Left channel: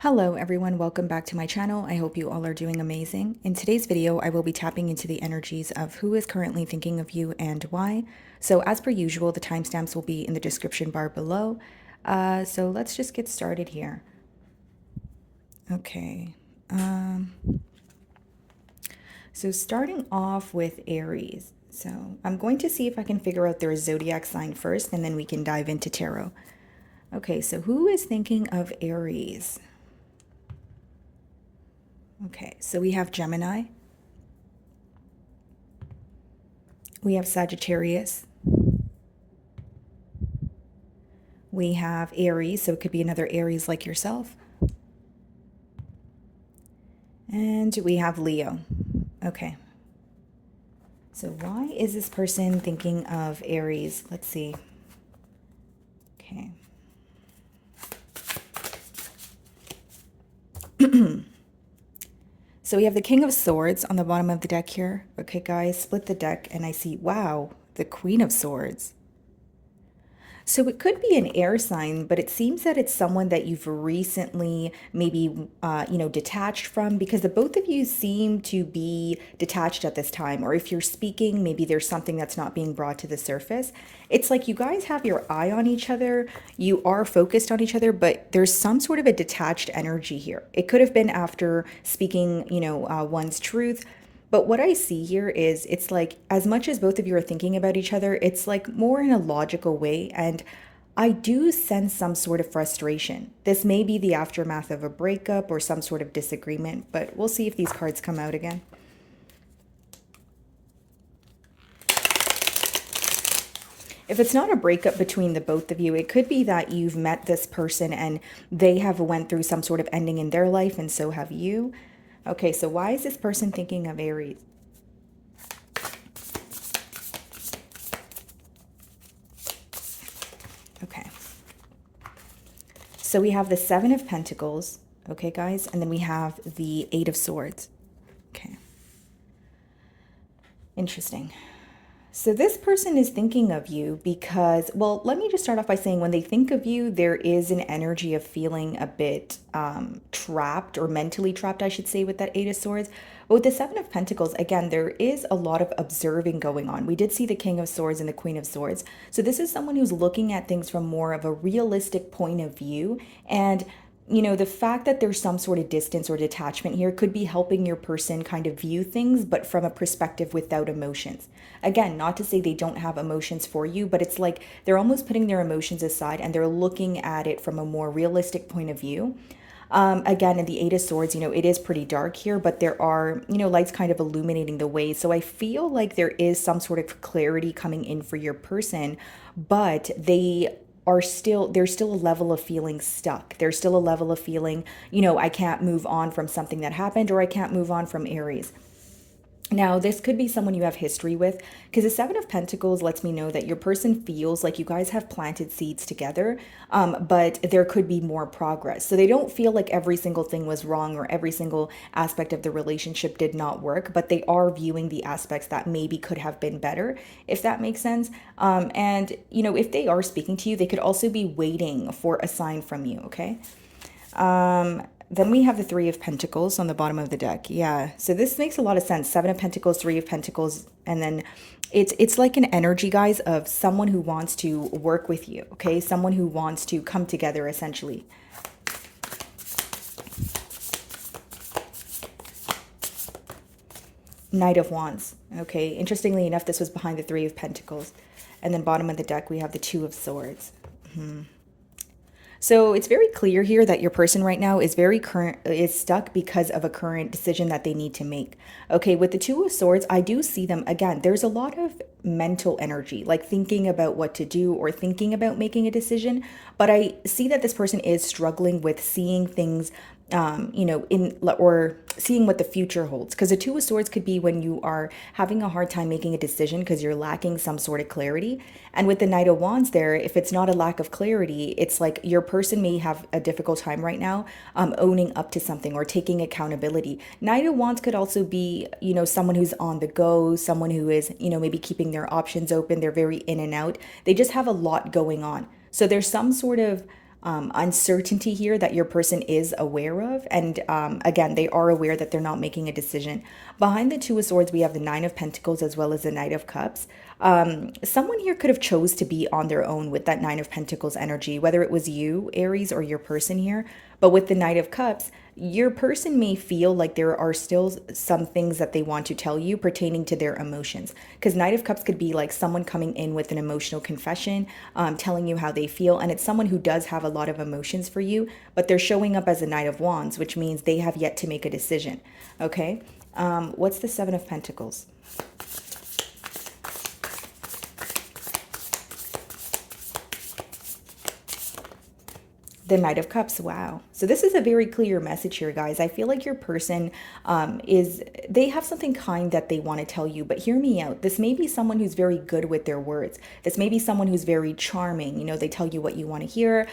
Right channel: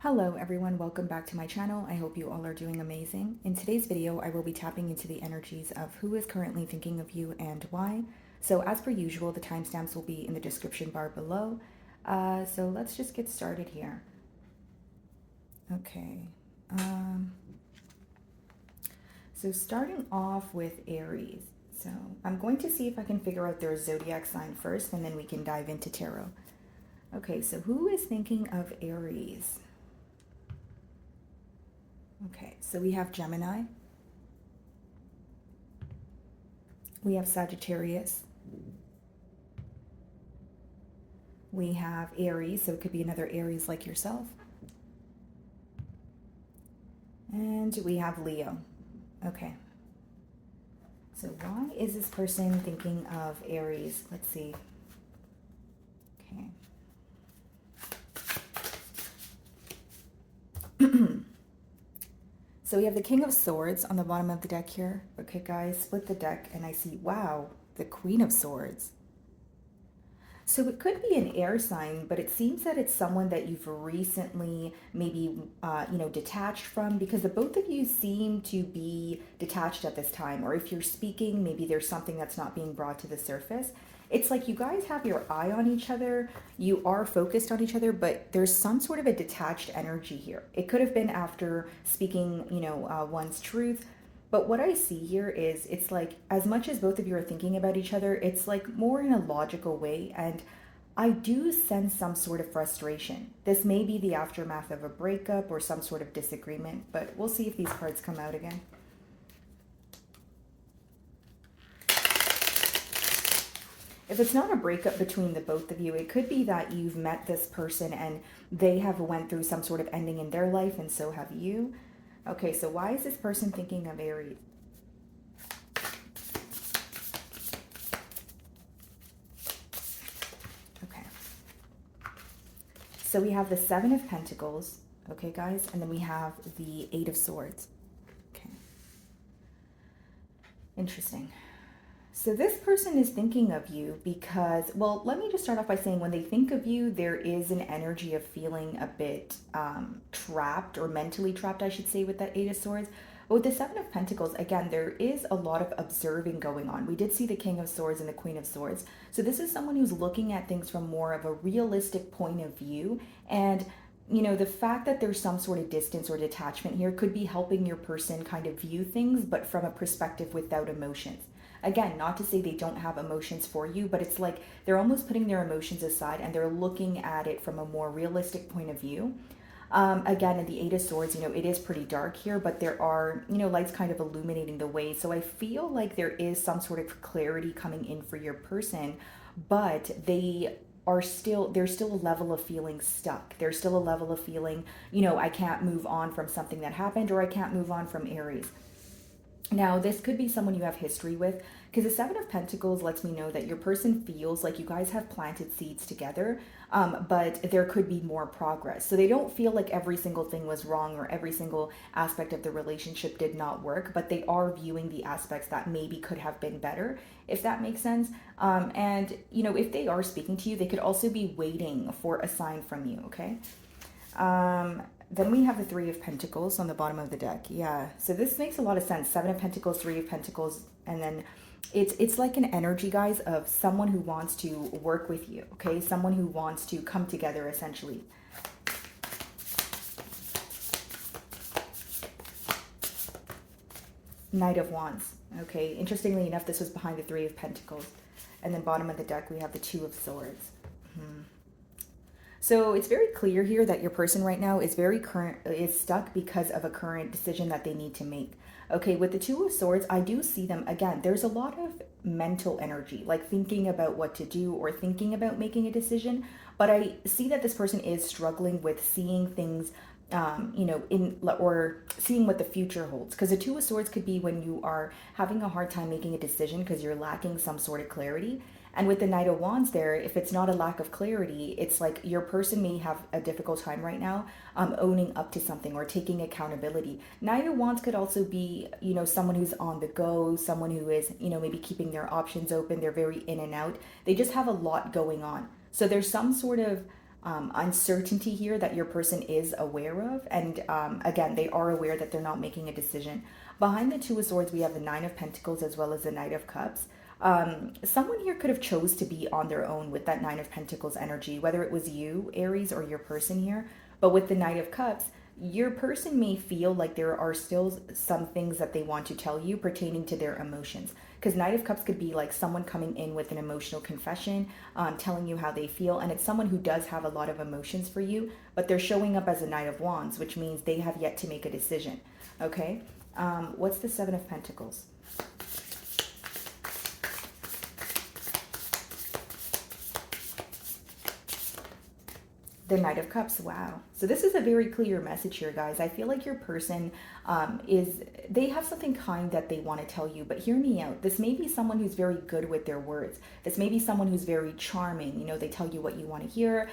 Hello everyone, welcome back to my channel. I hope you all are doing amazing. In today's video, I will be tapping into the energies of who is currently thinking of you and why. So as per usual, the timestamps will be in the description bar below. So let's just get started here. Okay. So starting off with Aries. So I'm going to see if I can figure out their zodiac sign first, and then we can dive into tarot. Okay, so who is thinking of Aries? Okay, so we have Gemini, we have Sagittarius, we have Aries, so it could be another Aries like yourself, and we have Leo. Okay, so why is this person thinking of Aries? Let's see. Okay. So we have the King of Swords on the bottom of the deck here. Okay, guys, split the deck and I see, wow, the Queen of Swords. So it could be an air sign, but it seems that it's someone that you've recently maybe, detached from, because the both of you seem to be detached at this time. Or if you're speaking, maybe there's something that's not being brought to the surface. It's like you guys have your eye on each other. You are focused on each other, but there's some sort of a detached energy here. It could have been after speaking, one's truth. But what I see here is it's like, as much as both of you are thinking about each other, it's like more in a logical way. And I do sense some sort of frustration. This may be the aftermath of a breakup or some sort of disagreement, but we'll see if these cards come out again. If it's not a breakup between the both of you, it could be that you've met this person and they have went through some sort of ending in their life, and so have you. Okay, so why is this person thinking of Aries? Okay. So we have the Seven of Pentacles, okay, guys? And then we have the Eight of Swords. Okay. Interesting. So this person is thinking of you because, well, let me just start off by saying when they think of you, there is an energy of feeling a bit trapped, or mentally trapped, I should say, with that Eight of Swords. But with the Seven of Pentacles, again, there is a lot of observing going on. We did see the King of Swords and the Queen of Swords. So this is someone who's looking at things from more of a realistic point of view. And the fact that there's some sort of distance or detachment here could be helping your person kind of view things, but from a perspective without emotions. Again, not to say they don't have emotions for you, but it's like they're almost putting their emotions aside and they're looking at it from a more realistic point of view. Again, in the Eight of Swords, it is pretty dark here, but there are, lights kind of illuminating the way. So I feel like there is some sort of clarity coming in for your person, but there's still a level of feeling stuck. There's still a level of feeling, I can't move on from something that happened, or I can't move on from Aries. Now, this could be someone you have history with, because the Seven of Pentacles lets me know that your person feels like you guys have planted seeds together, but there could be more progress. So they don't feel like every single thing was wrong or every single aspect of the relationship did not work, but they are viewing the aspects that maybe could have been better, if that makes sense. And, if they are speaking to you, they could also be waiting for a sign from you, okay? Then we have the Three of Pentacles on the bottom of the deck. Yeah, so this makes a lot of sense. Seven of Pentacles, Three of Pentacles, and then it's like an energy, guys, of someone who wants to work with you, okay? Someone who wants to come together, essentially. Knight of Wands. Okay, interestingly enough, this was behind the Three of Pentacles. And then bottom of the deck, we have the Two of Swords. So it's very clear here that your person right now is stuck because of a current decision that they need to make. Okay, with the Two of Swords, I do see them again. There's a lot of mental energy, like thinking about what to do or thinking about making a decision. But I see that this person is struggling with seeing things or seeing what the future holds. Because the Two of Swords could be when you are having a hard time making a decision because you're lacking some sort of clarity. And with the Knight of Wands there, if it's not a lack of clarity, it's like your person may have a difficult time right now owning up to something or taking accountability. Knight of Wands could also be, someone who's on the go, someone who is, maybe keeping their options open. They're very in and out. They just have a lot going on. So there's some sort of uncertainty here that your person is aware of. And again, they are aware that they're not making a decision. Behind the Two of Swords, we have the Nine of Pentacles as well as the Knight of Cups. Someone here could have chose to be on their own with that Nine of Pentacles energy, whether it was you, Aries, or your person here. But with the Knight of Cups, your person may feel like there are still some things that they want to tell you pertaining to their emotions. Because Knight of Cups could be like someone coming in with an emotional confession, telling you how they feel. And it's someone who does have a lot of emotions for you, but they're showing up as a Knight of Wands, which means they have yet to make a decision. Okay? What's the Seven of Pentacles? The Knight of Cups. Wow. So this is a very clear message here, guys. I feel like your person they have something kind that they want to tell you, but hear me out. This may be someone who's very good with their words. This may be someone who's very charming. You know, they tell you what you want to hear.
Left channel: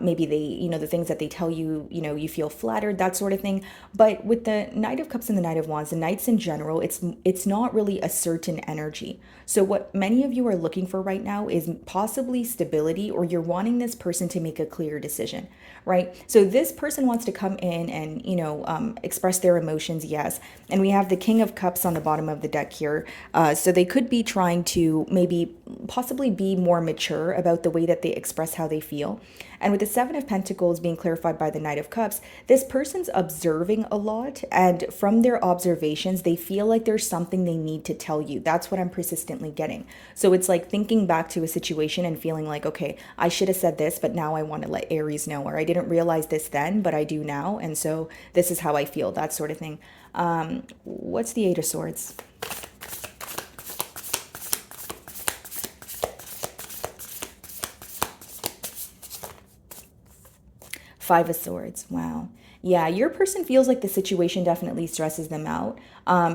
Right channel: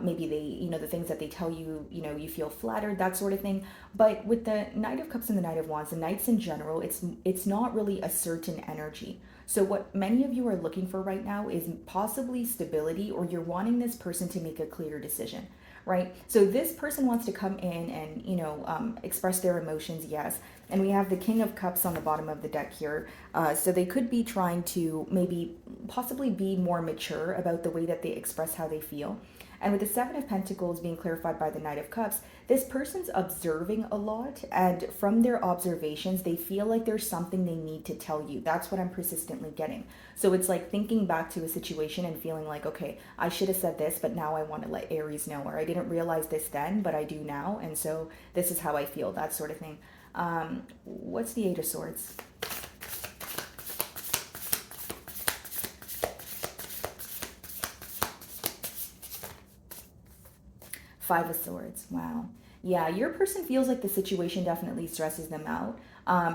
Maybe they, you know, the things that they tell you, you know, you feel flattered, that sort of thing. But with the Knight of Cups and the Knight of Wands, the Knights in general, it's not really a certain energy. So what many of you are looking for right now is possibly stability, or you're wanting this person to make a clear decision, right? So this person wants to come in and, you know, express their emotions, yes. And we have the King of Cups on the bottom of the deck here. So they could be trying to maybe possibly be more mature about the way that they express how they feel. And with the Seven of Pentacles being clarified by the Knight of Cups, this person's observing a lot. And from their observations, they feel like there's something they need to tell you. That's what I'm persistently getting. So it's like thinking back to a situation and feeling like, okay, I should have said this, but now I want to let Aries know. Or I didn't realize this then, but I do now. And so this is how I feel, that sort of thing. What's the Eight of Swords? Five of Swords. Wow. Yeah, your person feels like the situation definitely stresses them out.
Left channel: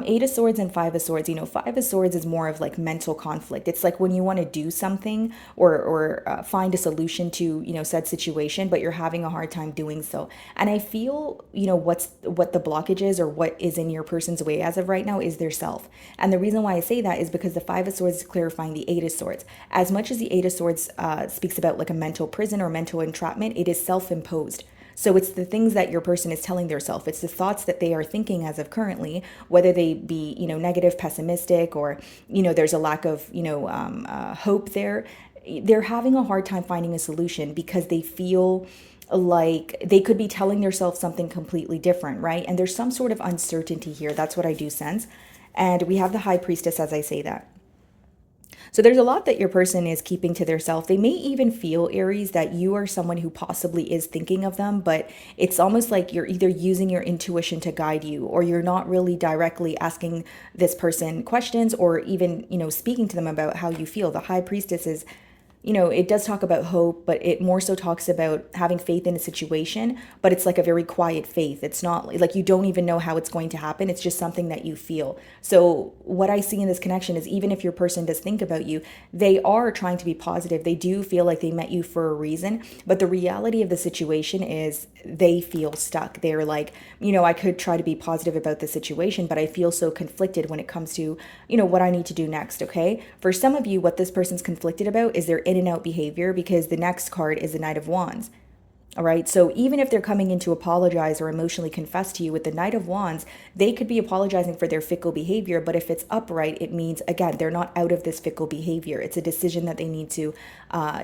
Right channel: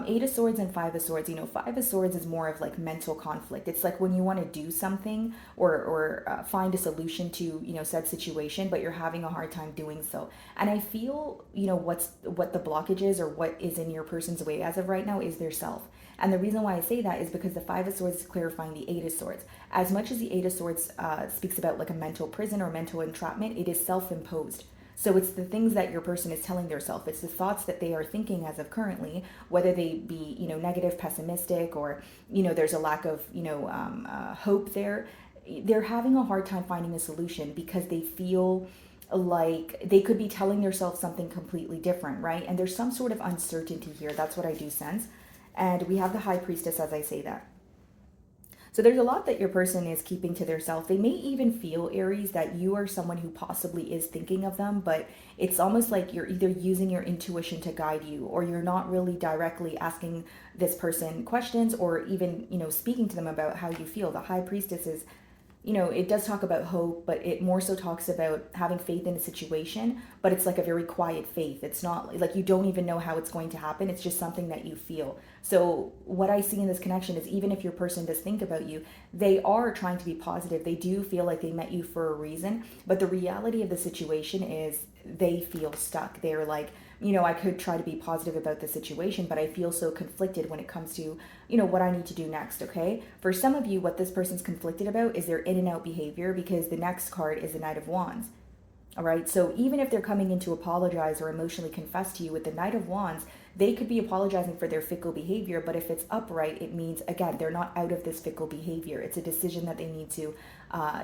Eight of Swords and Five of Swords, you know, Five of Swords is more of like mental conflict. It's like when you want to do something or find a solution to, you know, said situation, but you're having a hard time doing so. And I feel, you know, what the blockage is, or what is in your person's way as of right now, is their self. And the reason why I say that is because the Five of Swords is clarifying the Eight of Swords. As much as the Eight of Swords speaks about like a mental prison or mental entrapment, it is self-imposed. So it's the things that your person is telling themselves. It's the thoughts that they are thinking as of currently, whether they be, you know, negative, pessimistic, or, you know, there's a lack of, you know, hope there. They're having a hard time finding a solution because they feel like they could be telling themselves something completely different, right? And there's some sort of uncertainty here. That's what I do sense. And we have the High Priestess as I say that. So there's a lot that your person is keeping to themselves. They may even feel, Aries, that you are someone who possibly is thinking of them, but it's almost like you're either using your intuition to guide you, or you're not really directly asking this person questions, or even, you know, speaking to them about how you feel. The High Priestess is, you know, it does talk about hope, but it more so talks about having faith in a situation, but it's like a very quiet faith. It's not like you don't even know how it's going to happen. It's just something that you feel. So what I see in this connection is, even if your person does think about you, they are trying to be positive. They do feel like they met you for a reason, but the reality of the situation is they feel stuck. They're like, you know, I could try to be positive about the situation, but I feel so conflicted when it comes to, you know, what I need to do next. Okay. For some of you, what this person's conflicted about is their in and out behavior, because the next card is the Knight of Wands. All right. So even if they're coming in to apologize or emotionally confess to you with the Knight of Wands, they could be apologizing for their fickle behavior. But if it's upright, it means, again, they're not out of this fickle behavior. It's a decision that they need to,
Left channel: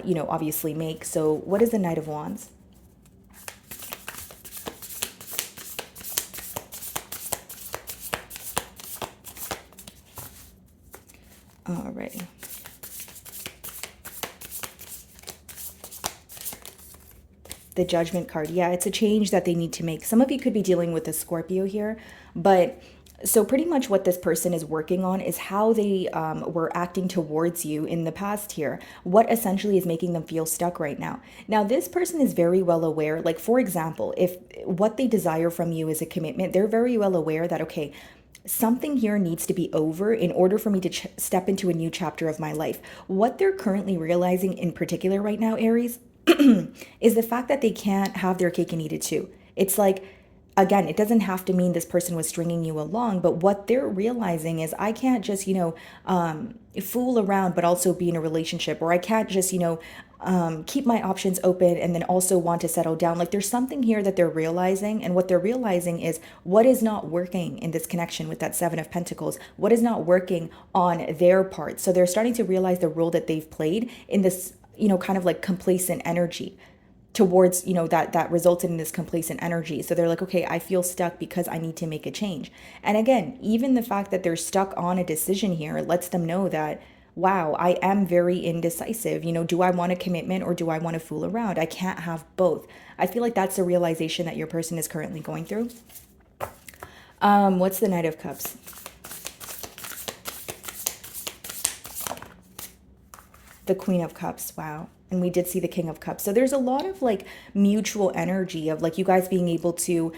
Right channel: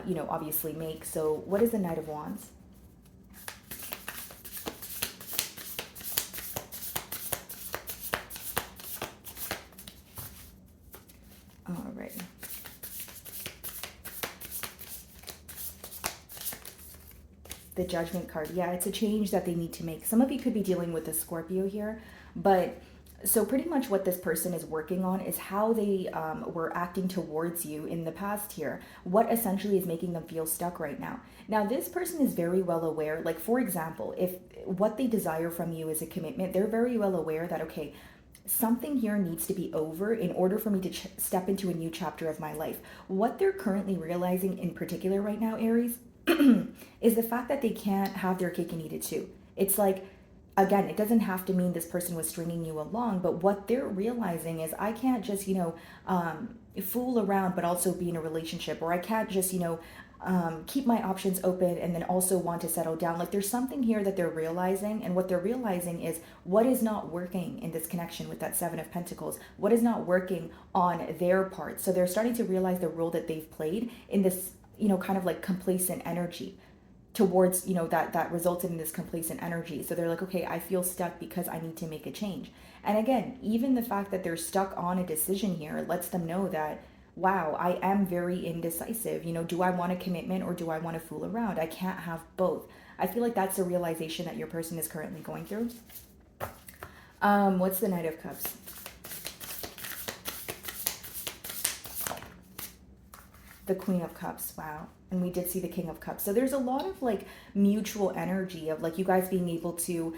you know, obviously make. So what is the Knight of Wands? All right. The Judgment card. Yeah, it's a change that they need to make. Some of you could be dealing with a Scorpio here, but so pretty much what this person is working on is how they were acting towards you in the past here. What essentially is making them feel stuck right now. Now, this person is very well aware, like, for example, if what they desire from you is a commitment, they're very well aware that, okay, something here needs to be over in order for me to step into a new chapter of my life. What they're currently realizing in particular right now, Aries, is the fact that they can't have their cake and eat it too. It's like, again, it doesn't have to mean this person was stringing you along, but what they're realizing is I can't just, fool around, but also be in a relationship, or I can't just, keep my options open and then also want to settle down. Like there's something here that they're realizing, and what they're realizing is what is not working in this connection with that Seven of Pentacles, what is not working on their part. So they're starting to realize the role that they've played in this, kind of like complacent energy towards, that resulted in this complacent energy. So they're like, okay, I feel stuck because I need to make a change. And again, even the fact that they're stuck on a decision here lets them know that, wow, I am very indecisive. Do I want a commitment or do I want to fool around? I can't have both. I feel like that's a realization that your person is currently going through. What's the Knight of Cups? The Queen of Cups. Wow. And we did see the King of Cups. So there's a lot of like mutual energy of like you guys being able to,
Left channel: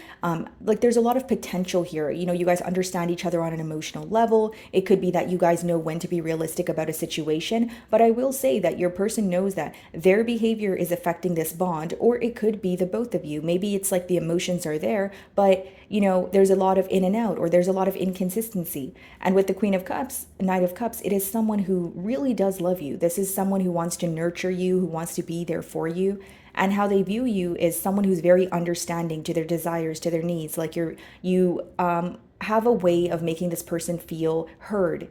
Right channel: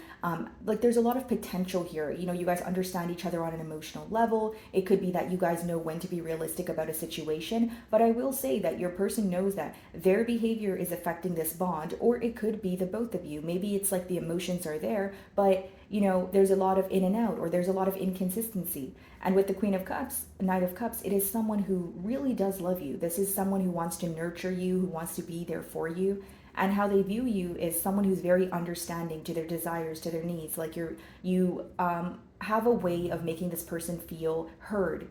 like there's a lot of potential here. You guys understand each other on an emotional level. It could be that you guys know when to be realistic about a situation. But I will say that your person knows that their behavior is affecting this bond, or it could be the both of you. Maybe it's like the emotions are there, but there's a lot of in and out, or there's a lot of inconsistency. And with the Queen of Cups, Knight of Cups, it is someone who really does love you. This is someone who wants to nurture you, who wants to be there for you. And how they view you is someone who's very understanding to their desires, to their needs. Like you have a way of making this person feel heard.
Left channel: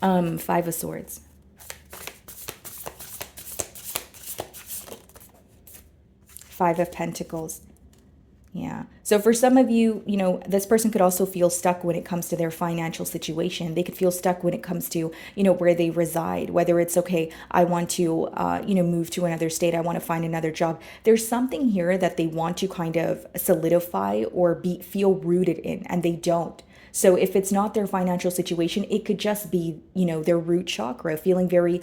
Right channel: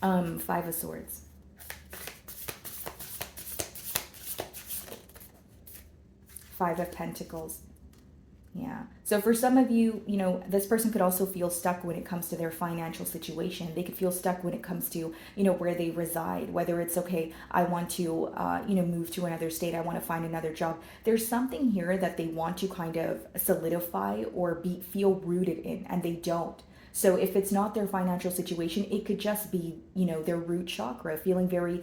Five of Swords. Five of Pentacles. Yeah. So for some of you, this person could also feel stuck when it comes to their financial situation. They could feel stuck when it comes to, where they reside, whether it's, okay, I want to, move to another state. I want to find another job. There's something here that they want to kind of solidify or feel rooted in, and they don't. So if it's not their financial situation, it could just be, their root chakra, feeling very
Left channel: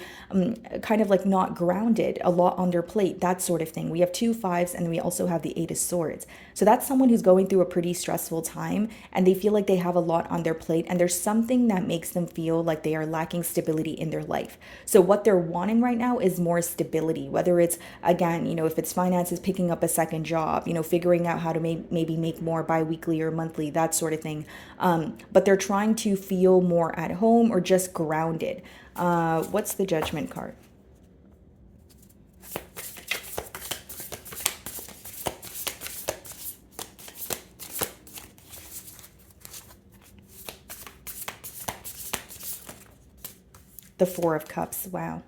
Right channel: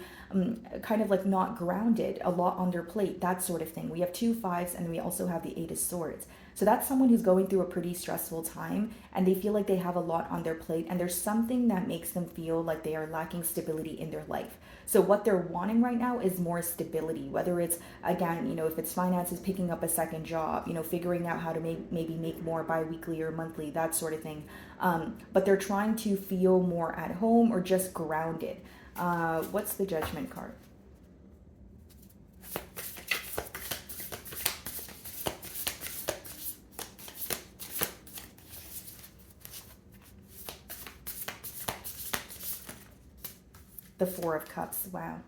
kind of like not grounded, a lot on their plate, that sort of thing. We have 2 5s, and then we also have the 8 of Swords. So that's someone who's going through a pretty stressful time, and they feel like they have a lot on their plate, and there's something that makes them feel like they are lacking stability in their life. So what they're wanting right now is more stability, whether it's, again, if it's finances, picking up a second job, figuring out how to maybe make more bi-weekly or monthly, that sort of thing. But they're trying to feel more at home or just grounded. What's the Judgment card? The Four of Cups. Wow.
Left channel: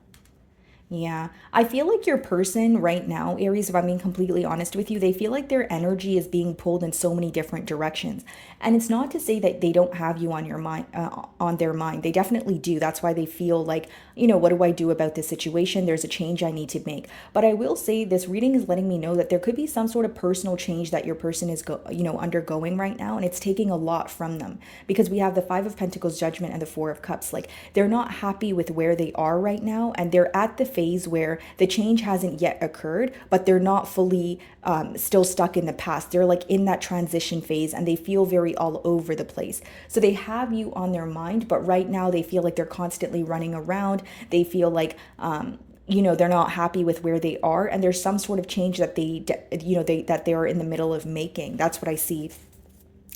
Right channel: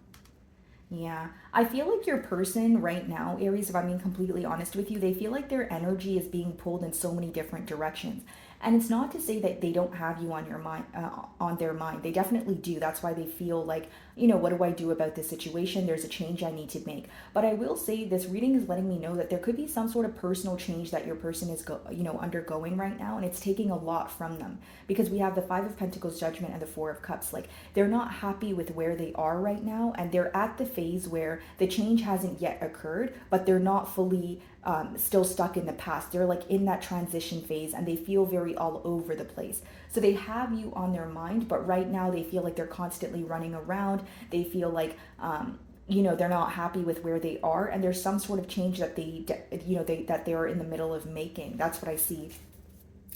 Yeah, I feel like your person right now, Aries, if I'm being completely honest with you, they feel like their energy is being pulled in so many different directions. And it's not to say that they don't have you on your mind, on their mind. They definitely do. That's why they feel like, what do I do about this situation? There's a change I need to make. But I will say this reading is letting me know that there could be some sort of personal change that your person is, undergoing right now, and it's taking a lot from them, because we have the Five of Pentacles, Judgment, and the Four of Cups. Like they're not happy with where they are right now, and they're at the phase where the change hasn't yet occurred, but they're not fully still stuck in the past. They're like in that transition phase, and they feel very all over the place. So they have you on their mind, but right now they feel like they're constantly running around. They feel like they're not happy with where they are, and there's some sort of change that that they're in the middle of making. That's what I see.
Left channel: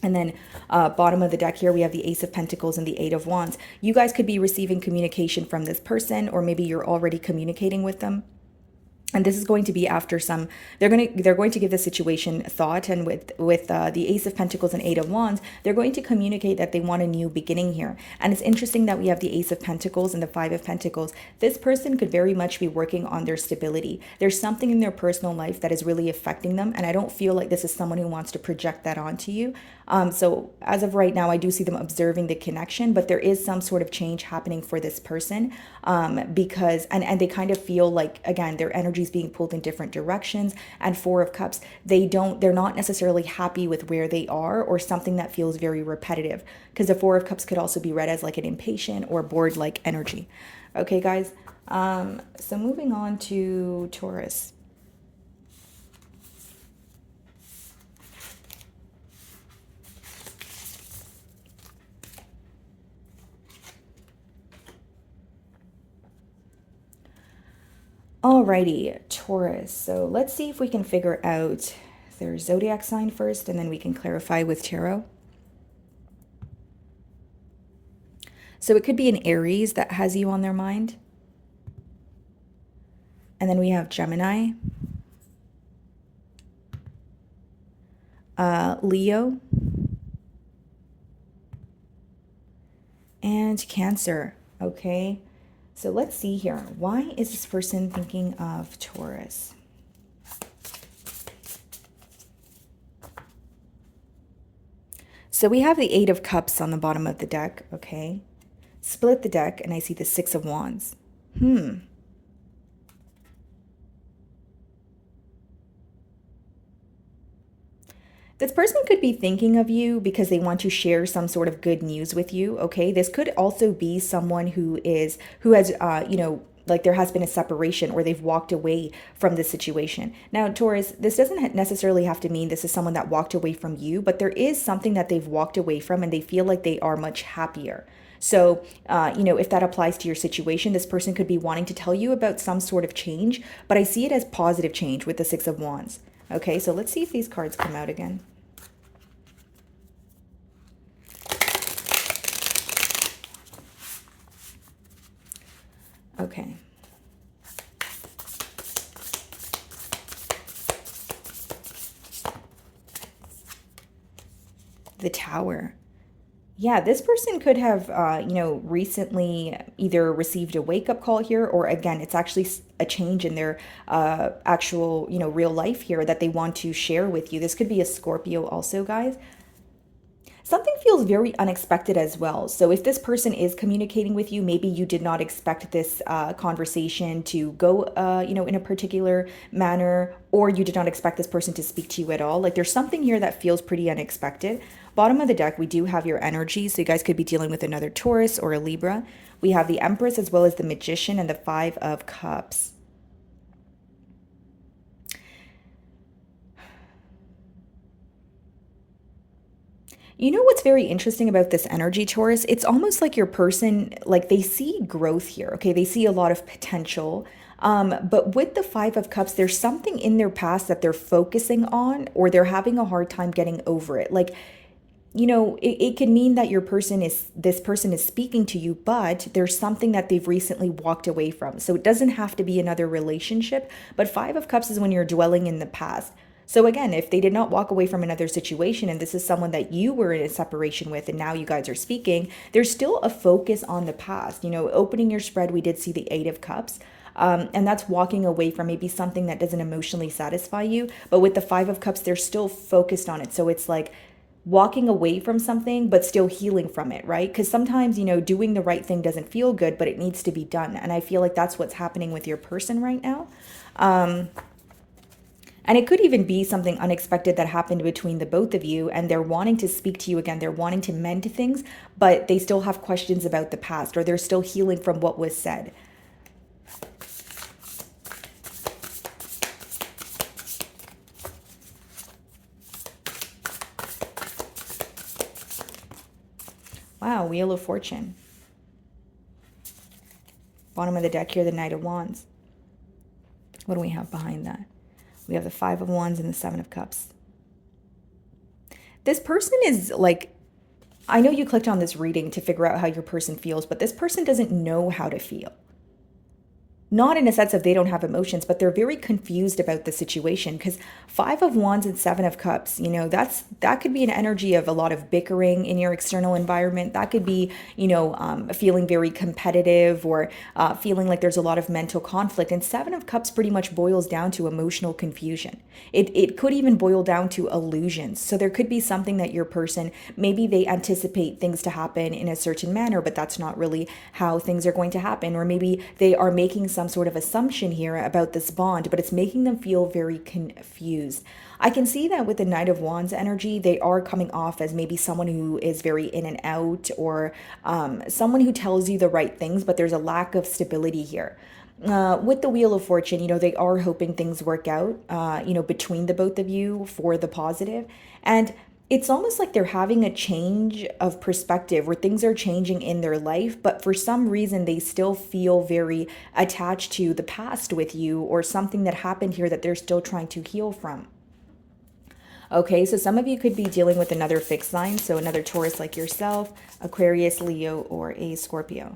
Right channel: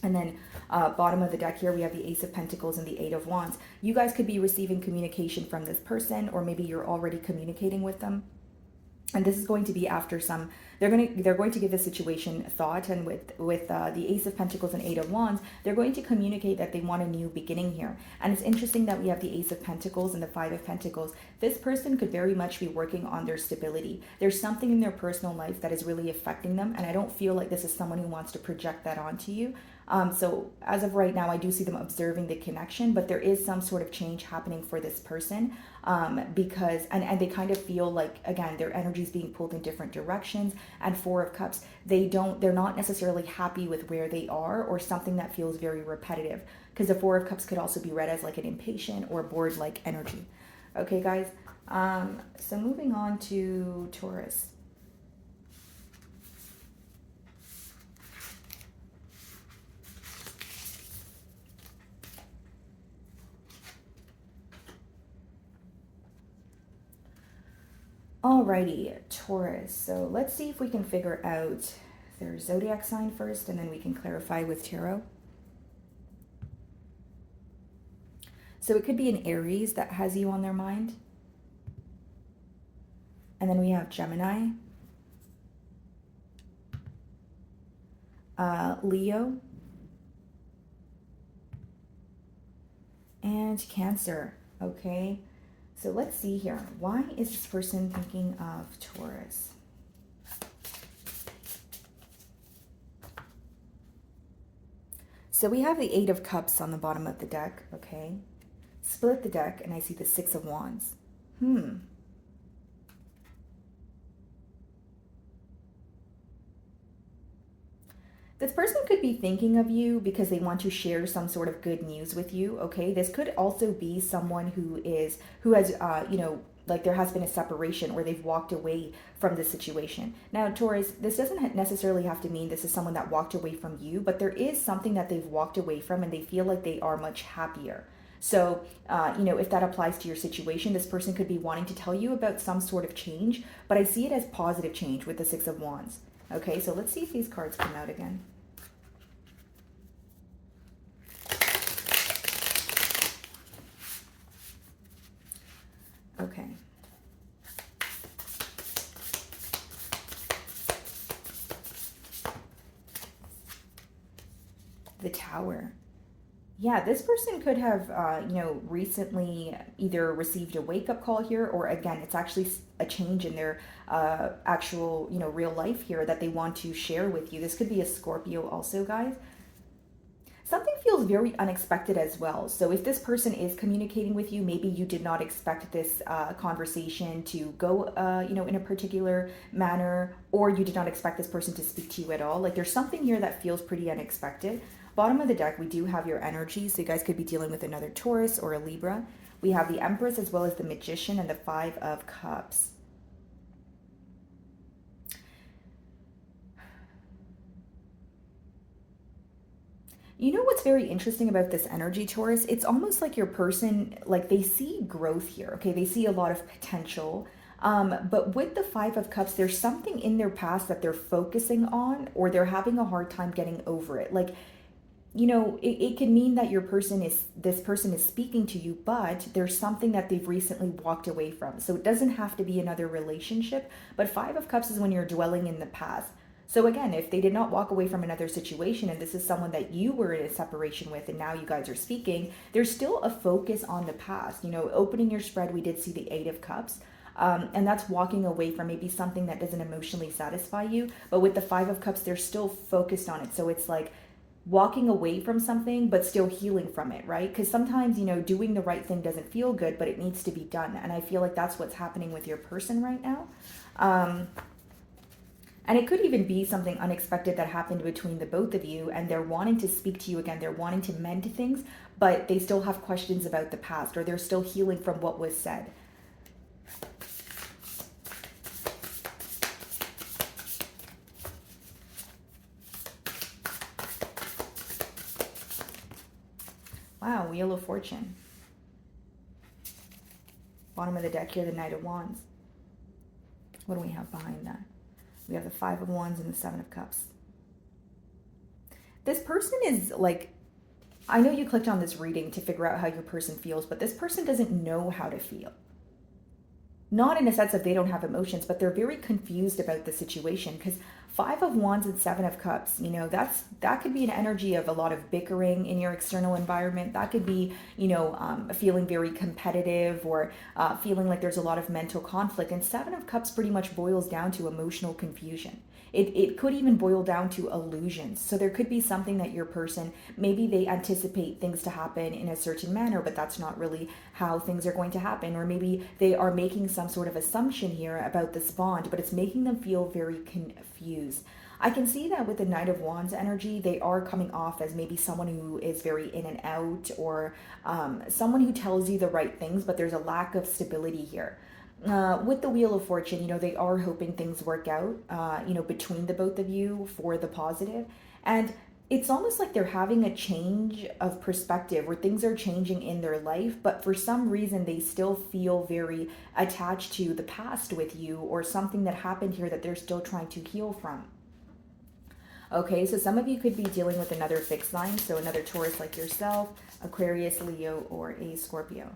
And then bottom of the deck here, we have the Ace of Pentacles and the Eight of Wands. You guys could be receiving communication from this person, or maybe you're already communicating with them. And this is going to be after some, they're going to give the situation thought. And with the Ace of Pentacles and Eight of Wands, they're going to communicate that they want a new beginning here. And it's interesting that we have the Ace of Pentacles and the Five of Pentacles. This person could very much be working on their stability. There's something in their personal life that is really affecting them, and I don't feel like this is someone who wants to project that onto you. So as of right now, I do see them observing the connection, but there is some sort of change happening for this person, because and they kind of feel like, again, their energy is being pulled in different directions. And Four of Cups, they're not necessarily happy with where they are, or something that feels very repetitive, because the Four of Cups could also be read as like an impatient or bored like energy. Okay, guys. So moving on to Taurus. Alrighty, Taurus. So let's see if we can figure out their zodiac sign first, and then we can clarify with tarot. So it could be an Aries that has you on their mind. And then we have Gemini, Leo, and Cancer. Okay, so let's see here. Why is this person thinking of Taurus? So we have the Eight of Cups on the bottom of the deck, okay? Split the deck, and I see the Six of Wands. This person could be thinking of you because they want to share some sort of good news with you, okay? This could also be someone who has, like there has been a separation or they've walked away from the situation. Now, Taurus, this doesn't necessarily have to mean this is someone that walked away from you, but there is something that they've walked away from and they feel like they are much happier. So, if that applies to your situation, this person could be wanting to tell you about some sort of change, but I see it as positive change with the Six of Wands. Okay, so let's see if these cards come out again. Okay. The Tower. Yeah, this person could have, recently either received a wake-up call here, or again, it's actually a change in their actual, real life here that they want to share with you. This could be a Scorpio also, guys. Something feels very unexpected as well. So if this person is communicating with you, maybe you did not expect this conversation to go, in a particular manner, or you did not expect this person to speak to you at all. Like there's something here that feels pretty unexpected. Bottom of the deck, we do have your energy. So you guys could be dealing with another Taurus or a Libra. We have the Empress as well as the Magician and the Five of Cups. You know what's very interesting about this energy, Taurus? It's almost like your person, like they see growth here, okay? They see a lot of potential. But with the Five of Cups, there's something in their past that they're focusing on, or they're having a hard time getting over it. Like, it can mean that this person is speaking to you, but there's something that they've recently walked away from. So it doesn't have to be another relationship, but Five of Cups is when you're dwelling in the past. So again, if they did not walk away from another situation and this is someone that you were in a separation with and now you guys are speaking, there's still a focus on the past. Opening your spread, we did see the Eight of Cups. And that's walking away from maybe something that doesn't emotionally satisfy you. But with the Five of Cups, they're still focused on it. So it's like walking away from something, but still healing from it, right? Because sometimes, doing the right thing doesn't feel good, but it needs to be done. And I feel like that's what's happening with your person right now. And it could even be something unexpected that happened between the both of you, and they're wanting to speak to you again. They're wanting to mend things, but they still have questions about the past, or they're still healing from what was said. Wow, Wheel of Fortune. Bottom of the deck here, the Knight of Wands. What do we have behind that? We have the Five of Wands and the Seven of Cups. This person is like, I know you clicked on this reading to figure out how your person feels, but this person doesn't know how to feel. Not in a sense of they don't have emotions, but they're very confused about the situation, because Five of Wands and Seven of Cups, that could be an energy of a lot of bickering in your external environment. That could be, feeling very competitive, or feeling like there's a lot of mental conflict. And Seven of Cups pretty much boils down to emotional confusion. It could even boil down to illusions. So there could be something that your person, maybe they anticipate things to happen in a certain manner, but that's not really how things are going to happen. Or maybe they are making some sort of assumption here about this bond, but it's making them feel very confused. I can see that with the Knight of Wands energy, they are coming off as maybe someone who is very in and out, or someone who tells you the right things, but there's a lack of stability here. With the Wheel of Fortune, they are hoping things work out, between the both of you for the positive. And it's almost like they're having a change of perspective where things are changing in their life, but for some reason they still feel very attached to the past with you, or something that happened here that they're still trying to heal from. Okay, so some of you could be dealing with another fixed sign, so another Taurus like yourself, Aquarius, Leo, or a Scorpio.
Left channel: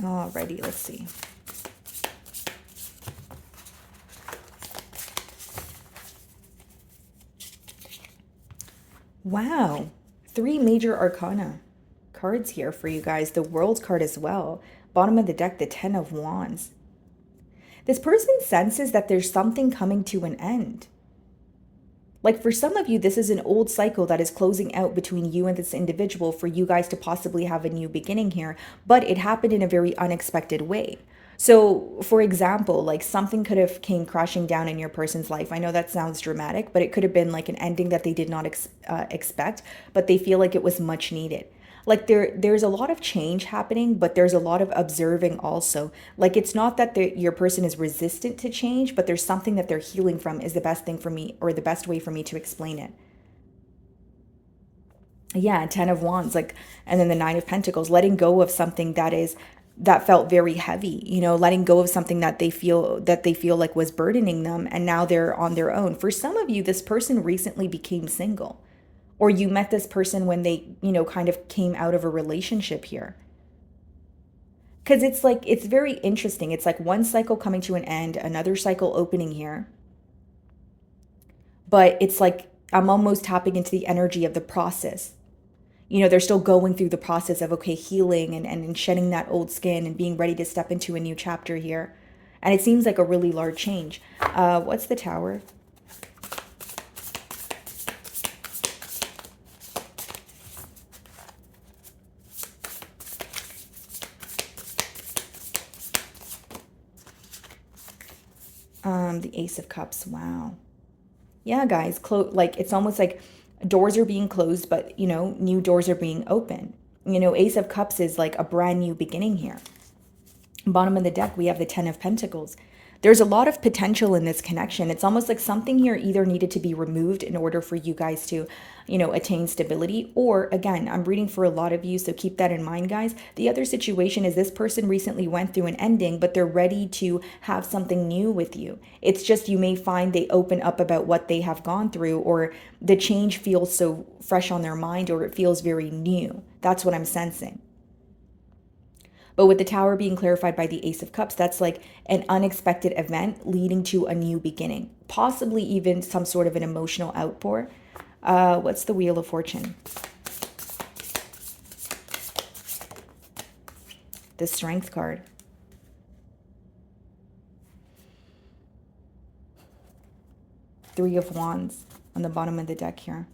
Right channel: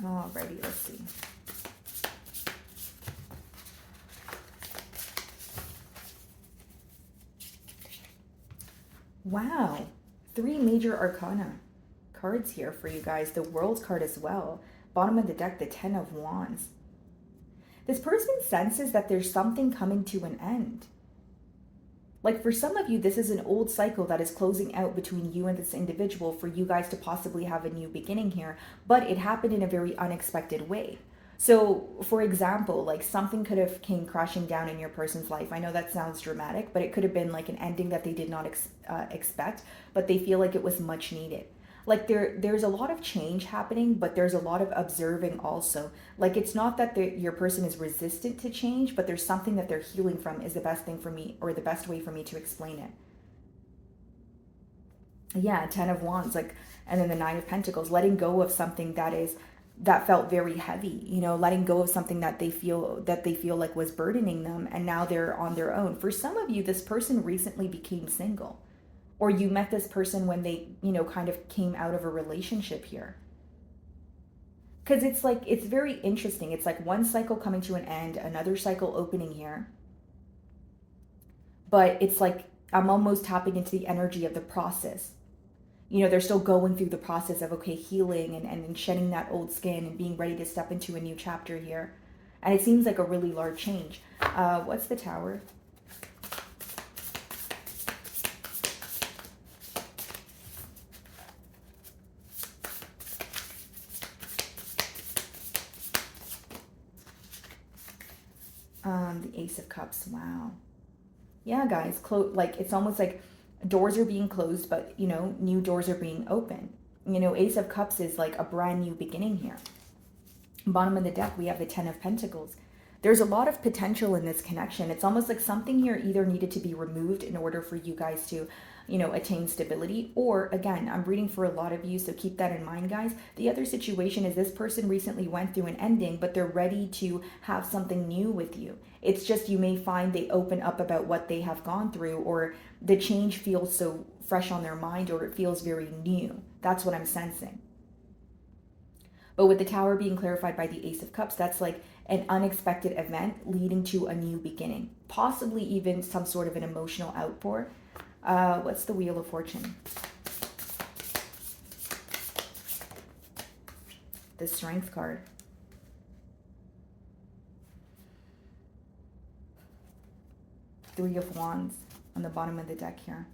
Alrighty, let's see. Wow, 3 major arcana cards here for you guys. The World card as well. Bottom of the deck, the 10 of Wands. This person senses that there's something coming to an end. Like for some of you, this is an old cycle that is closing out between you and this individual for you guys to possibly have a new beginning here, but it happened in a very unexpected way. So for example, like something could have came crashing down in your person's life. I know that sounds dramatic, but it could have been like an ending that they did not expect, but they feel like it was much needed. Like there's a lot of change happening, but there's a lot of observing also. Like it's not that your person is resistant to change, but there's something that they're healing from is the best thing for me, or the best way for me to explain it. Yeah, 10 of Wands, like, and then the 9 of Pentacles, letting go of something that felt very heavy, you know, letting go of something that they feel like was burdening them, and now they're on their own. For some of you, this person recently became single, or you met this person when they, you know, kind of came out of a relationship here. Because it's like, it's very interesting. It's like one cycle coming to an end, another cycle opening here. But it's like, I'm almost tapping into the energy of the process. You know, they're still going through the process of, okay, healing and shedding that old skin and being ready to step into a new chapter here. And it seems like a really large change. What's the Tower? The Ace of Cups. Wow. Yeah, guys, like it's almost like doors are being closed, but you know, new doors are being open. You know, Ace of Cups is like a brand new beginning here. Bottom of the deck, we have the 10 of Pentacles. There's a lot of potential in this connection. It's almost like something here either needed to be removed in order for you guys to, you know, attain stability. Or again, I'm reading for a lot of you, so keep that in mind, guys. The other situation is this person recently went through an ending, but they're ready to have something new with you. It's just you may find they open up about what they have gone through, or the change feels so fresh on their mind, or it feels very new. That's what I'm sensing. But with the Tower being clarified by the Ace of Cups, that's like an unexpected event leading to a new beginning, possibly even some sort of an emotional outpour. What's the Wheel of Fortune? The Strength card. Three of Wands on the bottom of the deck here.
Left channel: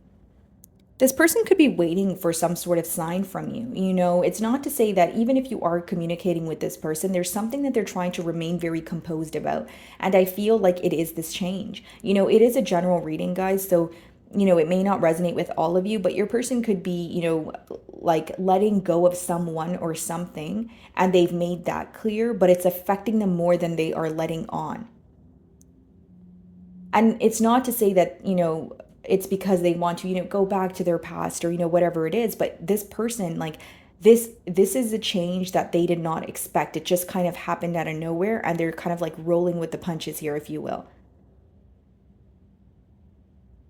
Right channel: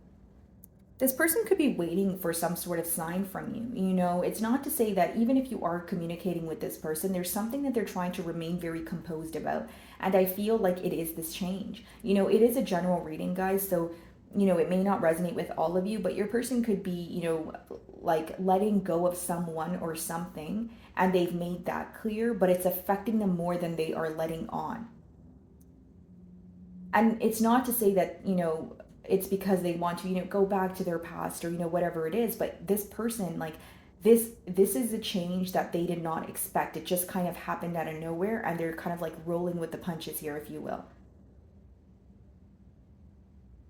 This person could be waiting for some sort of sign from you. You know, it's not to say that even if you are communicating with this person, there's something that they're trying to remain very composed about. And I feel like it is this change. You know, it is a general reading, guys. So, you know, it may not resonate with all of you, but your person could be, you know, like letting go of someone or something, and they've made that clear, but it's affecting them more than they are letting on. And it's not to say that, you know, it's because they want to, you know, go back to their past or, you know, whatever it is. But this person, like this is a change that they did not expect. It just kind of happened out of nowhere, and they're kind of like rolling with the punches here, if you will.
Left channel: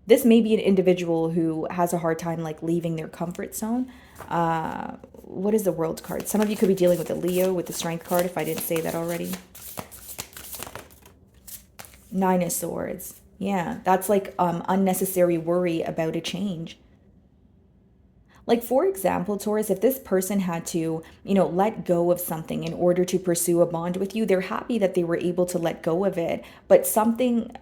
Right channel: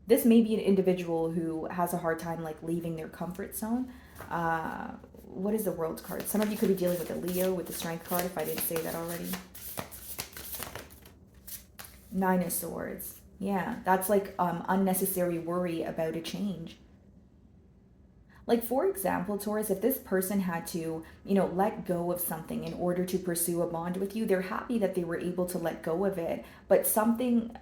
This may be an individual who has a hard time like leaving their comfort zone. What is the World card? Some of you could be dealing with a Leo with the Strength card, if I didn't say that already. 9 of Swords. Yeah, that's like unnecessary worry about a change. Like, for example, Taurus, if this person had to, you know, let go of something in order to pursue a bond with you, they're happy that they were able to let go of it, but something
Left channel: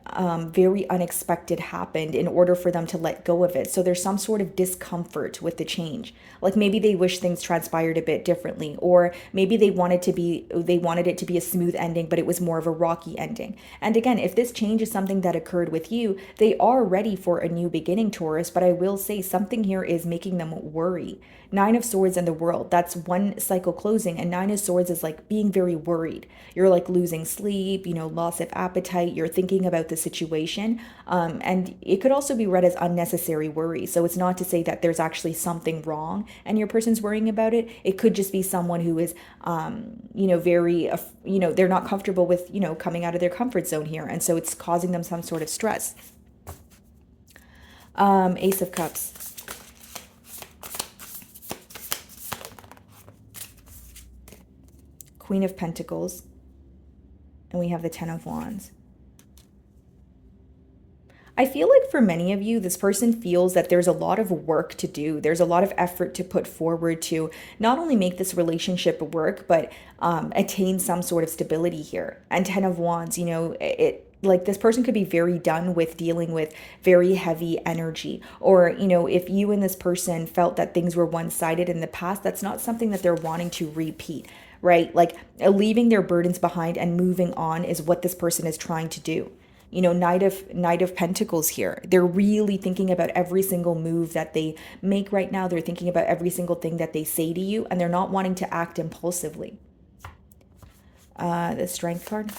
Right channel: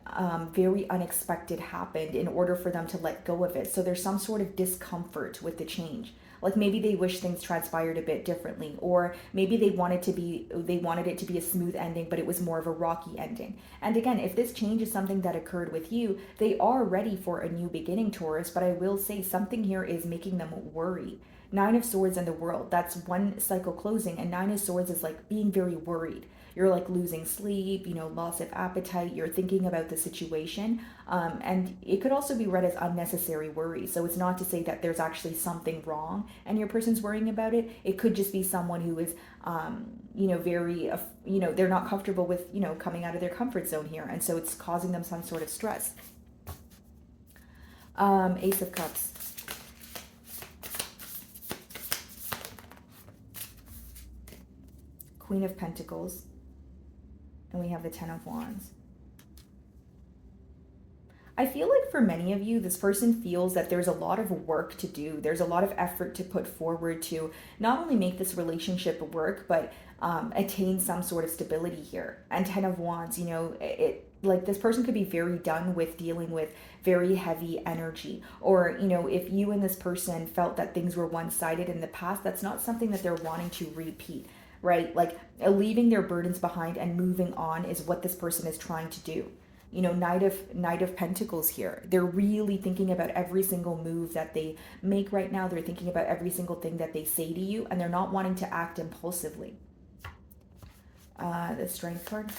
very unexpected happened in order for them to let go of it. So there's some sort of discomfort with the change. Like maybe they wish things transpired a bit differently, or maybe they wanted it to be a smooth ending, but it was more of a rocky ending. And again, if this change is something that occurred with you, they are ready for a new beginning, Taurus, but I will say something here is making them worry. Nine of Swords in the World, that's one cycle closing, and Nine of Swords is like being very worried. You're like losing sleep, loss of appetite, you're thinking about the situation. And it could also be read as unnecessary worry. So it's not to say that there's actually something wrong and your person's worrying about it. It could just be someone who is, very, they're not comfortable with, coming out of their comfort zone here. And so it's causing them some sort of stress. Ace of Cups. Queen of Pentacles. And we have the Ten of Wands. I feel like for many of you, this person feels that there's a lot of work to do. There's a lot of effort to put forward to not only make this relationship work, but attain some sort of stability here. And Ten of Wands, like this person could be very done with dealing with very heavy energy. Or, if you and this person felt that things were one-sided in the past, that's not something that they're wanting to repeat, right? Like leaving their burdens behind and moving on is what this person is trying to do. Knight of Pentacles here. They're really thinking about every single move that they make right now. They're thinking about every single thing that they say to you, and they're not wanting to act impulsively. The Strength card.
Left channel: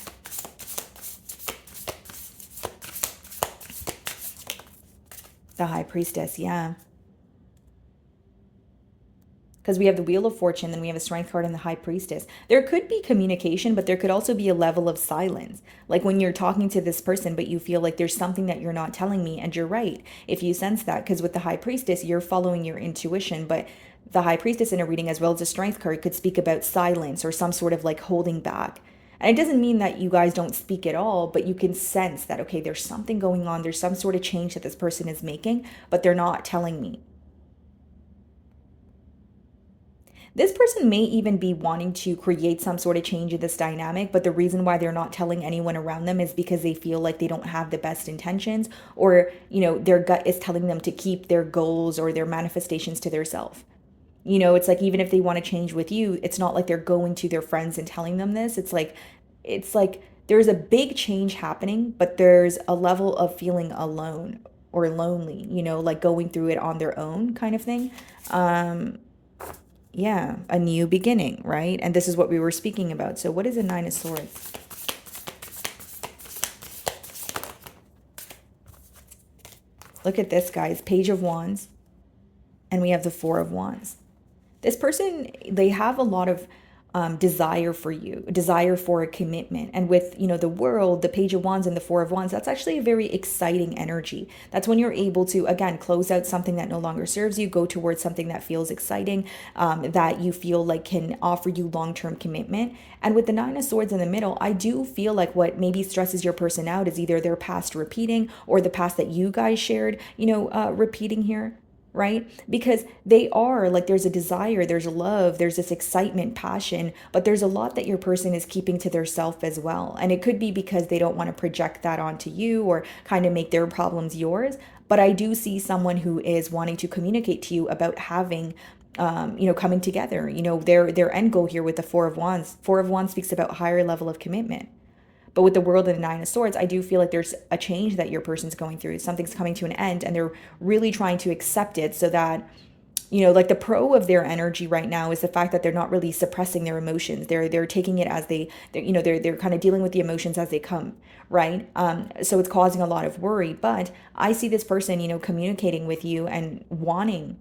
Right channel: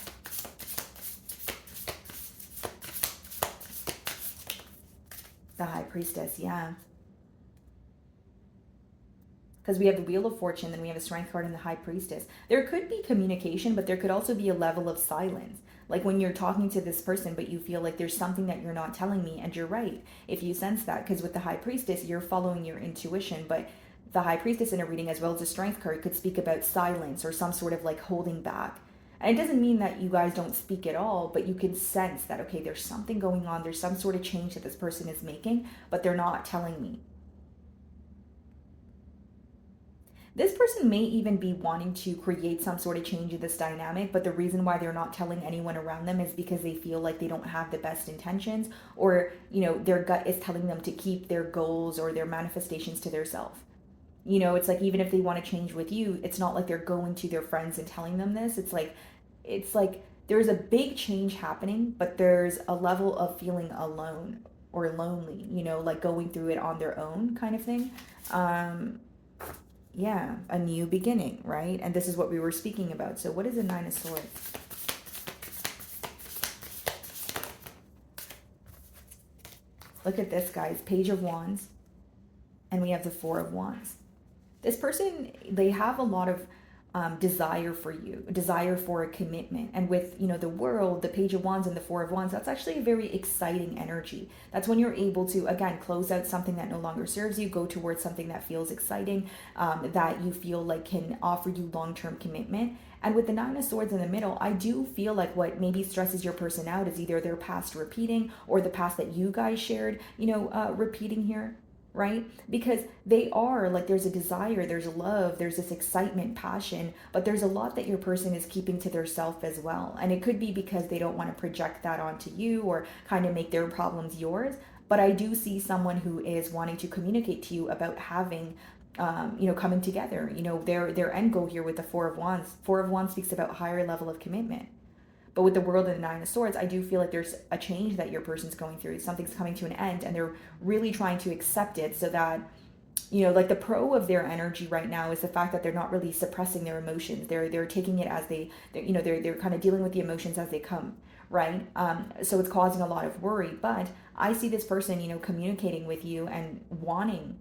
The High Priestess, yeah. Because we have the Wheel of Fortune, then we have a Strength card and the High Priestess. There could be communication, but there could also be a level of silence. Like when you're talking to this person, but you feel like there's something that you're not telling me, and you're right if you sense that, because with the High Priestess, you're following your intuition, but the High Priestess in a reading, as well as the Strength card, could speak about silence or some sort of like holding back. And it doesn't mean that you guys don't speak at all, but you can sense that, okay, there's something going on. There's some sort of change that this person is making, but they're not telling me. This person may even be wanting to create some sort of change in this dynamic, but the reason why they're not telling anyone around them is because they feel like they don't have the best intentions, or, their gut is telling them to keep their goals or their manifestations to themselves. It's like, even if they want to change with you, it's not like they're going to their friends and telling them this. It's like there's a big change happening, but there's a level of feeling alone or lonely, like going through it on their own kind of thing. Yeah, a new beginning, right? And this is what we were speaking about. So what is a Nine of Swords? Look at this, guys. Page of Wands. And we have the Four of Wands. This person, they have a lot of desire for you, desire for a commitment. And with, the World, the Page of Wands and the Four of Wands, that's actually a very exciting energy. That's when you're able to, again, close out something that no longer serves you, go towards something that feels exciting, that you feel like can offer you long-term commitment. And with the Nine of Swords in the middle, I do feel like what maybe stresses your person out is either their past repeating or the past that you guys shared, repeating here. Right? Because they are like, there's a desire, there's love, there's this excitement, passion, but there's a lot that your person is keeping to their self as well. And it could be because they don't want to project that onto you or kind of make their problems yours. But I do see someone who is wanting to communicate to you about having coming together, their end goal here with the Four of Wands. Four of Wands speaks about higher level of commitment. But with the World and the Nine of Swords, I do feel like there's a change that your person's going through. Something's coming to an end, and they're really trying to accept it so that, like the pro of their energy right now is the fact that they're not really suppressing their emotions. They're taking it as they're kind of dealing with the emotions as they come, right? So it's causing a lot of worry. But I see this person, communicating with you and wanting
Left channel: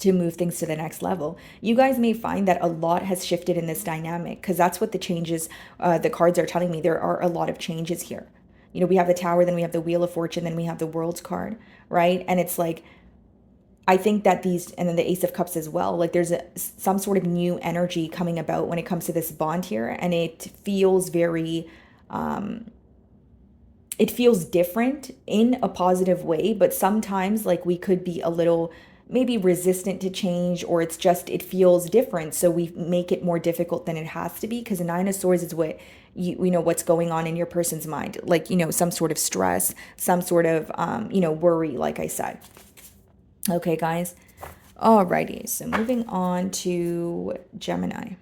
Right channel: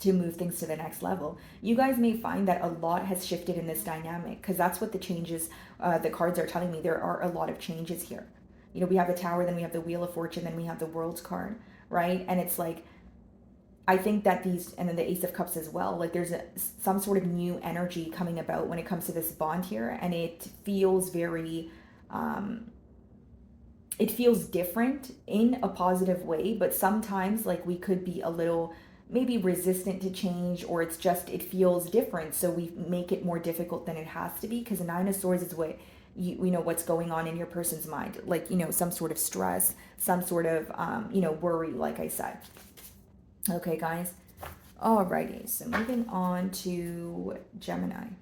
to move things to the next level. You guys may find that a lot has shifted in this dynamic, because that's what the changes, the cards are telling me. There are a lot of changes here. We have the Tower, then we have the Wheel of Fortune, then we have the World's card, right? And it's like, I think that and then the Ace of Cups as well, like there's some sort of new energy coming about when it comes to this bond here. And it feels very, it feels different in a positive way, but sometimes like we could be a little maybe resistant to change, or it feels different, so we make it more difficult than it has to be, because the Nine of Swords is what you know what's going on in your person's mind, like some sort of stress, some sort of worry, like I said. Okay, guys. Alrighty, so moving on to Gemini.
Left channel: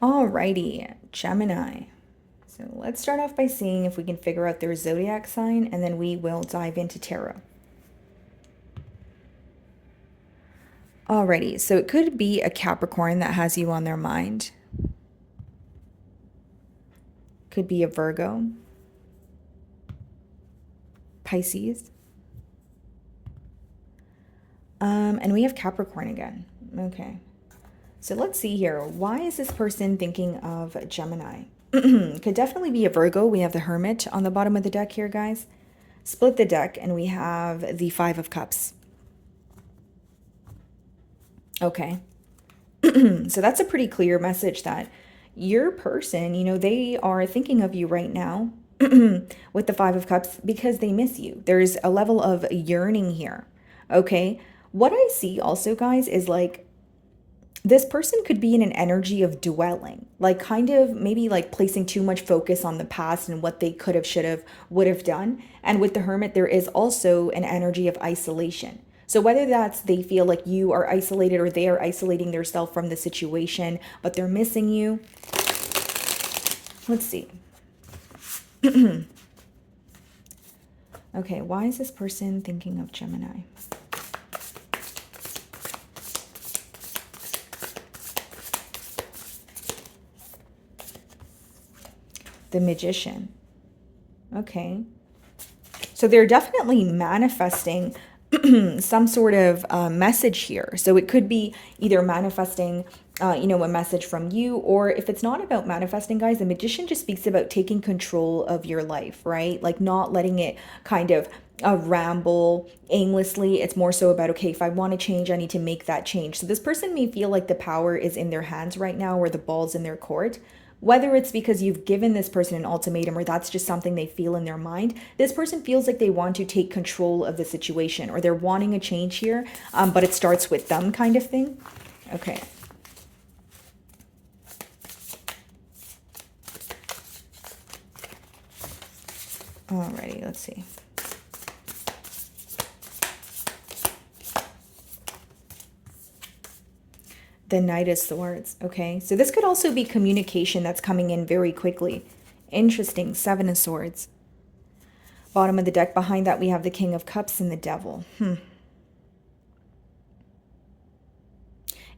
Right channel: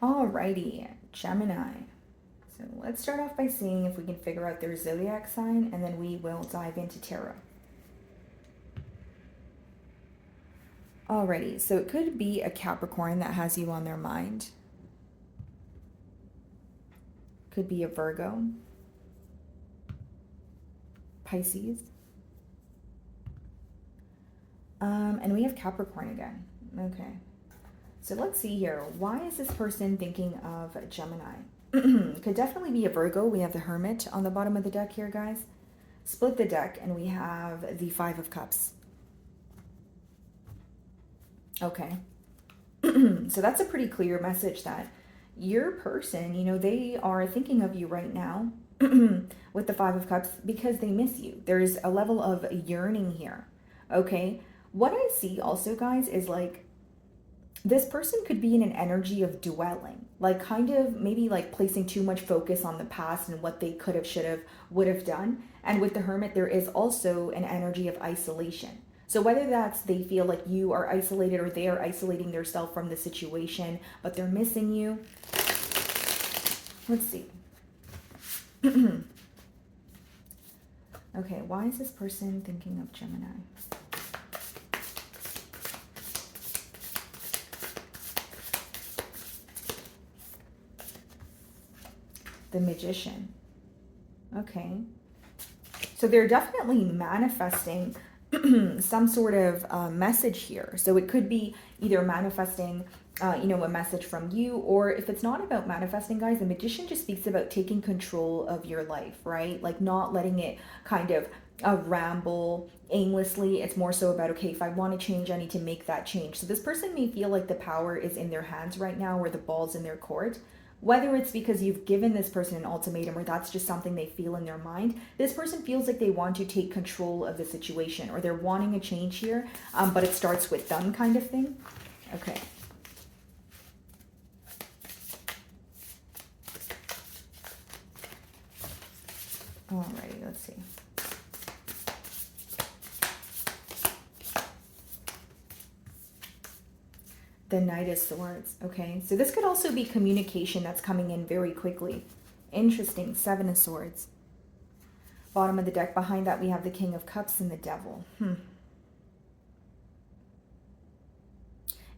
Alrighty, Gemini. So let's start off by seeing if we can figure out their zodiac sign, and then we will dive into tarot. Alrighty, so it could be a Capricorn that has you on their mind. Could be a Virgo, Pisces. And we have Capricorn again. Okay. So let's see here. Why is this person thinking of Gemini? Could definitely be a Virgo. We have the Hermit on the bottom of the deck here, guys. Split the deck, and we have the Five of Cups. Okay. So that's a pretty clear message that your person, you know, they are thinking of you right now with the Five of Cups because they miss you. There's a level of yearning here. Okay. What I see also, guys, is like this person could be in an energy of dwelling, like kind of maybe like placing too much focus on the past and what they could have, should have, would have done. And with the Hermit, there is also an energy of isolation. So whether that's they feel like you are isolated or they are isolating themselves from the situation, but they're missing you. Let's see. Okay, why is this person thinking of Gemini? The Magician. Okay. So they're definitely manifesting some sort of message here. So it could be either manifesting, you know, a message from you, or if it's not about manifesting, guys, the Magician just speaks about taking control of your life, right? Like not letting it kind of ramble aimlessly. It's more so about, okay, if I want to change, I need to make that change. So this person may feel like the power is in their hands right now, or the ball's in their court. Whether it's because you've given this person an ultimatum or that's just something they feel in their mind, this person feels like they want to take control of the situation, or they're wanting a change here, but it starts with them kind of thing. Okay. Alrighty, let's see. The Knight of Swords. Okay, so this could also be communication that's coming in very quickly. Interesting. Seven of Swords. Bottom of the deck, behind that we have the King of Cups and the Devil.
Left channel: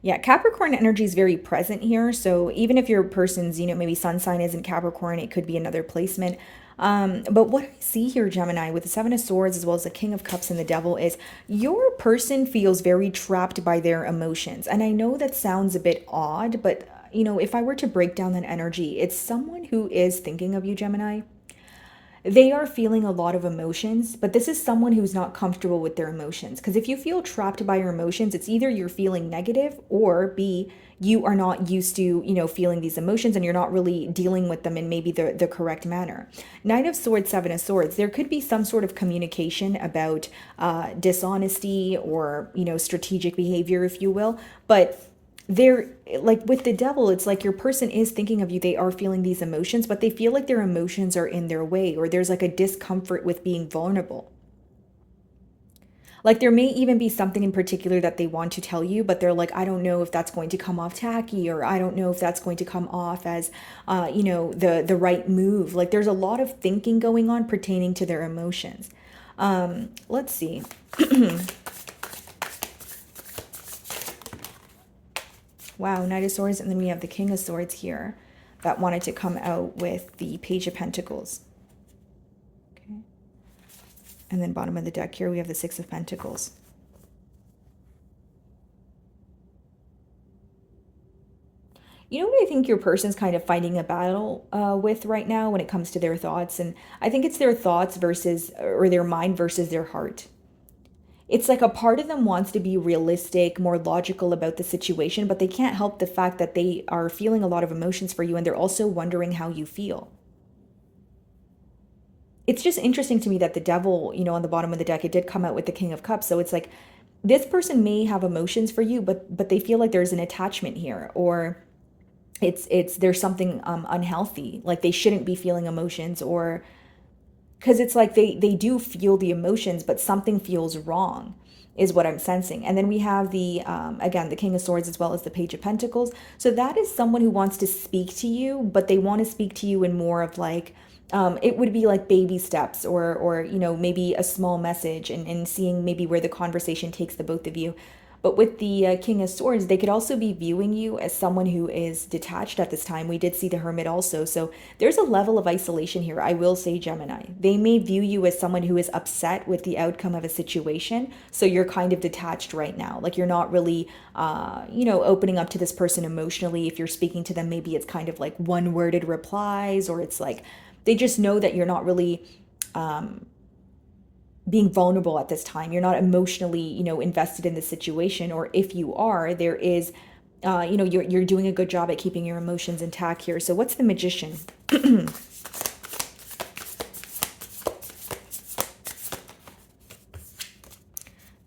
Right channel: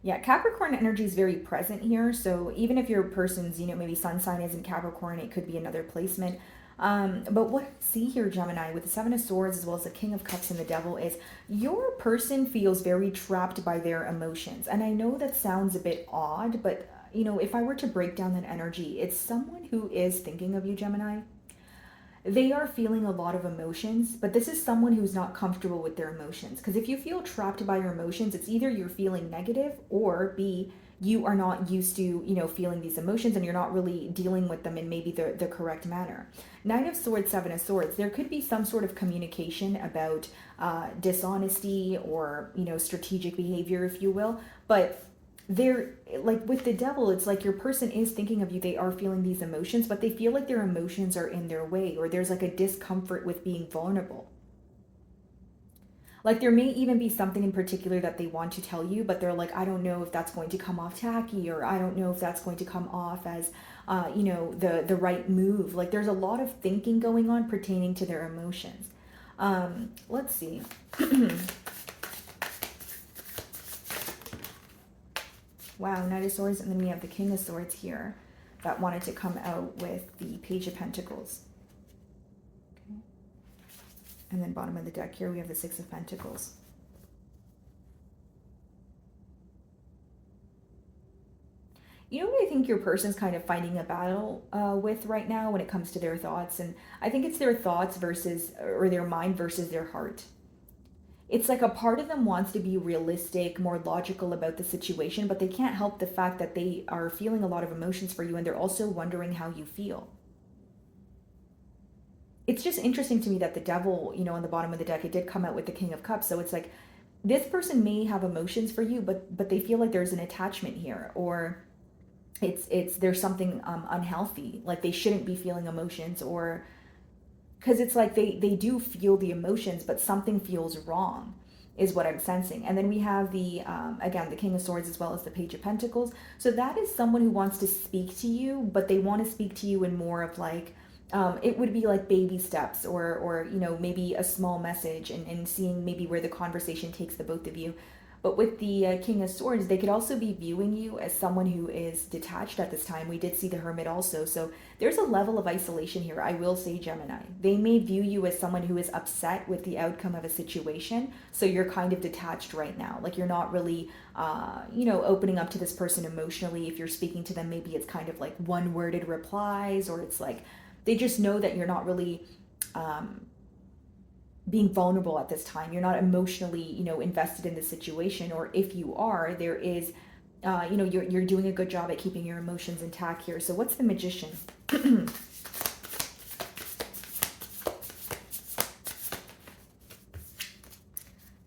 Yeah, Capricorn energy is very present here. So even if your person's, you know, maybe sun sign isn't Capricorn, it could be another placement. But what I see here, Gemini, with the Seven of Swords as well as the King of Cups and the Devil, is your person feels very trapped by their emotions. And I know that sounds a bit odd, but, you know, if I were to break down that energy, it's someone who is thinking of you, Gemini. They are feeling a lot of emotions, but this is someone who's not comfortable with their emotions. Because if you feel trapped by your emotions, it's either you're feeling negative, or B, you are not used to, you know, feeling these emotions and you're not really dealing with them in maybe the correct manner. Knight of Swords, Seven of Swords, there could be some sort of communication about dishonesty or, you know, strategic behavior, if you will. But they're like with the Devil, it's like your person is thinking of you. They are feeling these emotions, but they feel like their emotions are in their way, or there's like a discomfort with being vulnerable. Like there may even be something in particular that they want to tell you, but they're like, I don't know if that's going to come off tacky, or I don't know if that's going to come off as, you know, the right move. Like there's a lot of thinking going on pertaining to their emotions. Let's see. Wow, Knight of Swords, and then we have the King of Swords here that wanted to come out with the Page of Pentacles. Okay. And then bottom of the deck here, we have the Six of Pentacles. You know what I think your person's kind of fighting a battle with right now when it comes to their thoughts? And I think it's their thoughts versus, or their mind versus their heart. It's like a part of them wants to be realistic, more logical about the situation, but they can't help the fact that they are feeling a lot of emotions for you, and they're also wondering how you feel. It's just interesting to me that the Devil, you know, on the bottom of the deck, it did come out with the King of Cups. So it's like this person may have emotions for you, but they feel like there's an attachment here, or it's there's something unhealthy, like they shouldn't be feeling emotions, or because it's like they do feel the emotions, but something feels wrong is what I'm sensing. And then we have the again, the King of Swords as well as the Page of Pentacles. So that is someone who wants to speak to you, but they want to speak to you in more of like it would be like baby steps, or you know, maybe a small message, and seeing maybe where the conversation takes the both of you. But with the King of Swords, they could also be viewing you as someone who is detached at this time. We did see the Hermit also. So there's a level of isolation here, I will say, Gemini. They may view you as someone who is upset with the outcome of a situation. So you're kind of detached right now. Like you're not really, opening up to this person emotionally. If you're speaking to them, maybe it's kind of like one-worded replies, or it's like they just know that you're not really being vulnerable at this time. You're not emotionally, invested in the situation. Or if you are, there is, you're doing a good job at keeping your emotions intact here. So what's the Magician?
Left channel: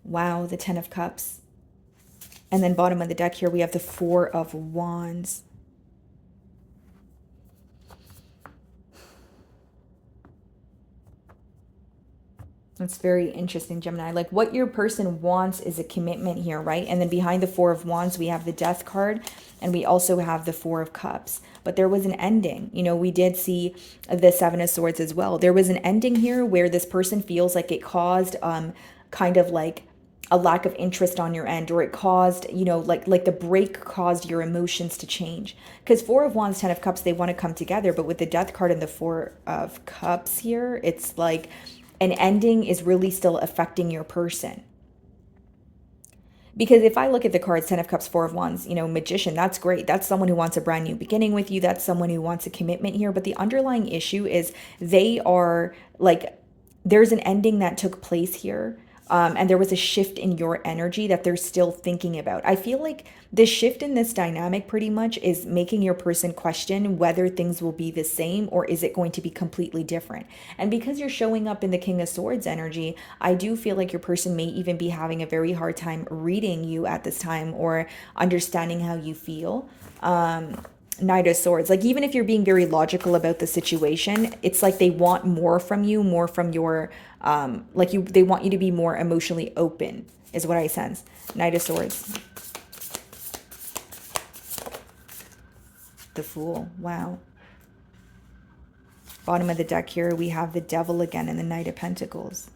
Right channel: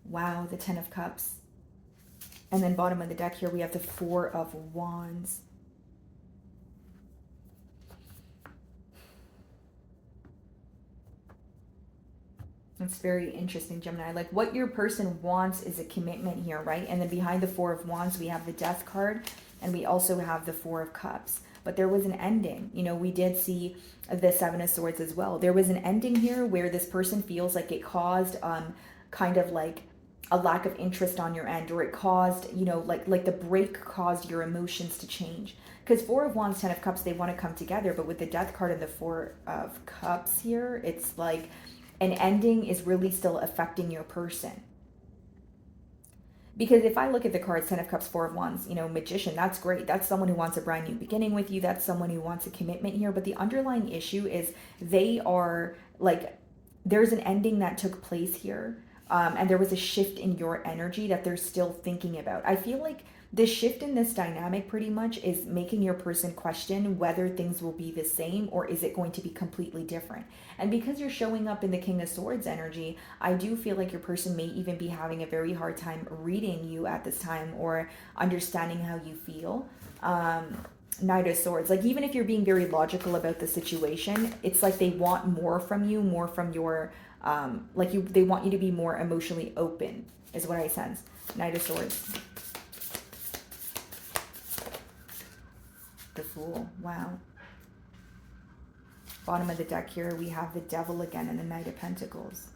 Wow, the Ten of Cups. And then bottom of the deck here, we have the Four of Wands. That's very interesting, Gemini. Like what your person wants is a commitment here, right? And then behind the Four of Wands, we have the Death card, and we also have the Four of Cups. But there was an ending. We did see the Seven of Swords as well. There was an ending here where this person feels like it caused kind of like a lack of interest on your end, or it caused, like the break caused your emotions to change. Because Four of Wands, Ten of Cups, they want to come together. But with the Death card and the Four of Cups here, it's like an ending is really still affecting your person. Because if I look at the cards, Ten of Cups, Four of Wands, Magician, that's great. That's someone who wants a brand new beginning with you. That's someone who wants a commitment here. But the underlying issue is they are like, there's an ending that took place here. And there was a shift in your energy that they're still thinking about. I feel like the shift in this dynamic pretty much is making your person question whether things will be the same, or is it going to be completely different. And because you're showing up in the King of Swords energy, I do feel like your person may even be having a very hard time reading you at this time, or understanding how you feel. Knight of Swords, like even if you're being very logical about the situation, it's like they want more from you, more from your they want you to be more emotionally open, is what I sense. Knight of Swords. The Fool. Wow. Bottom of the deck here, we have the Devil again and the Knight of Pentacles.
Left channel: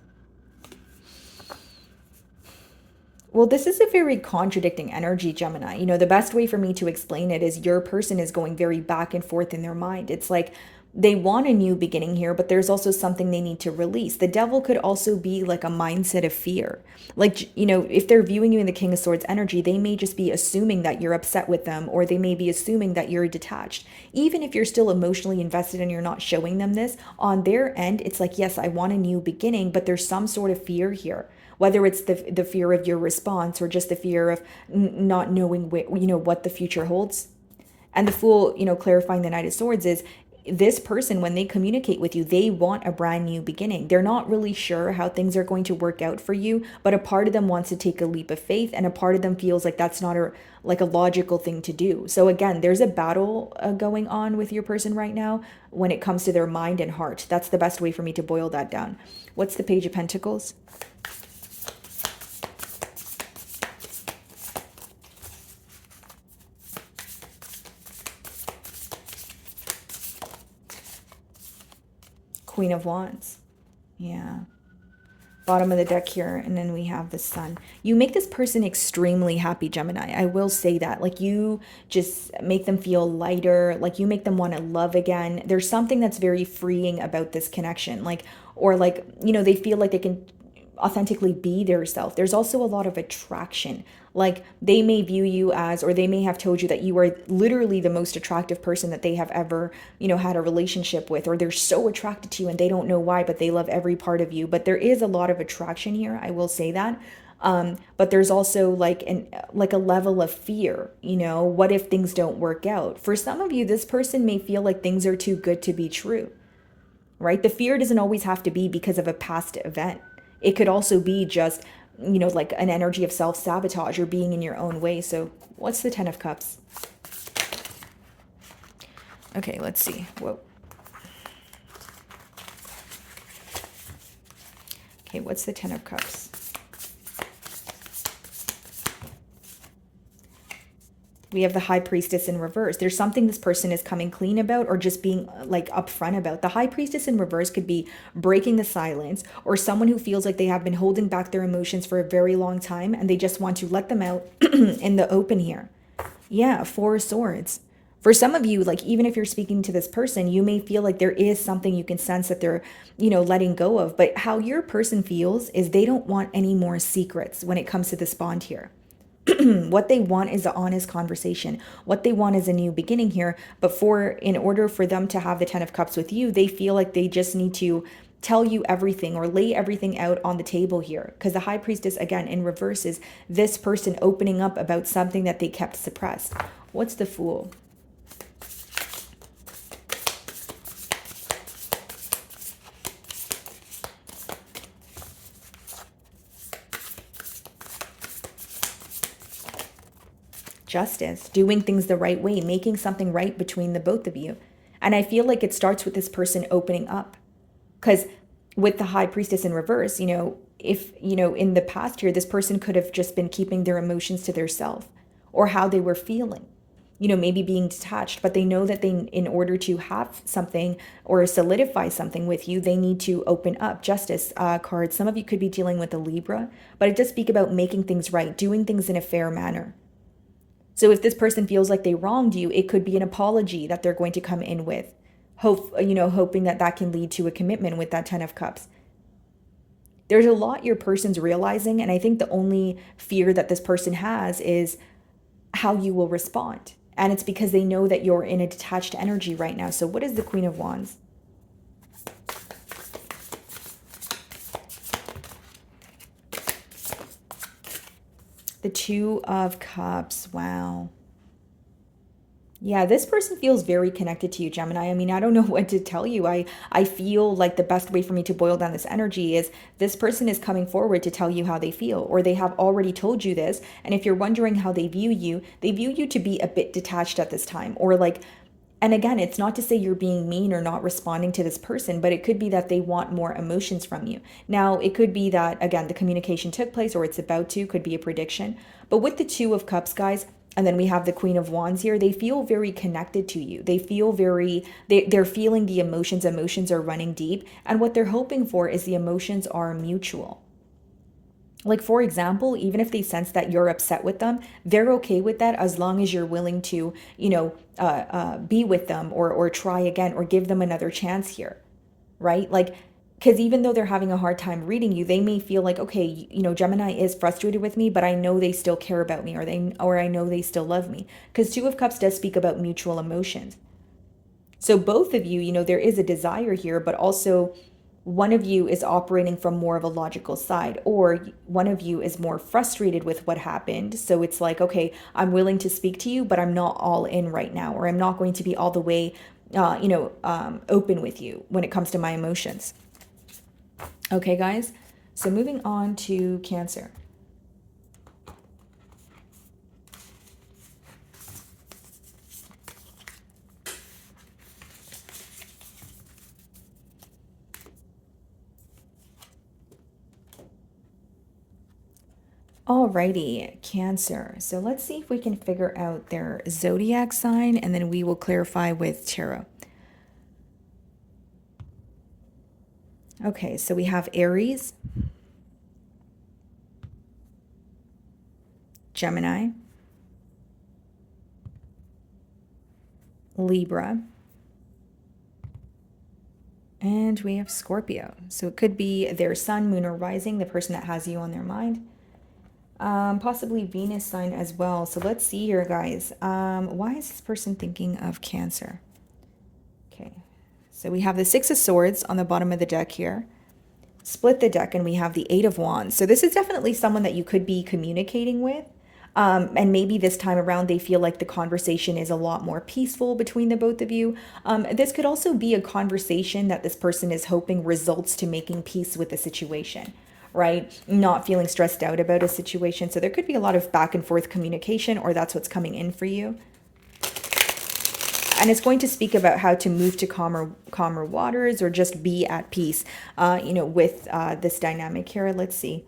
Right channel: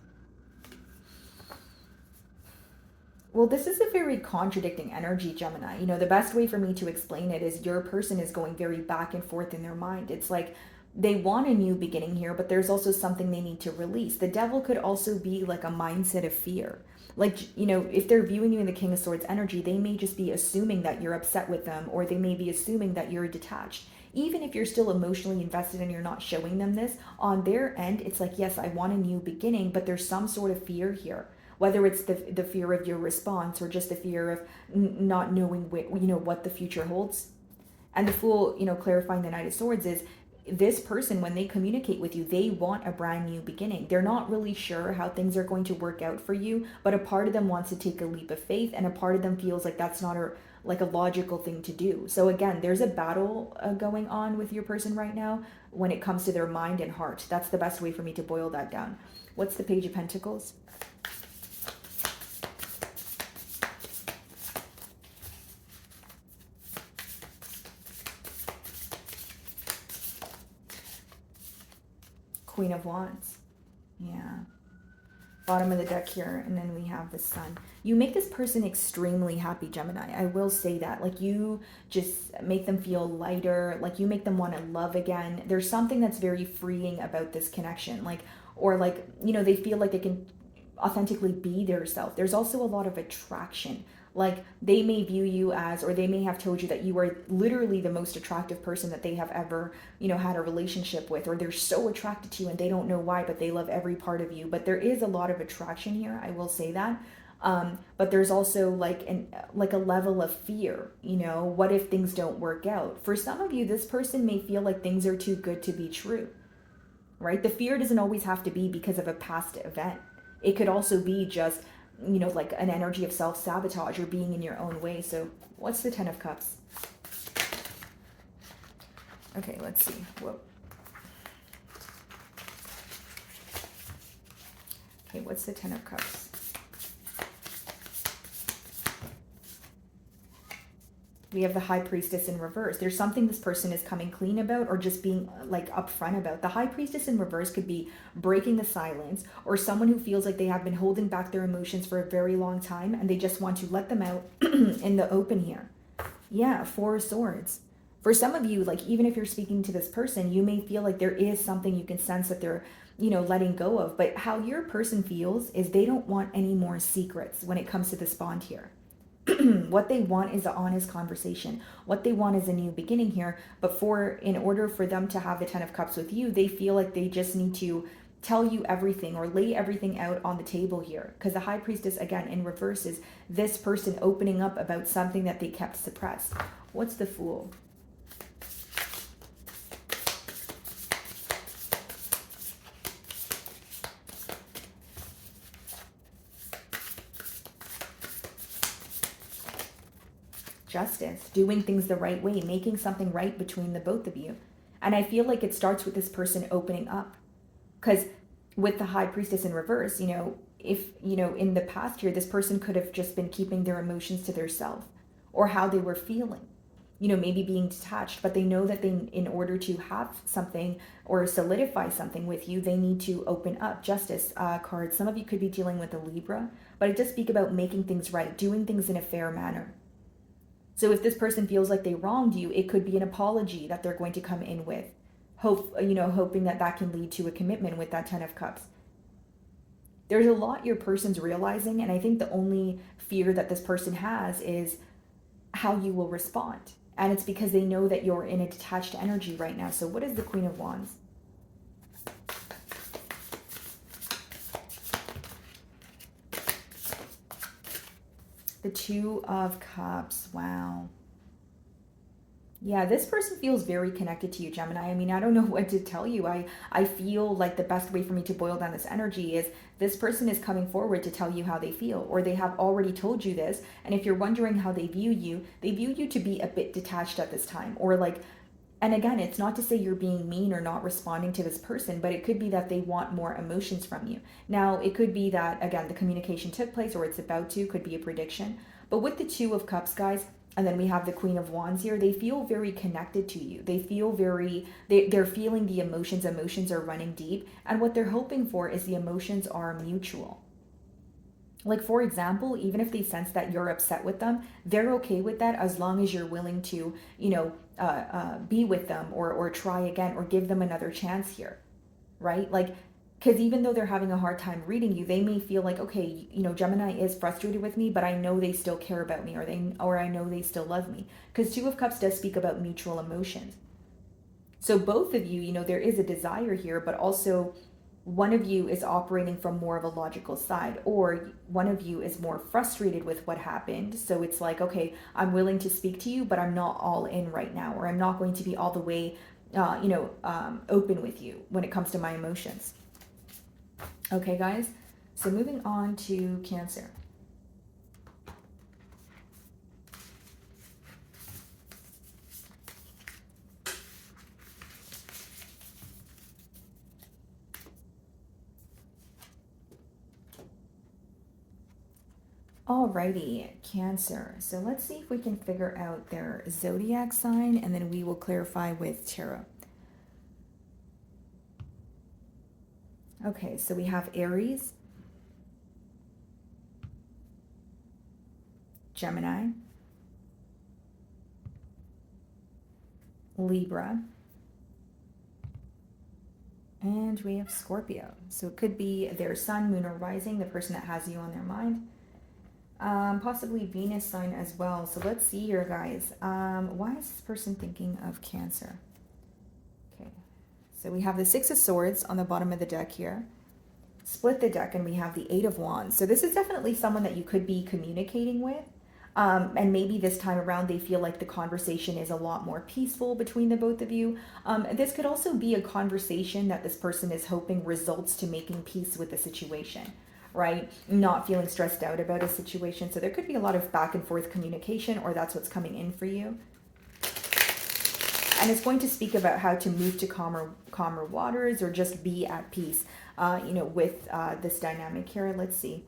Well, this is a very contradicting energy, Gemini. The best way for me to explain it is your person is going very back and forth in their mind. It's like they want a new beginning here, but there's also something they need to release. The Devil could also be like a mindset of fear. Like, if they're viewing you in the King of Swords energy, they may just be assuming that you're upset with them, or they may be assuming that you're detached. Even if you're still emotionally invested and you're not showing them this, on their end, it's like, yes, I want a new beginning, but there's some sort of fear here. Whether it's the fear of your response, or just the fear of not knowing what the future holds. And the Fool, clarifying the Knight of Swords, is this person, when they communicate with you, they want a brand new beginning. They're not really sure how things are going to work out for you, but a part of them wants to take a leap of faith, and a part of them feels like that's not a logical thing to do. So again, there's a battle going on with your person right now when it comes to their mind and heart. That's the best way for me to boil that down. What's the Page of Pentacles? Queen of Wands. Yeah. Bottom of the deck here, and then we have the Sun. You make this person extremely happy, Gemini. I will say that. Like, you just make them feel lighter. Like, you make them want to love again. There's something that's very freeing about this connection. They feel like they can authentically be their self. There's also a lot of attraction. Like, they may view you as, or they may have told you that you are literally the most attractive person that they have ever, had a relationship with, or they're so attracted to you and they don't know why, but they love every part of you. But there is a lot of attraction here, I will say that. But there's also like a level of fear, what if things don't work out? For some of you, this person may feel like things are too good to be true, right? The fear doesn't always have to be because of a past event. It could also be just, like an energy of self-sabotage or being in your own way. So what's the Ten of Cups? Okay, let's see. Whoa. Okay, what's the Ten of Cups? We have the High Priestess in reverse. There's something this person is coming clean about or just being like upfront about. The High Priestess in reverse could be breaking the silence, or someone who feels like they have been holding back their emotions for a very long time and they just want to let them out in the open here. Yeah, Four of Swords. For some of you, like even if you're speaking to this person, you may feel like there is something you can sense that they're, letting go of. But how your person feels is they don't want any more secrets when it comes to this bond here. What they want is an honest conversation. What they want is a new beginning here. But in order for them to have the 10 of Cups with you, they feel like they just need to tell you everything or lay everything out on the table here. Because the High Priestess, again, in reverse is this person opening up about something that they kept suppressed. What's the Fool? Justice, doing things the right way, making something right between the both of you. And I feel like it starts with this person opening up. Because with the High Priestess in reverse, if, in the past here, this person could have just been keeping their emotions to their self or how they were feeling, maybe being detached, but they know that in order to have something or solidify something with you, they need to open up. Justice card. Some of you could be dealing with a Libra, but it does speak about making things right, doing things in a fair manner. So if this person feels like they wronged you, it could be an apology that they're going to come in with. Hoping that can lead to a commitment with that 10 of Cups. There's a lot your person's realizing, and I think the only fear that this person has is how you will respond. And it's because they know that you're in a detached energy right now. So what is the Queen of Wands? The Two of Cups. Wow. Yeah, this person feels very connected to you, Gemini. I mean, I don't know what to tell you. I feel like the best way for me to boil down this energy is this person is coming forward to tell you how they feel, or they have already told you this. And if you're wondering how they view you to be a bit detached at this time, or like, and again, it's not to say you're being mean or not responding to this person, but it could be that they want more emotions from you. Now, it could be that, again, the communication took place or it's about to, could be a prediction. But with the Two of Cups, guys, and then we have the Queen of Wands here, they feel very connected to you. They feel they're feeling the emotions. Emotions are running deep. And what they're hoping for is the emotions are mutual. Like, for example, even if they sense that you're upset with them, they're okay with that as long as you're willing to, be with them or try again or give them another chance here, right? Like, because even though they're having a hard time reading you, they may feel like, okay, Gemini is frustrated with me, but I know they still care about me, or I know they still love me. Because Two of Cups does speak about mutual emotions. So both of you, there is a desire here, but also one of you is operating from more of a logical side, or one of you is more frustrated with what happened. So it's like, okay, I'm willing to speak to you, but I'm not all in right now, or I'm not going to be all the way, open with you when it comes to my emotions. Okay, guys, so moving on to Cancer. Alrighty, Cancer. So let's see if we can figure out their zodiac sign, and then we will clarify with tarot. Okay, so we have Aries, Gemini, Libra, and we have Scorpio. So it could be their sun, moon, or rising, the person that has you on their mind. Possibly Venus sign as well. So let's see here, guys. Why is this person thinking of Cancer? Okay, so we have the Six of Swords on the bottom of the deck here. Split the deck and we have the Eight of Wands. So this is definitely someone that you could be communicating with. And maybe this time around they feel like the conversation is a lot more peaceful between the both of you. This could also be a conversation that this person is hoping results to making peace with the situation, right? Not feeling stressed out about a situation. So there could be a lot of back and forth communication, or that's what's coming in for you. And it's going to speak about how to move to calmer waters, or just be at peace, with this dynamic here. Let's see.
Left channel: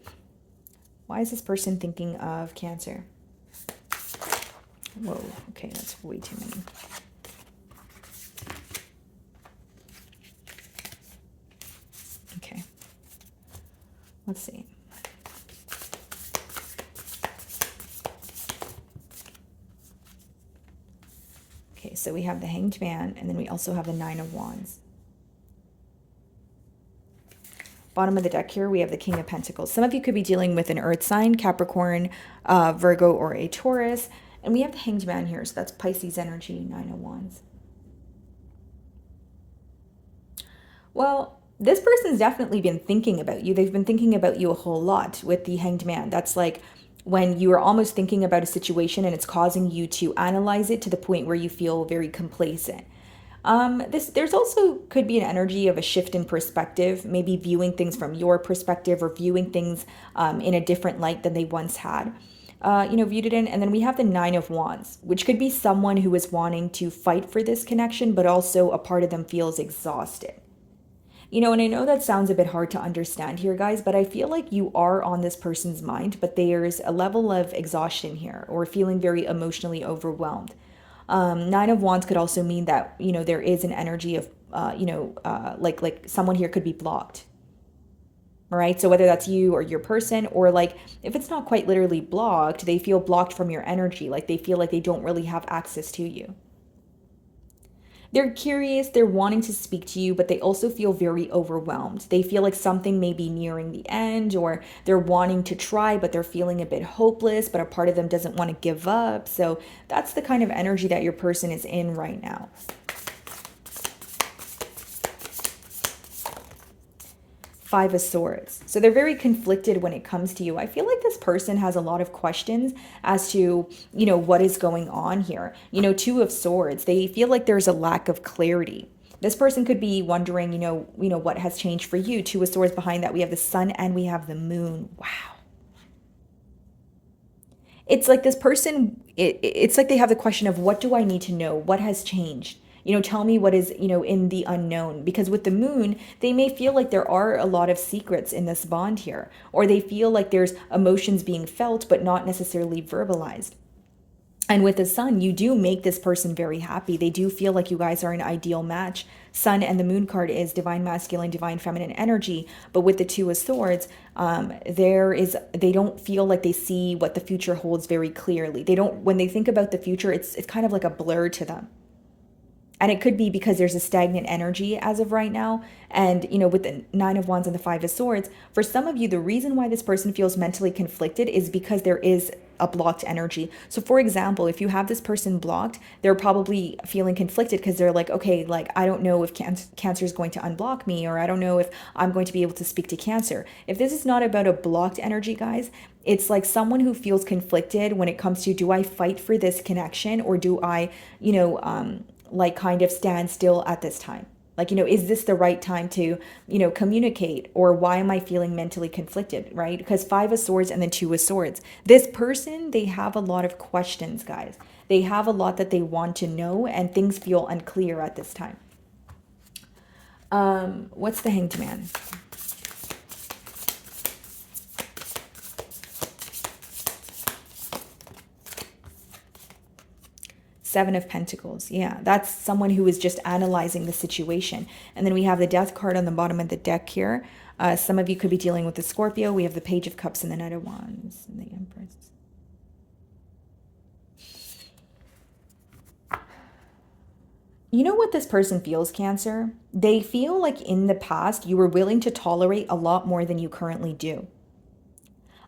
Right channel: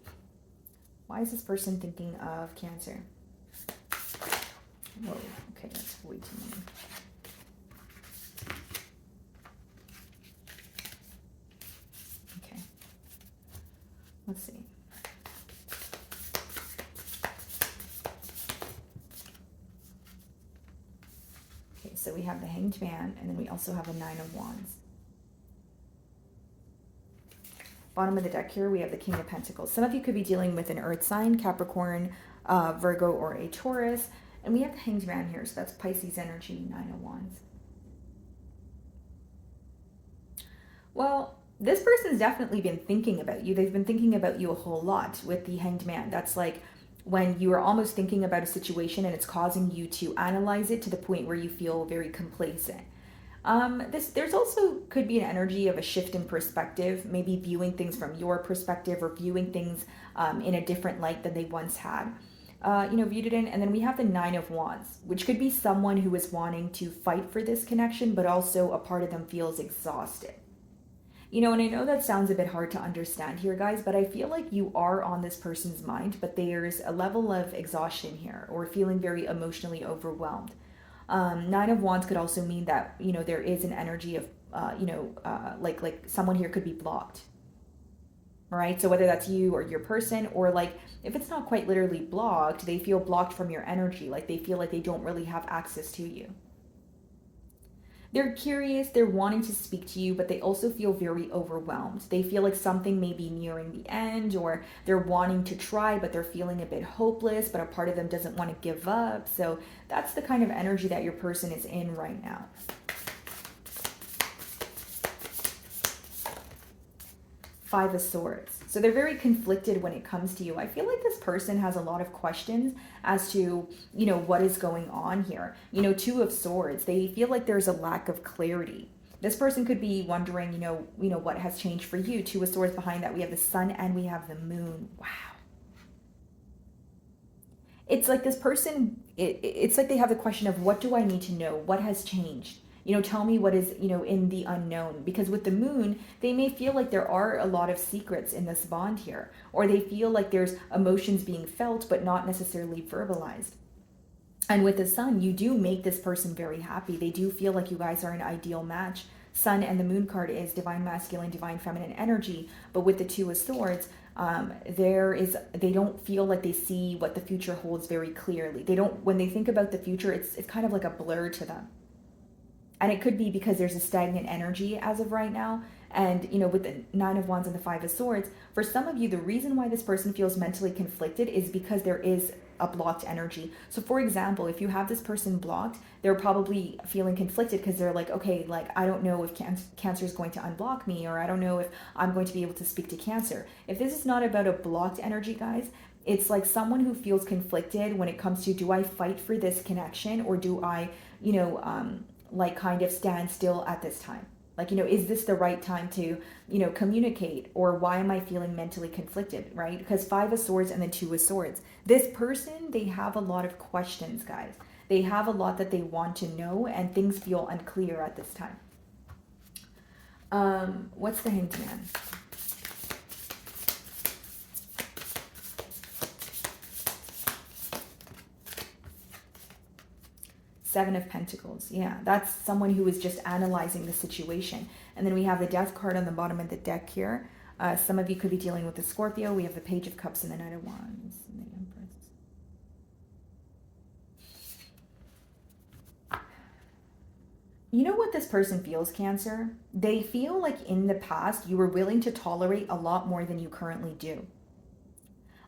Why is this person thinking of Cancer? Whoa, okay, that's way too many. Okay, let's see. Okay, so we have the Hanged Man, and then we also have the Nine of Wands. Bottom of the deck here, we have the King of Pentacles. Some of you could be dealing with an earth sign, Capricorn, Virgo, or a Taurus. And we have the Hanged Man here, so that's Pisces energy, Nine of Wands. Well, this person's definitely been thinking about you. They've been thinking about you a whole lot with the Hanged Man. That's like when you are almost thinking about a situation and it's causing you to analyze it to the point where you feel very complacent. There's also could be an energy of a shift in perspective, maybe viewing things from your perspective or viewing things in a different light than they once had. Viewed it in. And then we have the Nine of Wands, which could be someone who is wanting to fight for this connection, but also a part of them feels exhausted. And I know that sounds a bit hard to understand here, guys, but I feel like you are on this person's mind, but there's a level of exhaustion here or feeling very emotionally overwhelmed. Nine of Wands could also mean that, there is an energy of, like someone here could be blocked. All right. So whether that's you or your person, or like if it's not quite literally blocked, they feel blocked from your energy. Like they feel like they don't really have access to you. They're curious, they're wanting to speak to you, but they also feel very overwhelmed. They feel like something may be nearing the end, or they're wanting to try, but they're feeling a bit hopeless, but a part of them doesn't want to give up. So that's the kind of energy that your person is in right now. Five of Swords. So they're very conflicted when it comes to you. I feel like this person has a lot of questions as to, what is going on here. Two of Swords. They feel like there's a lack of clarity. This person could be wondering, what has changed for you. Two of Swords behind that. We have the Sun and we have the Moon. Wow. It's like this person, it's like they have the question of, what do I need to know? What has changed? Tell me what is, in the unknown. Because with the Moon, they may feel like there are a lot of secrets in this bond here, or they feel like there's emotions being felt, but not necessarily verbalized. And with the Sun, you do make this person very happy. They do feel like you guys are an ideal match. Sun and the Moon card is divine masculine, divine feminine energy. But with the Two of Swords, they don't feel like they see what the future holds very clearly. When they think about the future, it's kind of like a blur to them. And it could be because there's a stagnant energy as of right now. And, with the Nine of Wands and the Five of Swords, for some of you, the reason why this person feels mentally conflicted is because there is a blocked energy. So for example, if you have this person blocked, they're probably feeling conflicted because they're like, okay, like, I don't know if Cancer is going to unblock me, or I don't know if I'm going to be able to speak to Cancer. If this is not about a blocked energy, guys, it's like someone who feels conflicted when it comes to, do I fight for this connection, or do I, kind of stand still at this time? Like, is this the right time to, communicate, or why am I feeling mentally conflicted, right? Because Five of Swords and then Two of Swords. This person, they have a lot of questions, guys. They have a lot that they want to know, and things feel unclear at this time. What's the Hanged Man? Seven of Pentacles. Yeah, that's someone who is just analyzing the situation. And then we have the Death card on the bottom of the deck here. Some of you could be dealing with the Scorpio. We have the Page of Cups and the Knight of Wands and the Empress. You know what this person feels, Cancer? They feel like in the past you were willing to tolerate a lot more than you currently do.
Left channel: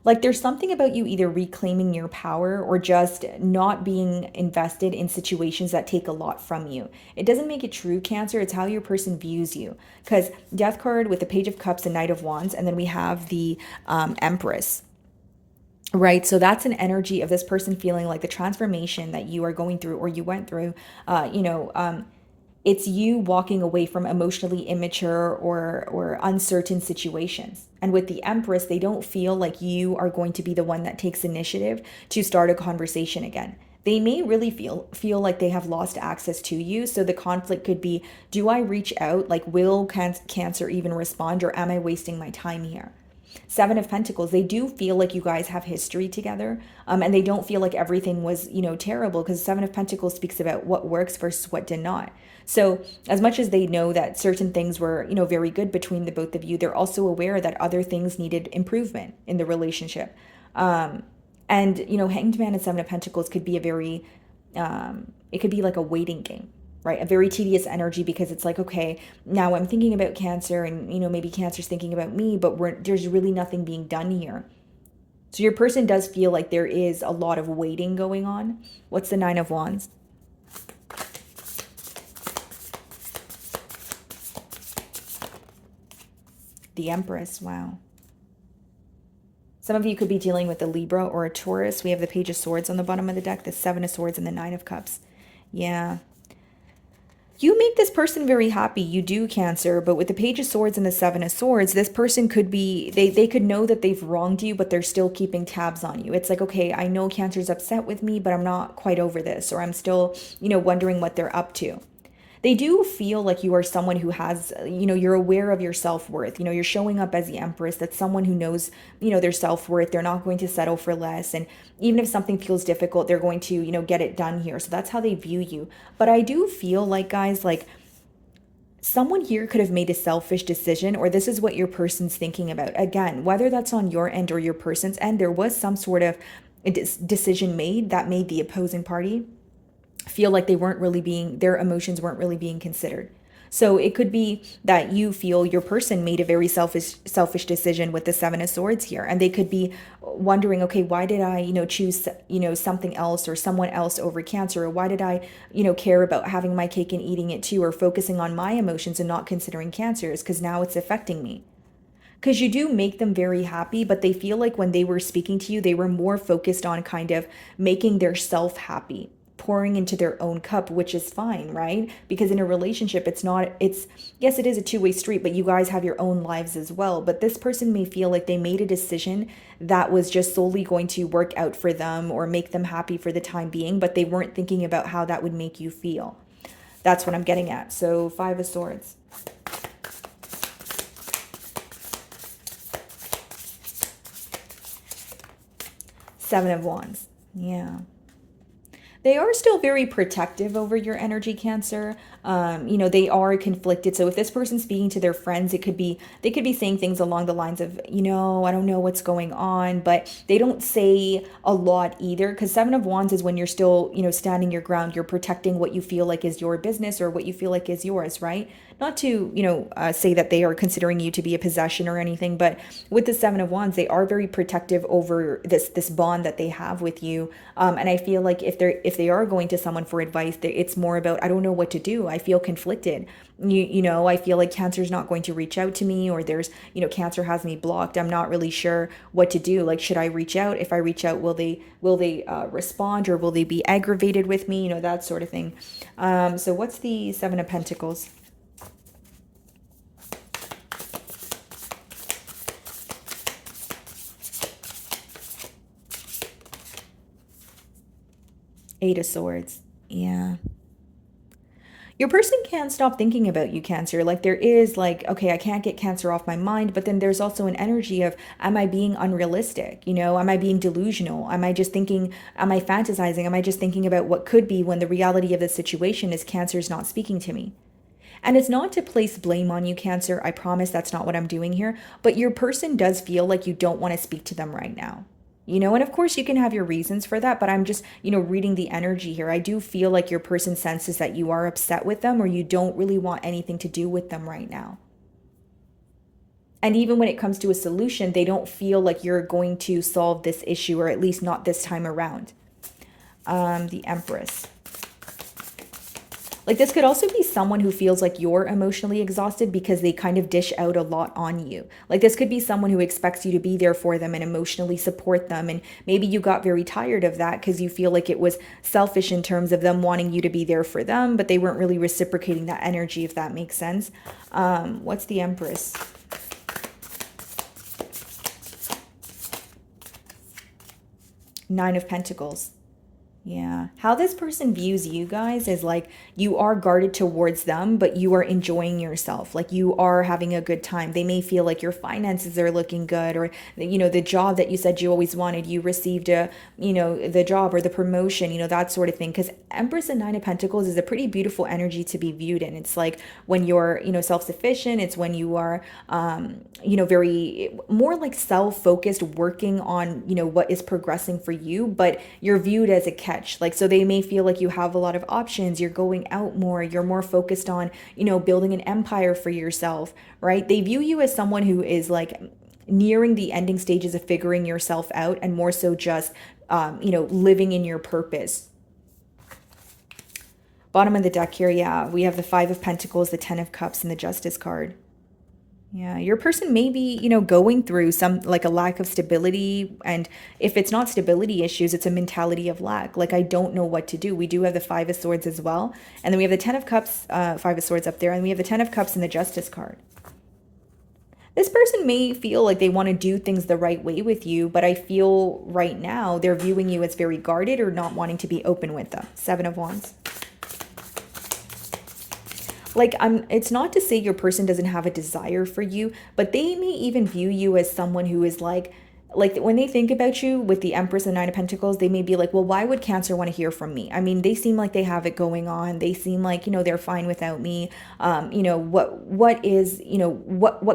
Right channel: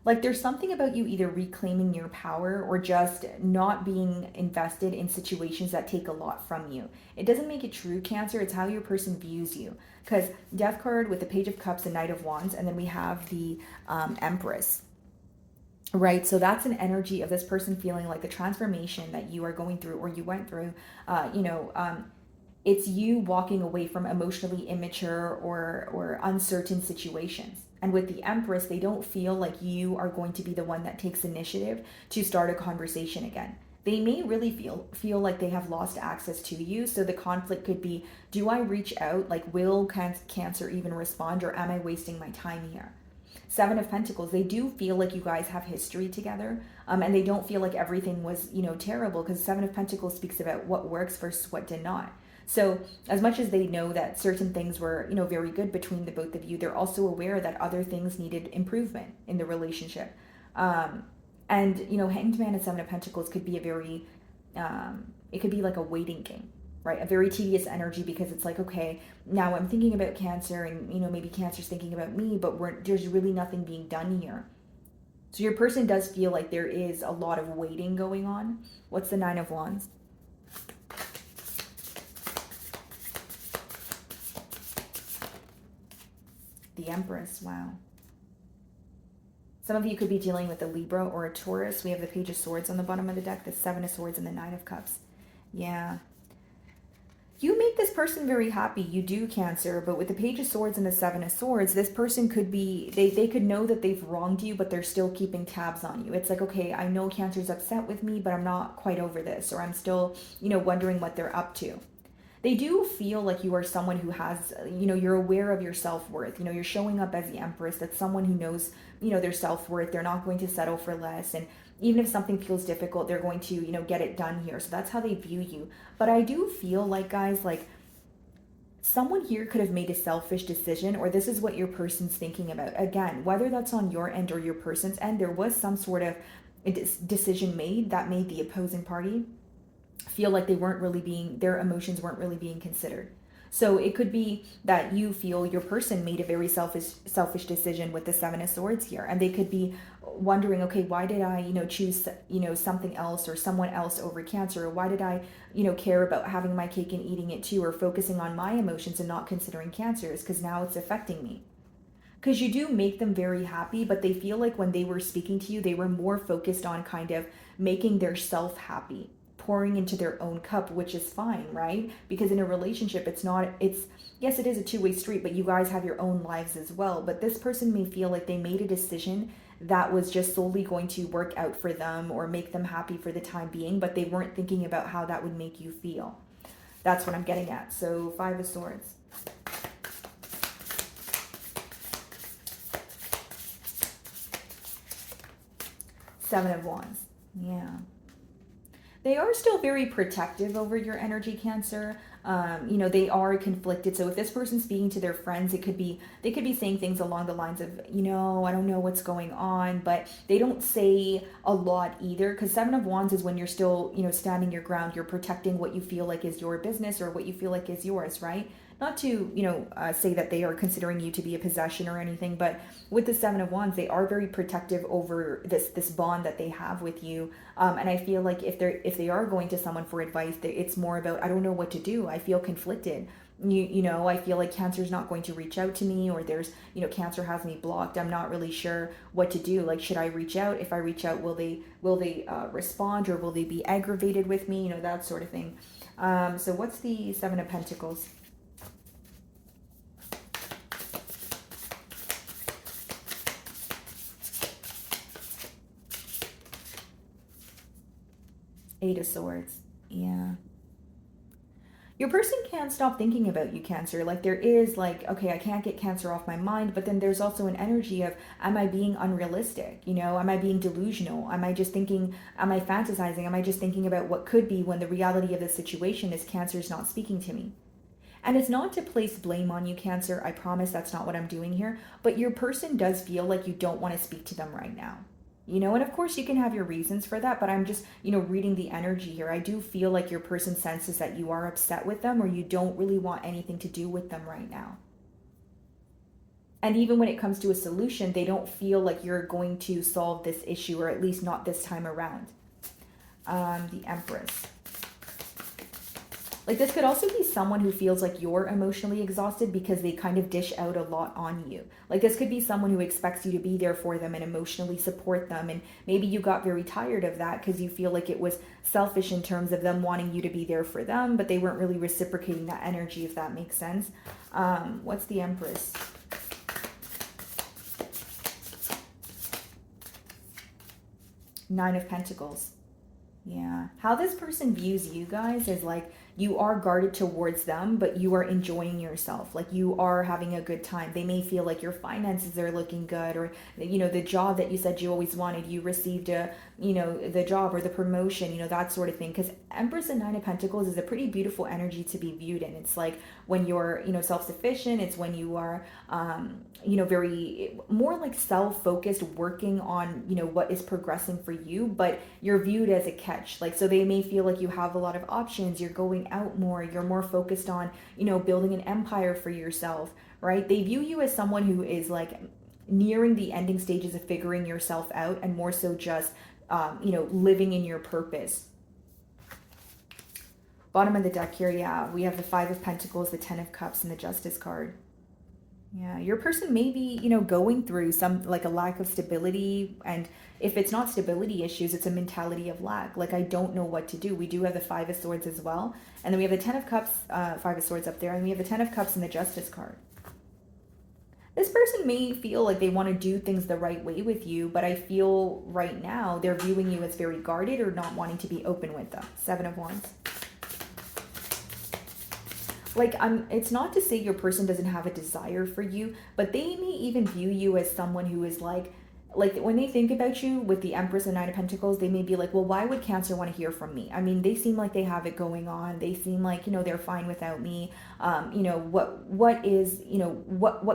Like there's something about you either reclaiming your power or just not being invested in situations that take a lot from you. It doesn't make it true, Cancer. It's how your person views you. Because Death card with the Page of Cups and Knight of Wands, and then we have the Empress. Right. So that's an energy of this person feeling like the transformation that you are going through, or you went through, it's you walking away from emotionally immature or uncertain situations. And with the Empress, they don't feel like you are going to be the one that takes initiative to start a conversation again. They may really feel like they have lost access to you. So the conflict could be, do I reach out? Like, will Cancer even respond, or am I wasting my time here? Seven of Pentacles, they do feel like you guys have history together, and they don't feel like everything was, terrible, because Seven of Pentacles speaks about what works versus what did not. So as much as they know that certain things were, very good between the both of you, they're also aware that other things needed improvement in the relationship. And, Hanged Man and Seven of Pentacles could be a very, it could be like a waiting game, right? A very tedious energy, because it's like, okay, now I'm thinking about Cancer, and, maybe Cancer's thinking about me, but there's really nothing being done here. So your person does feel like there is a lot of waiting going on. What's the Nine of Wands? The Empress, wow. Some of you could be dealing with a Libra or a Taurus. We have the Page of Swords on the bottom of the deck, the Seven of Swords and the Nine of Cups. Yeah. You make this person very happy. You do, Cancer, but with the Page of Swords and the Seven of Swords, this person could be, they could know that they've wronged you, but they're still keeping tabs on you. It's like, okay, I know Cancer's upset with me, but I'm not quite over this, or I'm still, wondering what they're up to. They do feel like you are someone who has, you're aware of your self-worth. You're showing up as the Empress. That's someone who knows, their self-worth. They're not going to settle for less. And even if something feels difficult, they're going to, get it done here. So that's how they view you. But I do feel like, guys, like someone here could have made a selfish decision, or this is what your person's thinking about. Again, whether that's on your end or your person's end, there was some sort of decision made that made the opposing party feel like their emotions weren't really being considered. So it could be that you feel your person made a very selfish decision with the Seven of Swords here, and they could be wondering, okay, why did I, choose, something else or someone else over Cancer, or why did I, care about having my cake and eating it too, or focusing on my emotions and not considering Cancer's, because now it's affecting me. Because you do make them very happy, but they feel like when they were speaking to you, they were more focused on kind of making their self happy, pouring into their own cup, which is fine, right? Because in a relationship, yes, it is a two-way street, but you guys have your own lives as well. But this person may feel like they made a decision that was just solely going to work out for them or make them happy for the time being, but they weren't thinking about how that would make you feel. That's what I'm getting at. So Five of Swords. Seven of Wands. Yeah. They are still very protective over your energy, Cancer. They are conflicted. So if this person's speaking to their friends, they could be saying things along the lines of, I don't know what's going on, but they don't say a lot either. Because Seven of Wands is when you're still, standing your ground. You're protecting what you feel like is your business or what you feel like is yours, right? Not to, say that they are considering you to be a possession or anything, but with the Seven of Wands, they are very protective over this bond that they have with you. And I feel like if they are going to someone for advice, it's more about, I don't know what to do. I feel conflicted. I feel like Cancer's not going to reach out to me, or there's, Cancer has me blocked. I'm not really sure what to do. Like, should I reach out? If I reach out, will they respond, or will they be aggravated with me? That sort of thing. So what's the Seven of Pentacles? Eight of Swords. Yeah. Your person can't stop thinking about you, Cancer. Like, there is like, okay, I can't get Cancer off my mind, but then there's also an energy of, am I being unrealistic? Am I being delusional? Am I fantasizing? Am I just thinking about what could be, when the reality of the situation is Cancer's not speaking to me? And it's not to place blame on you, Cancer. I promise that's not what I'm doing here. But your person does feel like you don't want to speak to them right now. And of course you can have your reasons for that, but I'm just, reading the energy here. I do feel like your person senses that you are upset with them, or you don't really want anything to do with them right now. And even when it comes to a solution, they don't feel like you're going to solve this issue, or at least not this time around. The Empress. Like, this could also be someone who feels like you're emotionally exhausted because they kind of dish out a lot on you. Like, this could be someone who expects you to be there for them and emotionally support them. And maybe you got very tired of that because you feel like it was selfish in terms of them wanting you to be there for them, but they weren't really reciprocating that energy, if that makes sense. What's the Empress? Nine of Pentacles. Yeah. How this person views you guys is like you are guarded towards them, but you are enjoying yourself. Like you are having a good time. They may feel like your finances are looking good, or, the job that you said you always wanted, you received the job or the promotion, that sort of thing. Because Empress and Nine of Pentacles is a pretty beautiful energy to be viewed in. It's like when you're, self-sufficient. It's when you are, very more like self-focused, working on, what is progressing for you, but you're viewed as a catch. Like, so they may feel like you have a lot of options. You're going out more. You're more focused on, building an empire for yourself, right? They view you as someone who is like nearing the ending stages of figuring yourself out, and more so just, living in your purpose. Bottom of the deck here, yeah, we have the Five of Pentacles, the Ten of Cups, and the Justice card. Yeah, your person may be, going through some like a lack of stability. And if it's not stability issues, it's a mentality of lack. Like, I don't know what to do. We do have the Five of Swords as well. And then we have the Ten of Cups, Five of Swords up there. And we have the Ten of Cups and the Justice card. This person may feel like they want to do things the right way with you, but I feel right now they're viewing you as very guarded or not wanting to be open with them. Seven of Wands. Like, it's not to say your person doesn't have a desire for you, but they may even view you as someone who is like when they think about you with the Empress and Nine of Pentacles, they may be like, well, why would Cancer want to hear from me? I mean, they seem like they have it going on. They seem like, they're fine without me. What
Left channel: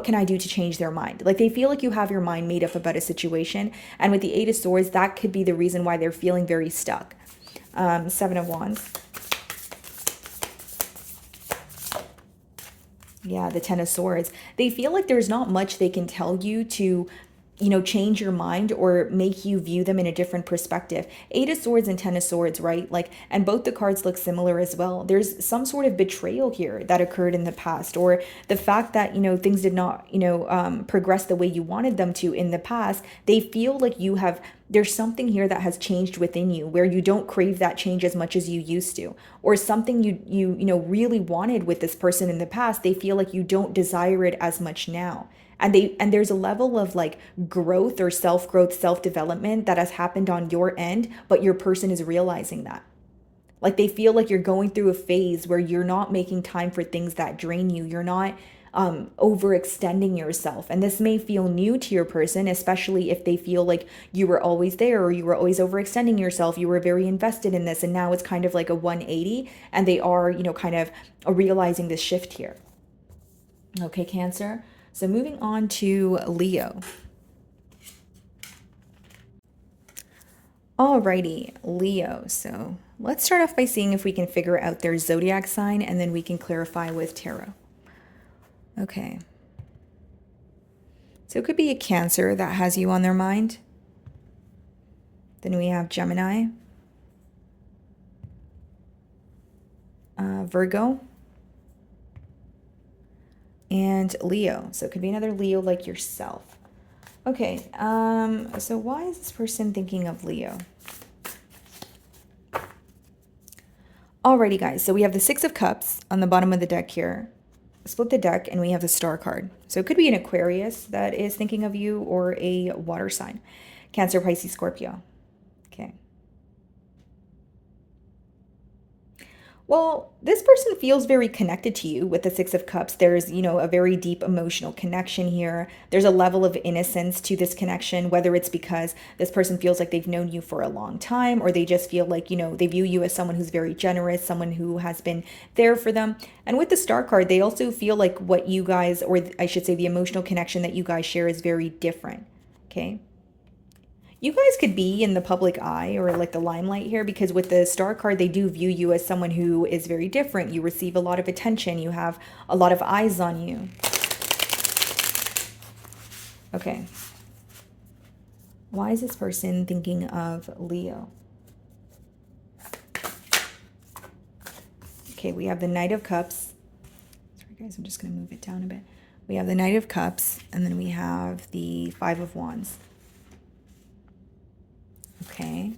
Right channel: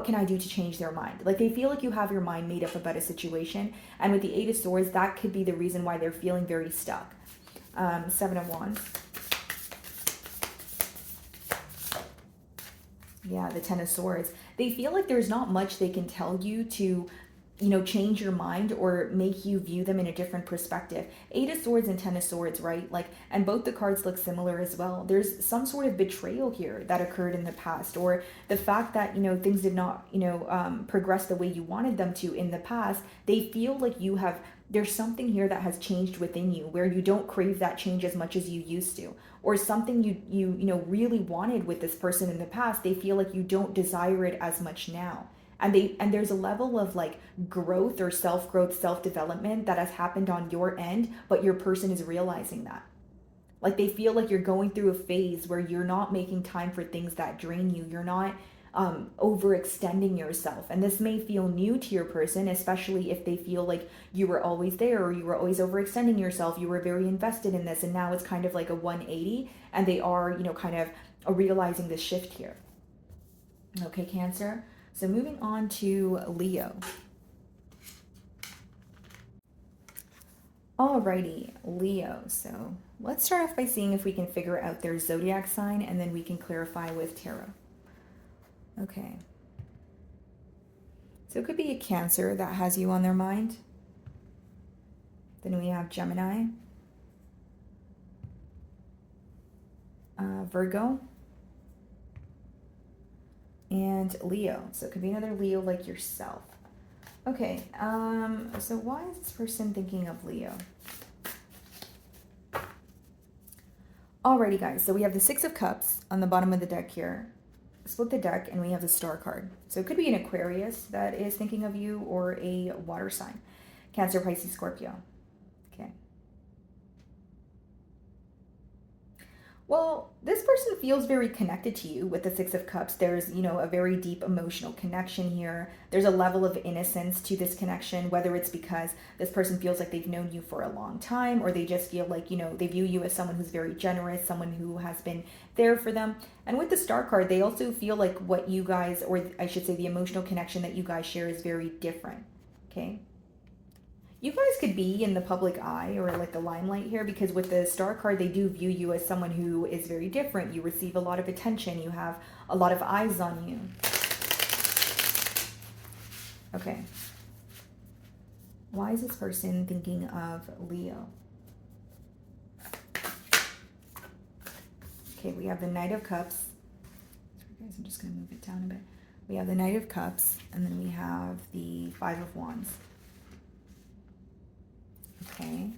can I do to change their mind? Like, they feel like you have your mind made up about a situation. And with the Eight of Swords, that could be the reason why they're feeling very stuck. Seven of Wands. Yeah, the Ten of Swords. They feel like there's not much they can tell you to, change your mind or make you view them in a different perspective. Eight of Swords and Ten of Swords, right? Like, and both the cards look similar as well. There's some sort of betrayal here that occurred in the past, or the fact that, things did not, progress the way you wanted them to in the past. They feel like there's something here that has changed within you where you don't crave that change as much as you used to, or something you really wanted with this person in the past. They feel like you don't desire it as much now. And there's a level of like growth or self-growth, self-development that has happened on your end, but your person is realizing that. Like, they feel like you're going through a phase where you're not making time for things that drain you. You're not overextending yourself. And this may feel new to your person, especially if they feel like you were always there, or you were always overextending yourself. You were very invested in this, and now it's kind of like a 180, and they are, kind of realizing this shift here. Okay, Cancer. So moving on to Leo. Alrighty, Leo. So let's start off by seeing if we can figure out their zodiac sign, and then we can clarify with tarot. Okay. So it could be a Cancer that has you on their mind. Then we have Gemini, Virgo, and Leo. So it could be another Leo like yourself. Okay, so why is this person thinking of Leo? Alrighty, guys, so we have the Six of Cups on the bottom of the deck here. Split the deck, and we have the Star card. So it could be an Aquarius that is thinking of you, or a water sign. Cancer, Pisces, Scorpio. Okay. Well, this person feels very connected to you with the Six of Cups. There's, a very deep emotional connection here. There's a level of innocence to this connection, whether it's because this person feels like they've known you for a long time, or they just feel like, they view you as someone who's very generous, someone who has been there for them. And with the Star card, they also feel like what you guys, or I should say the emotional connection that you guys share, is very different. Okay. You guys could be in the public eye, or like the limelight here, because with the Star card, they do view you as someone who is very different. You receive a lot of attention. You have a lot of eyes on you. Okay. Why is this person thinking of Leo? Okay, we have the Knight of Cups. Sorry guys, I'm just going to move it down a bit. We have the Knight of Cups, and then we have the Five of Wands. Okay,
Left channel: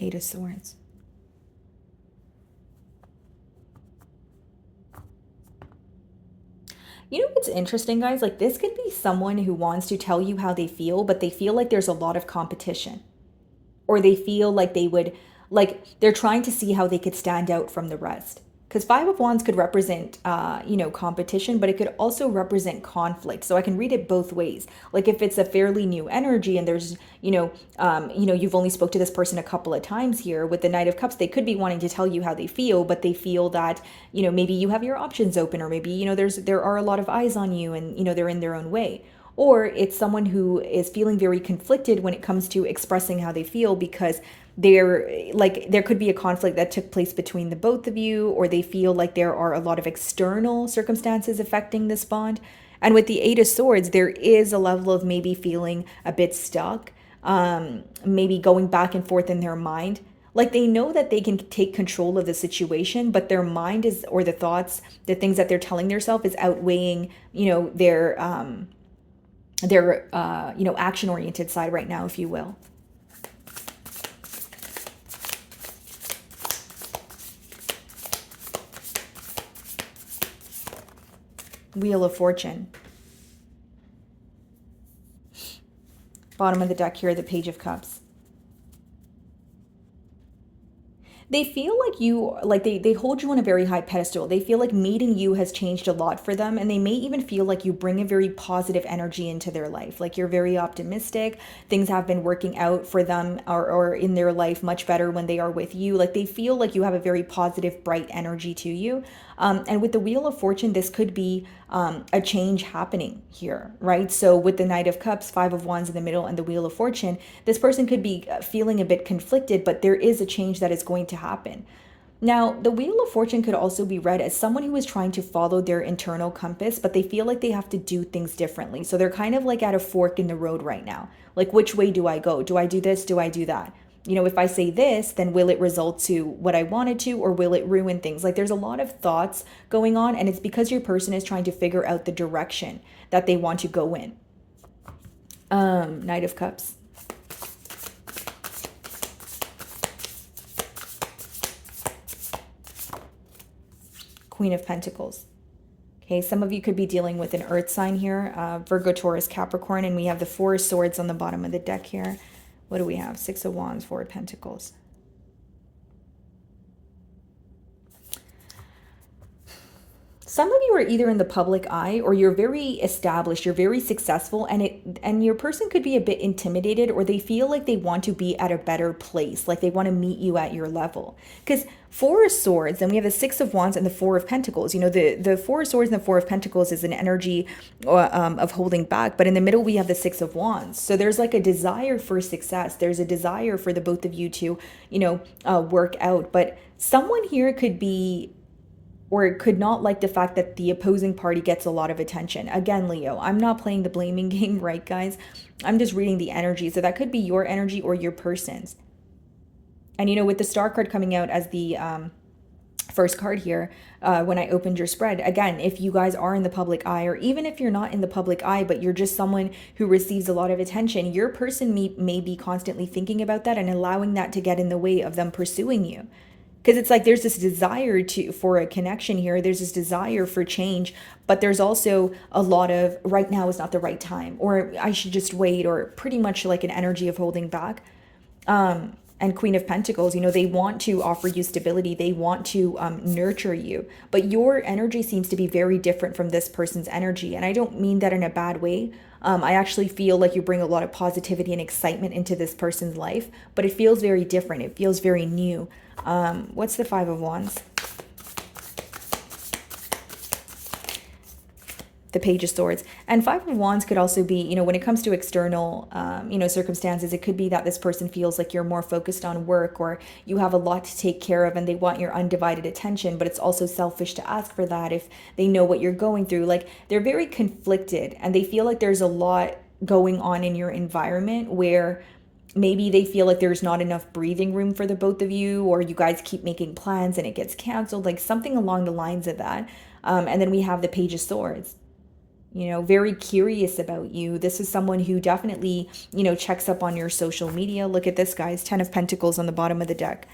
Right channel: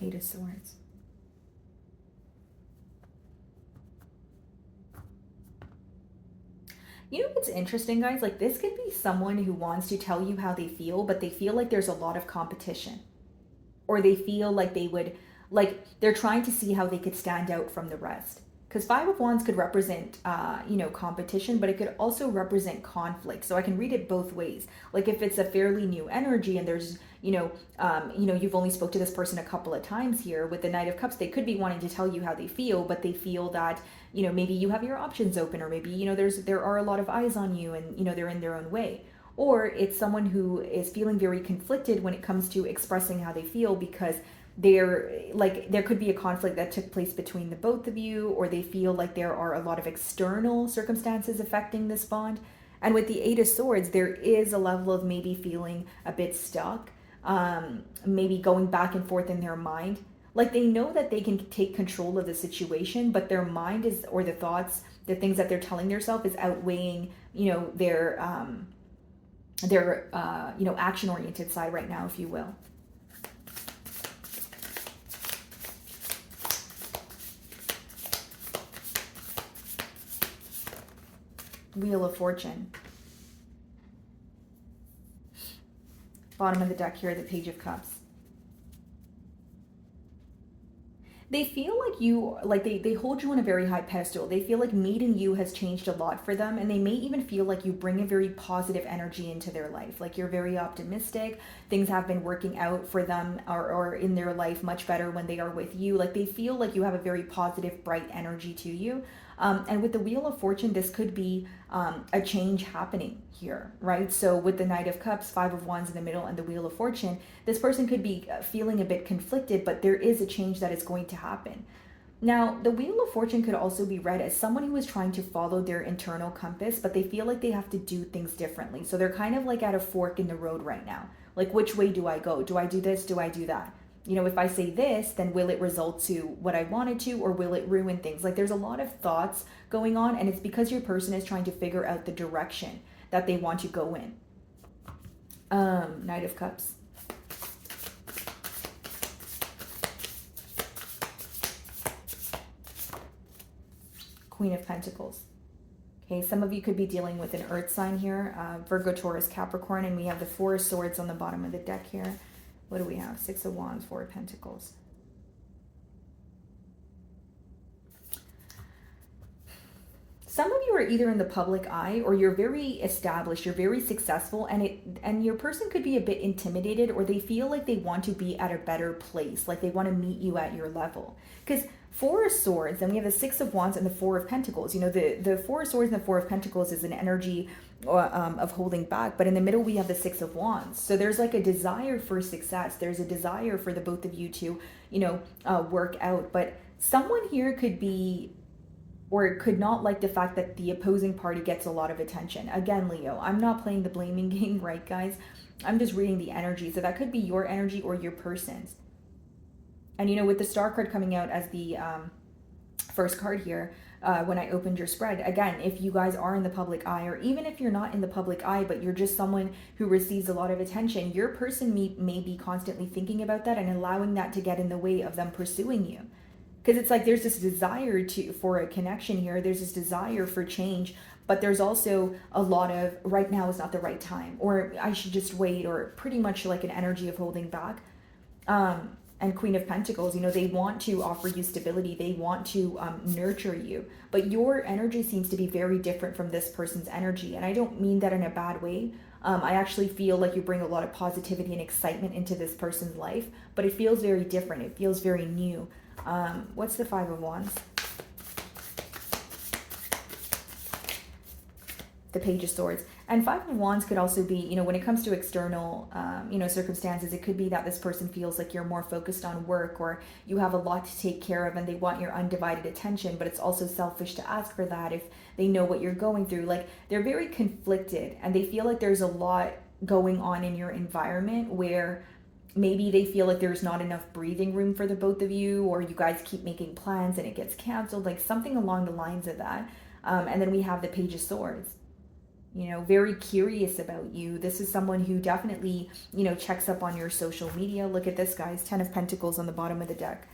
Eight of Swords. You know what's interesting, guys? Like, this could be someone who wants to tell you how they feel, but they feel like there's a lot of competition. Or they feel like they would Like they're trying to see how they could stand out from the rest. Because Five of Wands could represent, competition, but it could also represent conflict. So I can read it both ways. Like if it's a fairly new energy and there's, you've only spoke to this person a couple of times here with the Knight of Cups, they could be wanting to tell you how they feel, but they feel that, maybe you have your options open, or maybe, there are a lot of eyes on you and, they're in their own way. Or it's someone who is feeling very conflicted when it comes to expressing how they feel, because there could be a conflict that took place between the both of you, or they feel like there are a lot of external circumstances affecting this bond. And with the Eight of Swords, there is a level of maybe feeling a bit stuck, maybe going back and forth in their mind. Like they know that they can take control of the situation, but their mind is, or the thoughts, the things that they're telling themselves is outweighing, their action-oriented side right now, if you will. Wheel of Fortune. Bottom of the deck here, the Page of Cups. They feel like they hold you on a very high pedestal. They feel like meeting you has changed a lot for them, and they may even feel like you bring a very positive energy into their life. Like you're very optimistic. Things have been working out for them or in their life much better when they are with you. Like they feel like you have a very positive, bright energy to you. And with the Wheel of Fortune, this could be a change happening here, right? So with the Knight of Cups, Five of Wands in the middle, and the Wheel of Fortune, this person could be feeling a bit conflicted, but there is a change that is going to happen. Now, the Wheel of Fortune could also be read as someone who is trying to follow their internal compass, but they feel like they have to do things differently. So they're kind of like at a fork in the road right now. Like, which way do I go? Do I do this? Do I do that? If I say this, then will it result to what I wanted to, or will it ruin things? Like there's a lot of thoughts going on, and it's because your person is trying to figure out the direction that they want to go in. Knight of Cups. Queen of Pentacles. Okay, some of you could be dealing with an earth sign here, Virgo, Taurus, Capricorn, and we have the Four of Swords on the bottom of the deck here. What do we have? Six of Wands, Four of Pentacles. Some of you are either in the public eye, or you're very established, you're very successful, and your person could be a bit intimidated, or they feel like they want to be at a better place, like they want to meet you at your level. Because Four of Swords, then we have the Six of Wands and the Four of Pentacles. The Four of Swords and the Four of Pentacles is an energy of holding back, but in the middle we have the Six of Wands. So there's like a desire for success. There's a desire for the both of you to, work out. But someone here could be, or could not like the fact that the opposing party gets a lot of attention. Again, Leo, I'm not playing the blaming game, right, guys? I'm just reading the energy. So that could be your energy or your person's. And, with the Star card coming out as the first card here, when I opened your spread, again, if you guys are in the public eye, or even if you're not in the public eye, but you're just someone who receives a lot of attention, your person may be constantly thinking about that and allowing that to get in the way of them pursuing you. Because it's like there's this desire for a connection here. There's this desire for change, but there's also a lot of right now is not the right time, or I should just wait, or pretty much like an energy of holding back. And Queen of Pentacles, they want to offer you stability. They want to nurture you. But your energy seems to be very different from this person's energy. And I don't mean that in a bad way. I actually feel like you bring a lot of positivity and excitement into this person's life. But it feels very different. It feels very new. What's the Five of Wands? The Page of Swords. And Five of Wands could also be, when it comes to external, circumstances, it could be that this person feels like you're more focused on work, or you have a lot to take care of and they want your undivided attention, but it's also selfish to ask for that if they know what you're going through. Like they're very conflicted, and they feel like there's a lot going on in your environment where maybe they feel like there's not enough breathing room for the both of you, or you guys keep making plans and it gets canceled, like something along the lines of that. And then we have the Page of Swords. Very curious about you. This is someone who definitely, checks up on your social media. Look at this, guys. 10 of Pentacles on the bottom of the deck.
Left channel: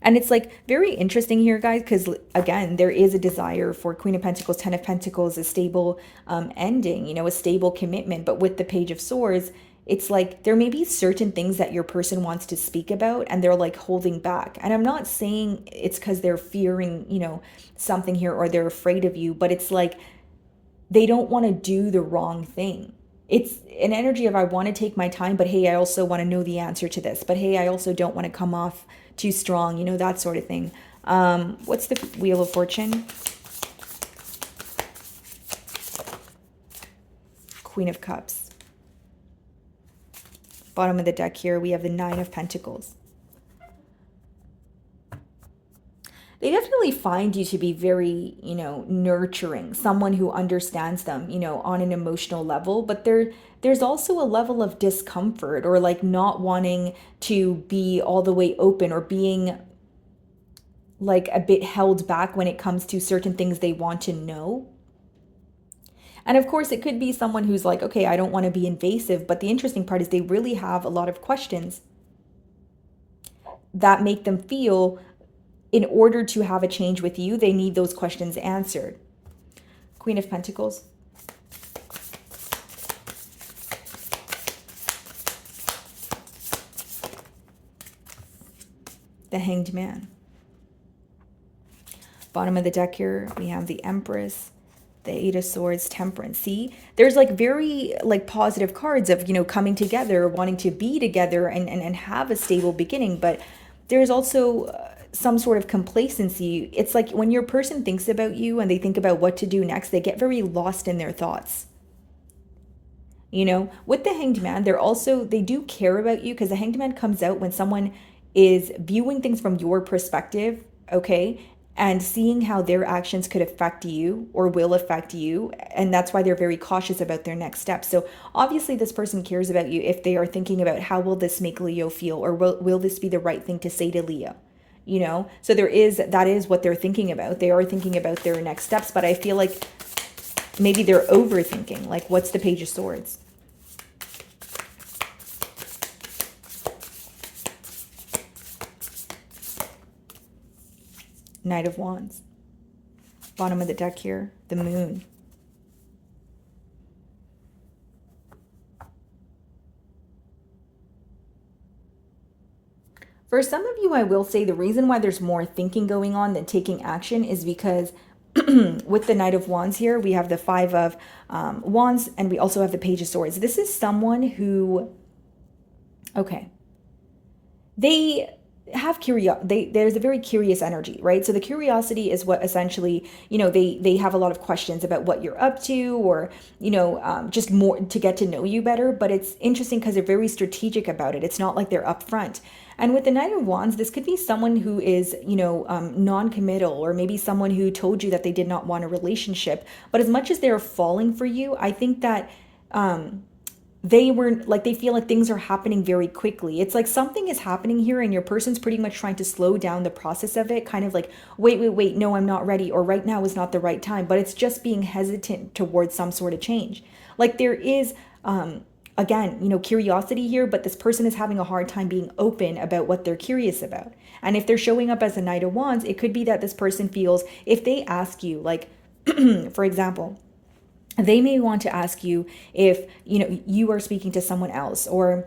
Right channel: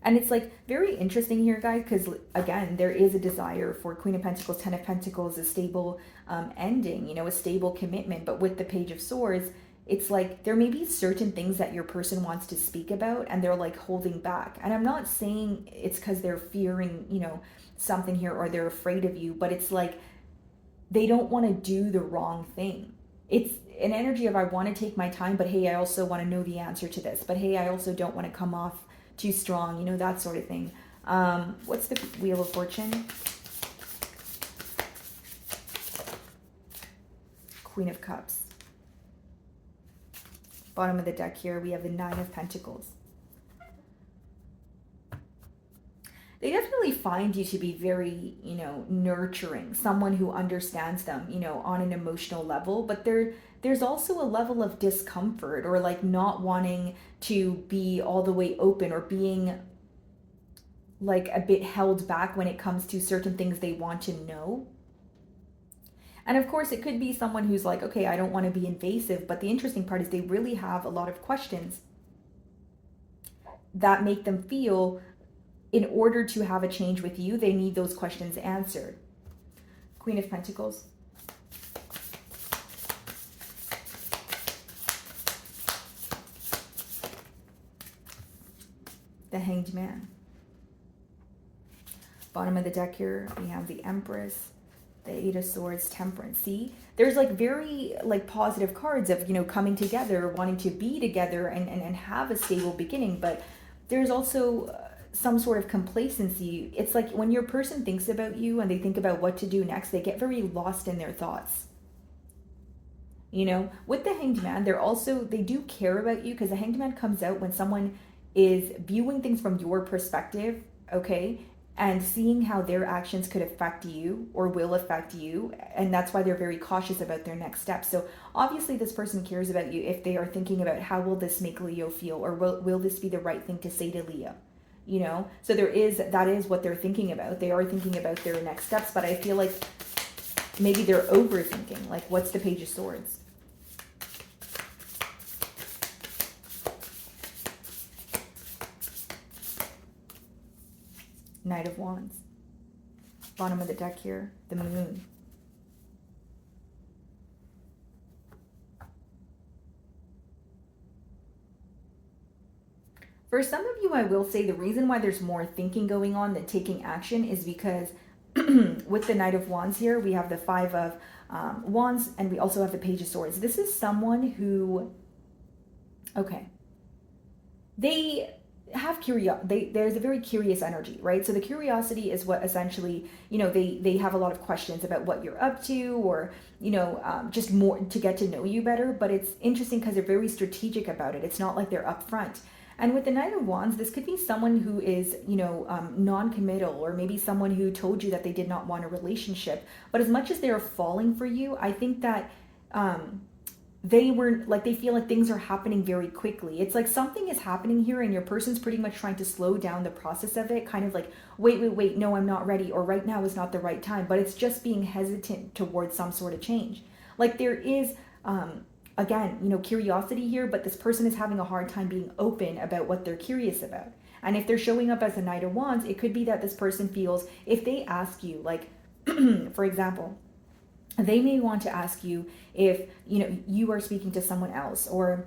And it's like very interesting here, guys, because again, there is a desire for Queen of Pentacles, 10 of Pentacles, a stable ending, a stable commitment. But with the Page of Swords, it's like there may be certain things that your person wants to speak about and they're like holding back. And I'm not saying it's because they're fearing, something here or they're afraid of you, but it's like they don't want to do the wrong thing. It's an energy of I want to take my time, but hey, I also want to know the answer to this. But hey, I also don't want to come off too strong, that sort of thing. What's the Wheel of Fortune? Queen of Cups. Bottom of the deck here, we have the Nine of Pentacles. They definitely find you to be very, nurturing, someone who understands them, on an emotional level, but there's also a level of discomfort or like not wanting to be all the way open or being like a bit held back when it comes to certain things they want to know. And of course, it could be someone who's like, okay, I don't want to be invasive, but the interesting part is they really have a lot of questions that make them feel in order to have a change with you, they need those questions answered. Queen of Pentacles. The Hanged Man. Bottom of the deck here, we have the Empress, the Eight of Swords, Temperance. See, there's like very like positive cards of, coming together, wanting to be together and have a stable beginning. But there's also some sort of complacency. It's like when your person thinks about you and they think about what to do next, they get very lost in their thoughts. With the Hanged Man, they do care about you, because the Hanged Man comes out when someone is viewing things from your perspective, okay, and seeing how their actions could affect you or will affect you. And that's why they're very cautious about their next steps. So obviously this person cares about you if they are thinking about how will this make Leo feel, or will this be the right thing to say to Leo? So that is what they're thinking about. They are thinking about their next steps, but I feel like maybe they're overthinking. Like, what's the Page of Swords? Knight of Wands. Bottom of the deck here, the Moon. For some of you, I will say the reason why there's more thinking going on than taking action is because with the Knight of Wands here, we have the Five of Wands, and we also have the Page of Swords. This is someone who, okay, they have there's a very curious energy, right? So the curiosity is what essentially, they have a lot of questions about what you're up to, or, just more to get to know you better. But it's interesting because they're very strategic about it. It's not like they're upfront. And with the Knight of Wands, this could be someone who is, non-committal, or maybe someone who told you that they did not want a relationship. But as much as they're falling for you, I think that they feel like things are happening very quickly. It's like something is happening here and your person's pretty much trying to slow down the process of it, kind of like, wait, no, I'm not ready, or right now is not the right time. But it's just being hesitant towards some sort of change. Like there is, again, curiosity here, but this person is having a hard time being open about what they're curious about. And if they're showing up as a Knight of Wands, it could be that this person feels, if they ask you, like, for example, they may want to ask you if, you are speaking to someone else, or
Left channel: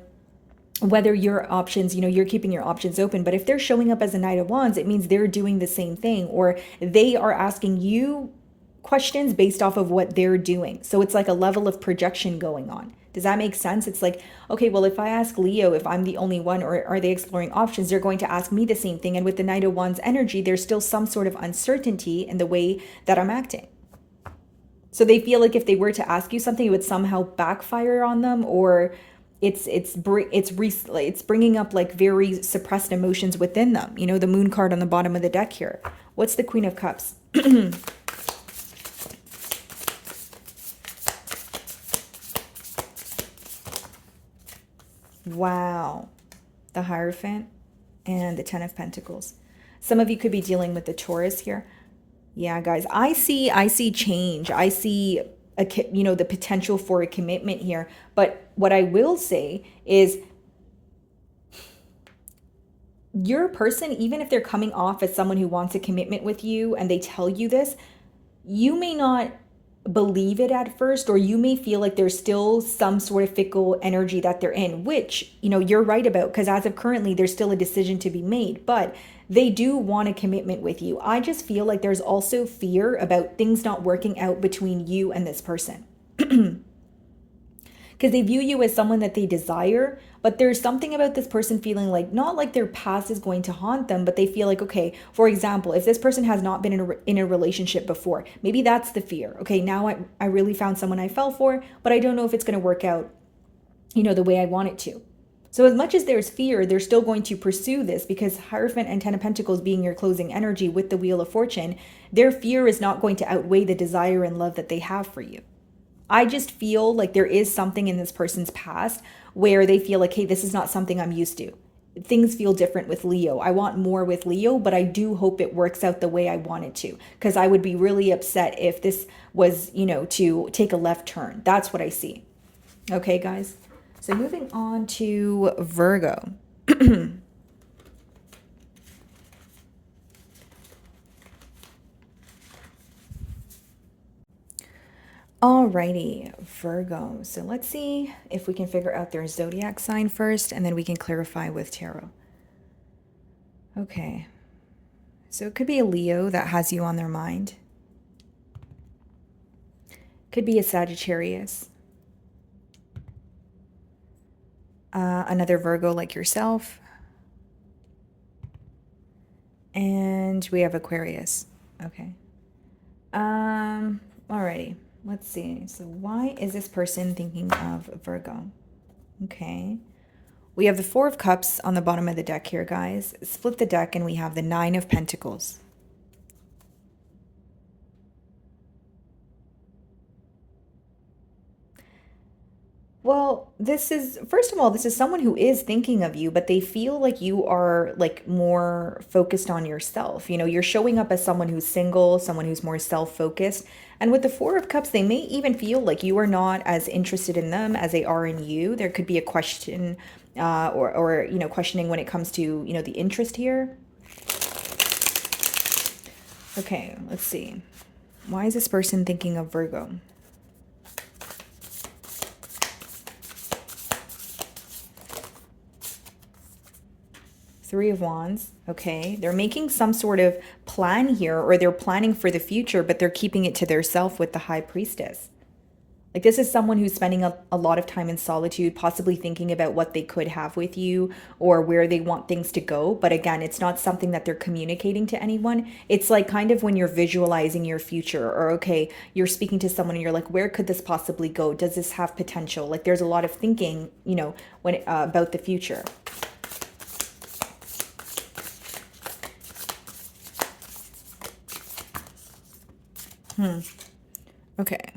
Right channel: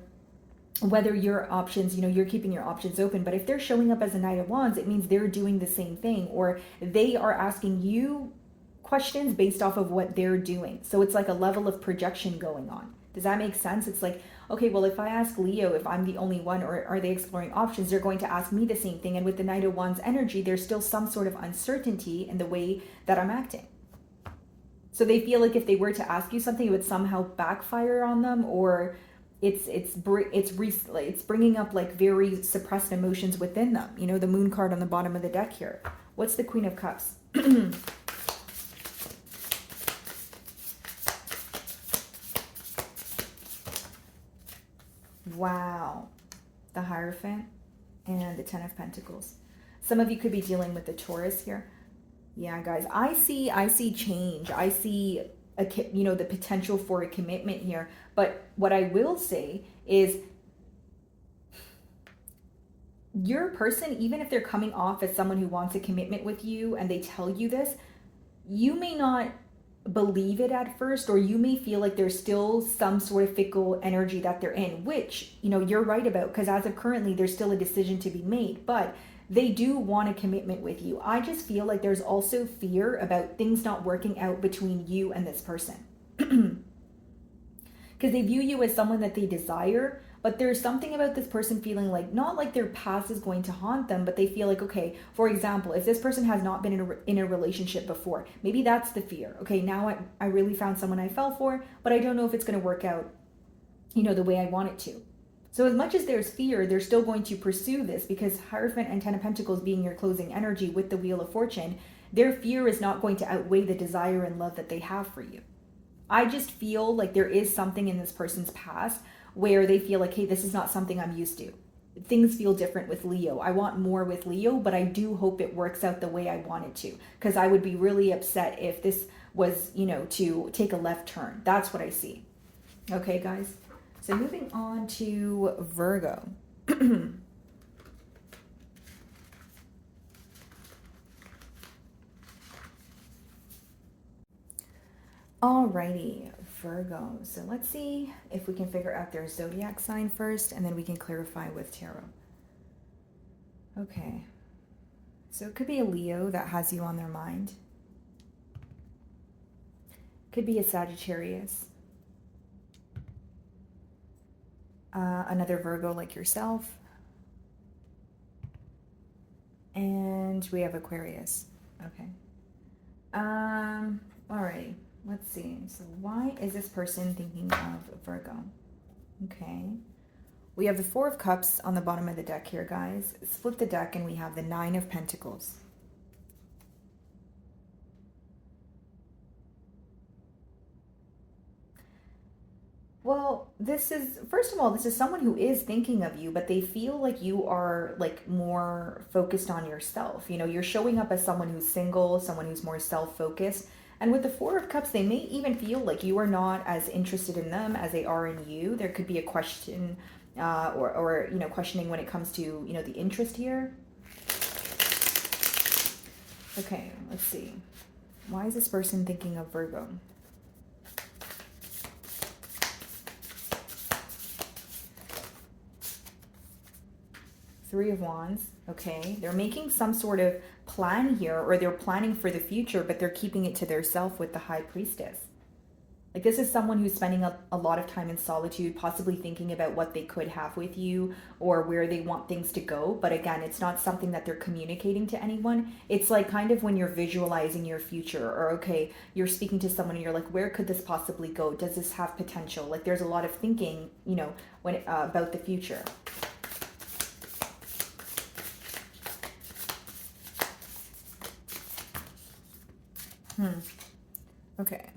whether your options, you're keeping your options open. But if they're showing up as a Knight of Wands, it means they're doing the same thing, or they are asking you questions based off of what they're doing. So it's like a level of projection going on. Does that make sense? It's like, okay, well, if I ask Leo if I'm the only one, or are they exploring options, they're going to ask me the same thing. And with the Knight of Wands energy, there's still some sort of uncertainty in the way that I'm acting. So they feel like if they were to ask you something, it would somehow backfire on them, or it's bringing up like very suppressed emotions within them. The Moon card on the bottom of the deck here. What's the Queen of Cups? Wow. The Hierophant and the Ten of Pentacles. Some of you could be dealing with the Taurus here. Yeah, guys, I see change. I see the potential for a commitment here. But what I will say is your person, even if they're coming off as someone who wants a commitment with you and they tell you this, you may not believe it at first, or you may feel like there's still some sort of fickle energy that they're in, which, you know, you're right about, because as of currently, there's still a decision to be made, but they do want a commitment with you. I just feel like there's also fear about things not working out between you and this person. Because they view you as someone that they desire, but there's something about this person feeling like, not like their past is going to haunt them, but they feel like, okay, for example, if this person has not been in a relationship before, maybe that's the fear. Okay, now I really found someone I fell for, but I don't know if it's going to work out, you know, the way I want it to. So as much as there's fear, they're still going to pursue this, because Hierophant and Ten of Pentacles being your closing energy with the Wheel of Fortune, their fear is not going to outweigh the desire and love that they have for you. I just feel like there is something in this person's past where they feel like, hey, this is not something I'm used to. Things feel different with Leo. I want more with Leo, but I do hope it works out the way I want it to, because I would be really upset if this was, you know, to take a left turn. That's what I see. Okay, guys. So moving on to Virgo. Alrighty, Virgo. So let's see if we can figure out their zodiac sign first, and then we can clarify with tarot. Okay. So it could be a Leo that has you on their mind. Could be a Sagittarius. Another Virgo like yourself. And we have Aquarius. Okay. Alrighty. Let's see. So why is this person thinking of Virgo? Okay. We have the Four of Cups on the bottom of the deck here, guys. Split the deck and we have the Nine of Pentacles. Well, this is, first of all, this is someone who is thinking of you, but they feel like you are like more focused on yourself. You know, you're showing up as someone who's single, someone who's more self-focused. And with the Four of Cups, they may even feel like you are not as interested in them as they are in you. There could be a question or you know, questioning when it comes to, you know, the interest here. Okay, let's see. Why is this person thinking of Virgo? Three of Wands. Okay, they're making some sort of plan here, or they're planning for the future, but they're keeping it to themselves with the High Priestess. Like, this is someone who's spending a lot of time in solitude, possibly thinking about what they could have with you or where they want things to go. But again, it's not something that they're communicating to anyone. It's like kind of when you're visualizing your future, or okay, you're speaking to someone and you're like, where could this possibly go? Does this have potential? Like, there's a lot of thinking, you know, when about the future. Okay.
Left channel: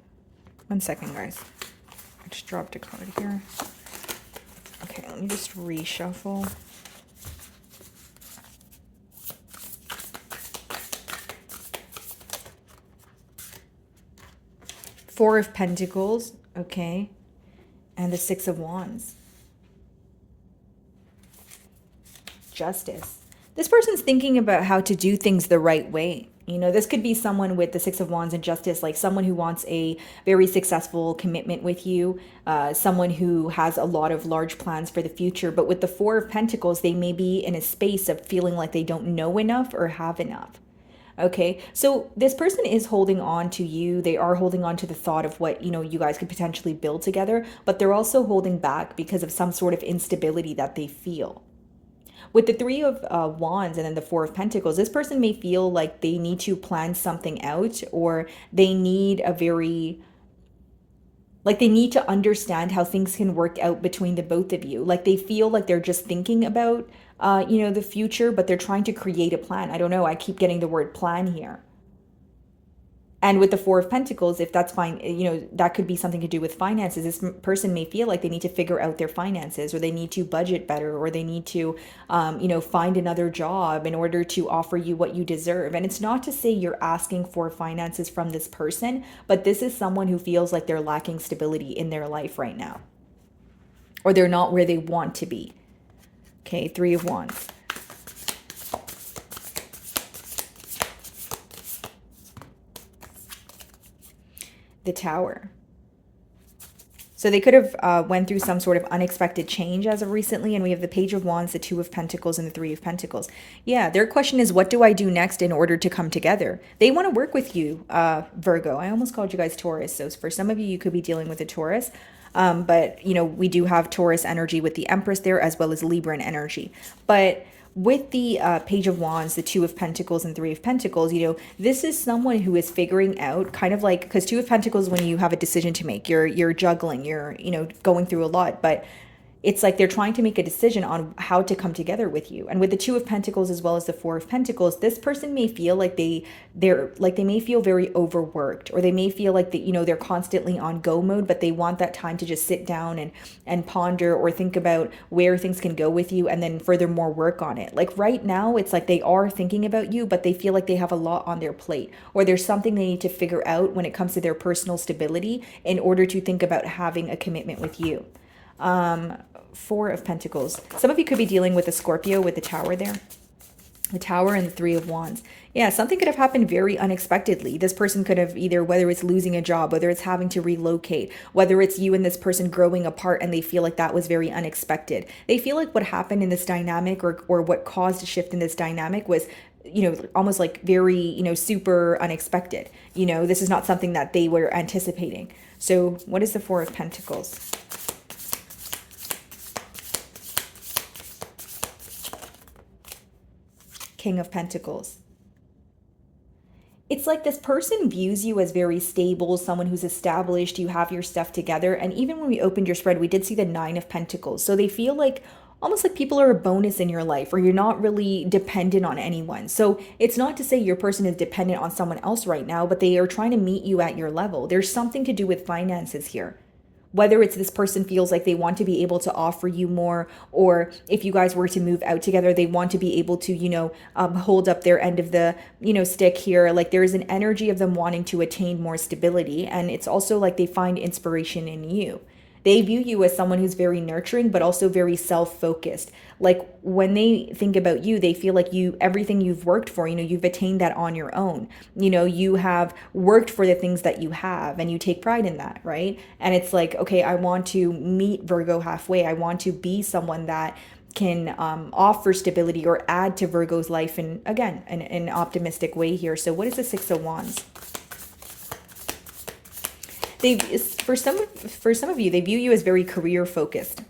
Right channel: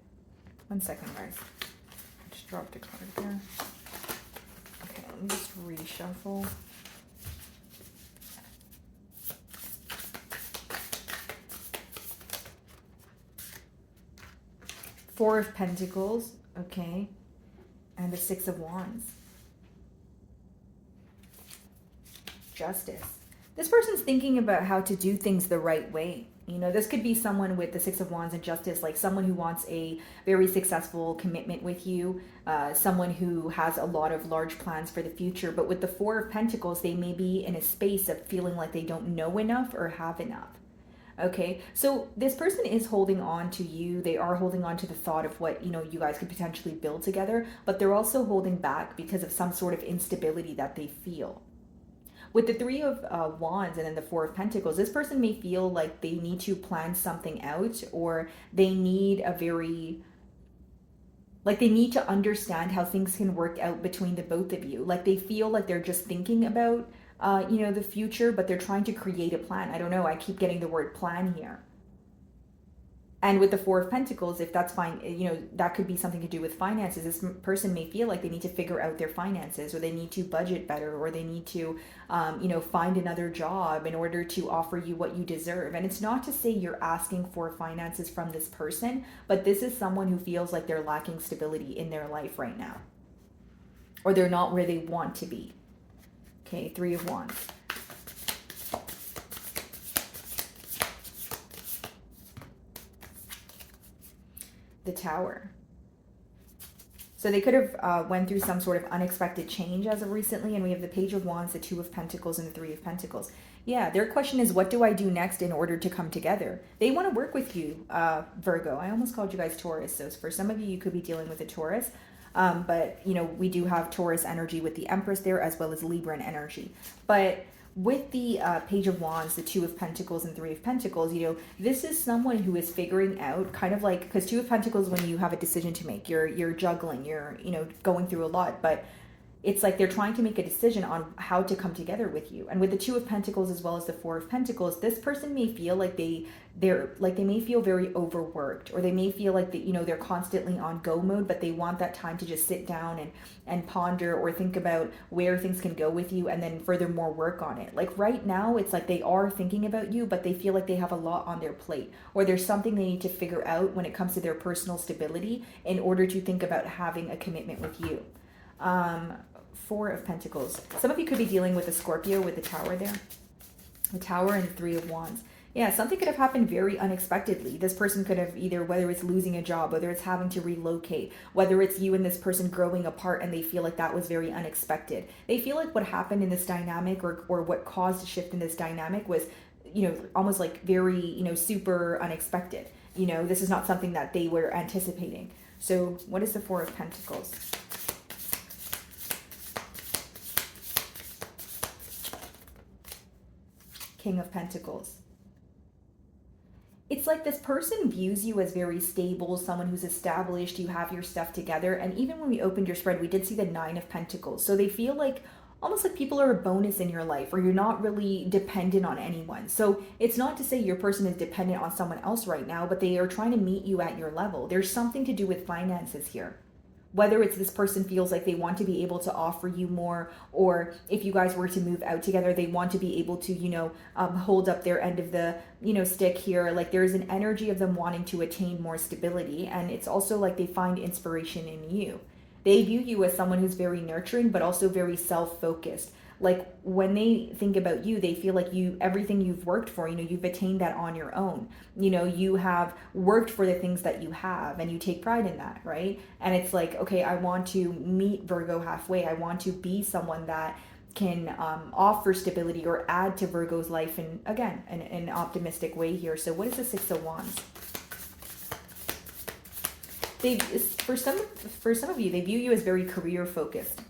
1 second, guys. I just dropped a card here. Okay, let me just reshuffle. Four of Pentacles, okay. And the Six of Wands. Justice. This person's thinking about how to do things the right way. You know, this could be someone with the Six of Wands and Justice, like someone who wants a very successful commitment with you, someone who has a lot of large plans for the future. But with the Four of Pentacles, they may be in a space of feeling like they don't know enough or have enough. Okay, so this person is holding on to you. They are holding on to the thought of what, you know, you guys could potentially build together, but they're also holding back because of some sort of instability that they feel. With the Three of Wands and then the Four of Pentacles, this person may feel like they need to plan something out, or they need a very, like they need to understand how things can work out between the both of you. Like they feel like they're just thinking about, you know, the future, but they're trying to create a plan. I don't know. I keep getting the word plan here. And with the Four of Pentacles, if that's fine, you know, that could be something to do with finances. This person may feel like they need to figure out their finances, or they need to budget better, or they need to, you know, find another job in order to offer you what you deserve. And it's not to say you're asking for finances from this person, but this is someone who feels like they're lacking stability in their life right now, or they're not where they want to be. Okay, Three of Wands. The Tower. So they could have went through some sort of unexpected change as of recently, and we have the Page of Wands, the Two of Pentacles, and the Three of Pentacles. Yeah, their question is, what do I do next in order to come together? They want to work with you, Virgo. I almost called you guys Taurus. So for some of you, you could be dealing with a Taurus. But, you know, we do have Taurus energy with the Empress there, as well as Libran energy. But with the Page of Wands, the Two of Pentacles, and Three of Pentacles, you know, this is someone who is figuring out kind of like, because Two of Pentacles, when you have a decision to make, you're juggling, you're, you know, going through a lot, but it's like they're trying to make a decision on how to come together with you. And with the Two of Pentacles as well as the Four of Pentacles, this person may feel like they may feel very overworked, or they may feel like that, you know, they're constantly on go mode, but they want that time to just sit down and ponder or think about where things can go with you, and then furthermore work on it. Like right now, it's like they are thinking about you, but they feel like they have a lot on their plate, or there's something they need to figure out when it comes to their personal stability in order to think about having a commitment with you. Four of Pentacles. Some of you could be dealing with a Scorpio with the Tower there. The Tower and the Three of Wands. Yeah, something could have happened very unexpectedly. This person could have either, whether it's losing a job, whether it's having to relocate, whether it's you and this person growing apart and they feel like that was very unexpected. They feel like what happened in this dynamic, or what caused a shift in this dynamic, was, you know, almost like very, you know, super unexpected. You know, this is not something that they were anticipating. So what is the Four of Pentacles? King of Pentacles. It's like this person views you as very stable, someone who's established, you have your stuff together. And even when we opened your spread, we did see the Nine of Pentacles. So they feel like almost like people are a bonus in your life, or you're not really dependent on anyone. So it's not to say your person is dependent on someone else right now, but they are trying to meet you at your level. There's something to do with finances here. Whether it's this person feels like they want to be able to offer you more, or if you guys were to move out together, they want to be able to, you know, hold up their end of the, you know, stick here. Like there's an energy of them wanting to attain more stability. And it's also like they find inspiration in you. They view you as someone who's very nurturing, but also very self-focused. Like when they think about you, they feel like you, everything you've worked for, you know, you've attained that on your own. You know, you have worked for the things that you have, and you take pride in that, right? And it's like, okay, I want to meet Virgo halfway. I want to be someone that can offer stability or add to Virgo's life, and again, in an optimistic way here. So what is the Six of Wands? They, for some of you, they view you as very career focused.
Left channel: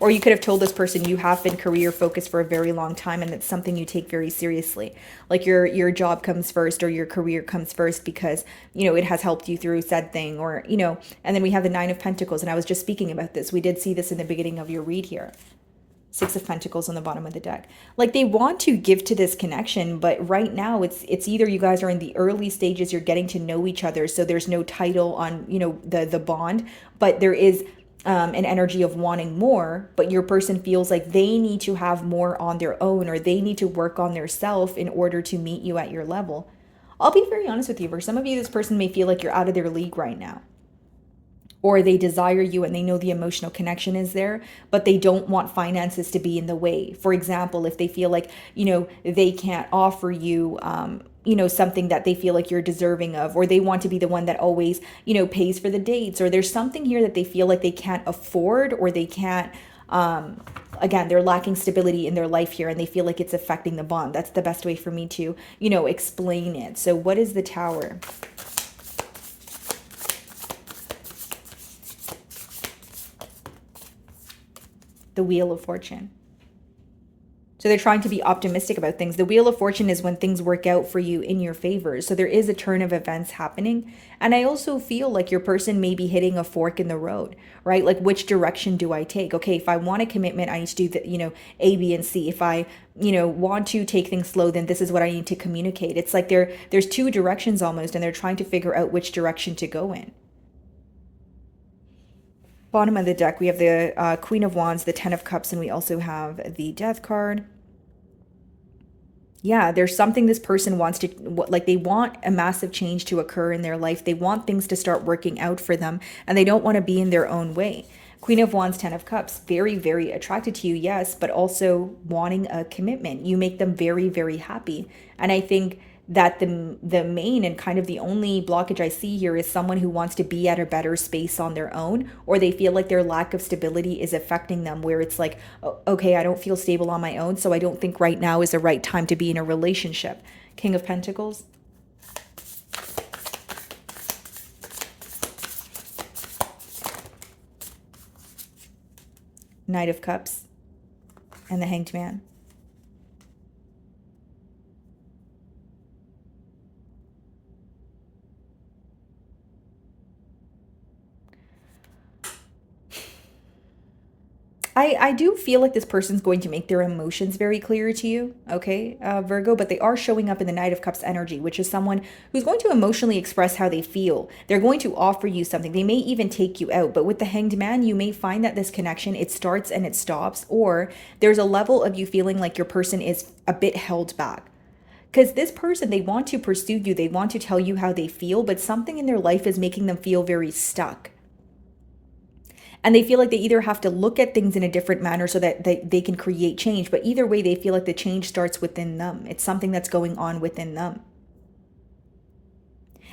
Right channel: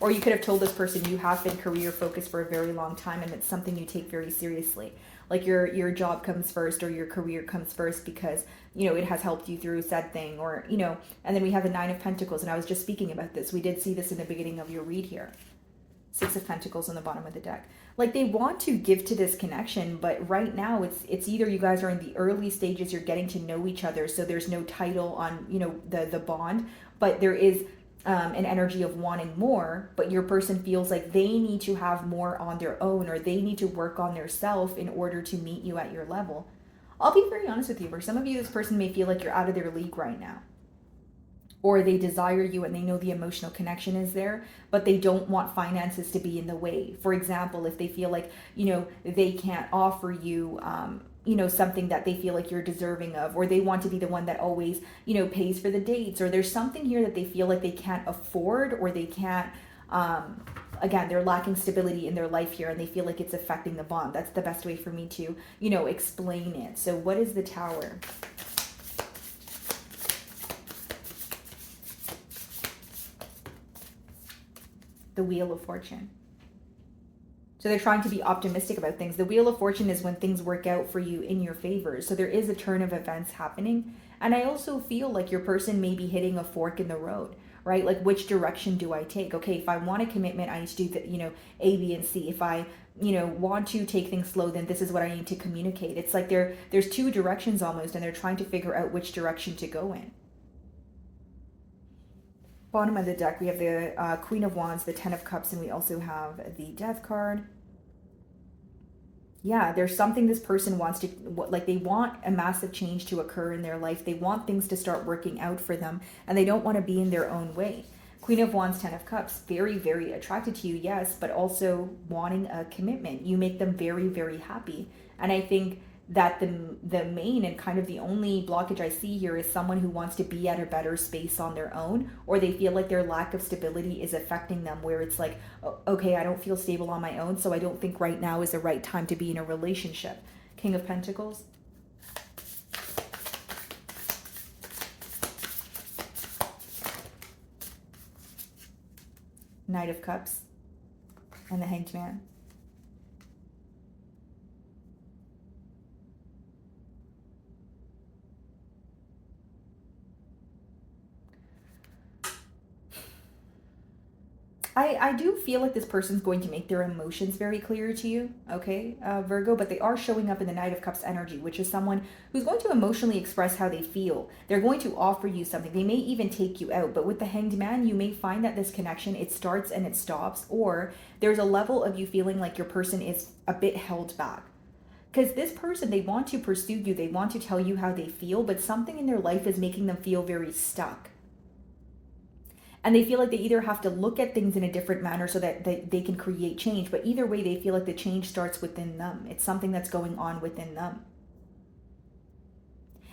Or you could have told this person you have been career focused for a very long time, and it's something you take very seriously. Like your job comes first, or your career comes first because, you know, it has helped you through said thing, or, you know, and then we have the Nine of Pentacles. And I was just speaking about this. We did see this in the beginning of your read here. Six of Pentacles on the bottom of the deck. Like they want to give to this connection, but right now it's either you guys are in the early stages, you're getting to know each other, so there's no title on, you know, the bond, but there is an energy of wanting more, but your person feels like they need to have more on their own, or they need to work on their self in order to meet you at your level. I'll be very honest with you. For some of you, this person may feel like you're out of their league right now. Or they desire you and they know the emotional connection is there, but they don't want finances to be in the way. For example, if they feel like, you know, they can't offer you, you know, something that they feel like you're deserving of, or they want to be the one that always, you know, pays for the dates, or there's something here that they feel like they can't afford, or they can't, again, they're lacking stability in their life here, and they feel like it's affecting the bond. That's the best way for me to, you know, explain it. So what is the Tower? The Wheel of Fortune. So they're trying to be optimistic about things. The Wheel of Fortune is when things work out for you in your favor. So there is a turn of events happening. And I also feel like your person may be hitting a fork in the road, right? Like, which direction do I take? Okay, if I want a commitment, I need to do the, you know, A, B, and C. If I, you know, want to take things slow, then this is what I need to communicate. It's like there's two directions almost, and they're trying to figure out which direction to go in. Bottom of the deck, we have the Queen of Wands, the Ten of Cups, and we also have the Death card. Yeah, there's something this person wants to, like they want a massive change to occur in their life. They want things to start working out for them, and they don't want to be in their own way. Queen of Wands, Ten of Cups, very, very attracted to you, yes, but also wanting a commitment. You make them very, very happy. And I think that the main and kind of the only blockage I see here is someone who wants to be at a better space on their own, or they feel like their lack of stability is affecting them, where it's like, okay, I don't feel stable on my own, so I don't think right now is the right time to be in a relationship. King of Pentacles. Knight of Cups and the Hanged Man. I do feel like this person's going to make their emotions very clear to you, okay, Virgo, but they are showing up in the Knight of Cups energy, which is someone who's going to emotionally express how they feel. They're going to offer you something. They may even take you out, but with the Hanged Man, you may find that this connection, it starts and it stops, or there's a level of you feeling like your person is a bit held back. Because this person, they want to pursue you, they want to tell you how they feel, but something in their life is making them feel very stuck. And they feel like they either have to look at things in a different manner so that they can create change. But either way, they feel like the change starts within them. It's something that's going on within them.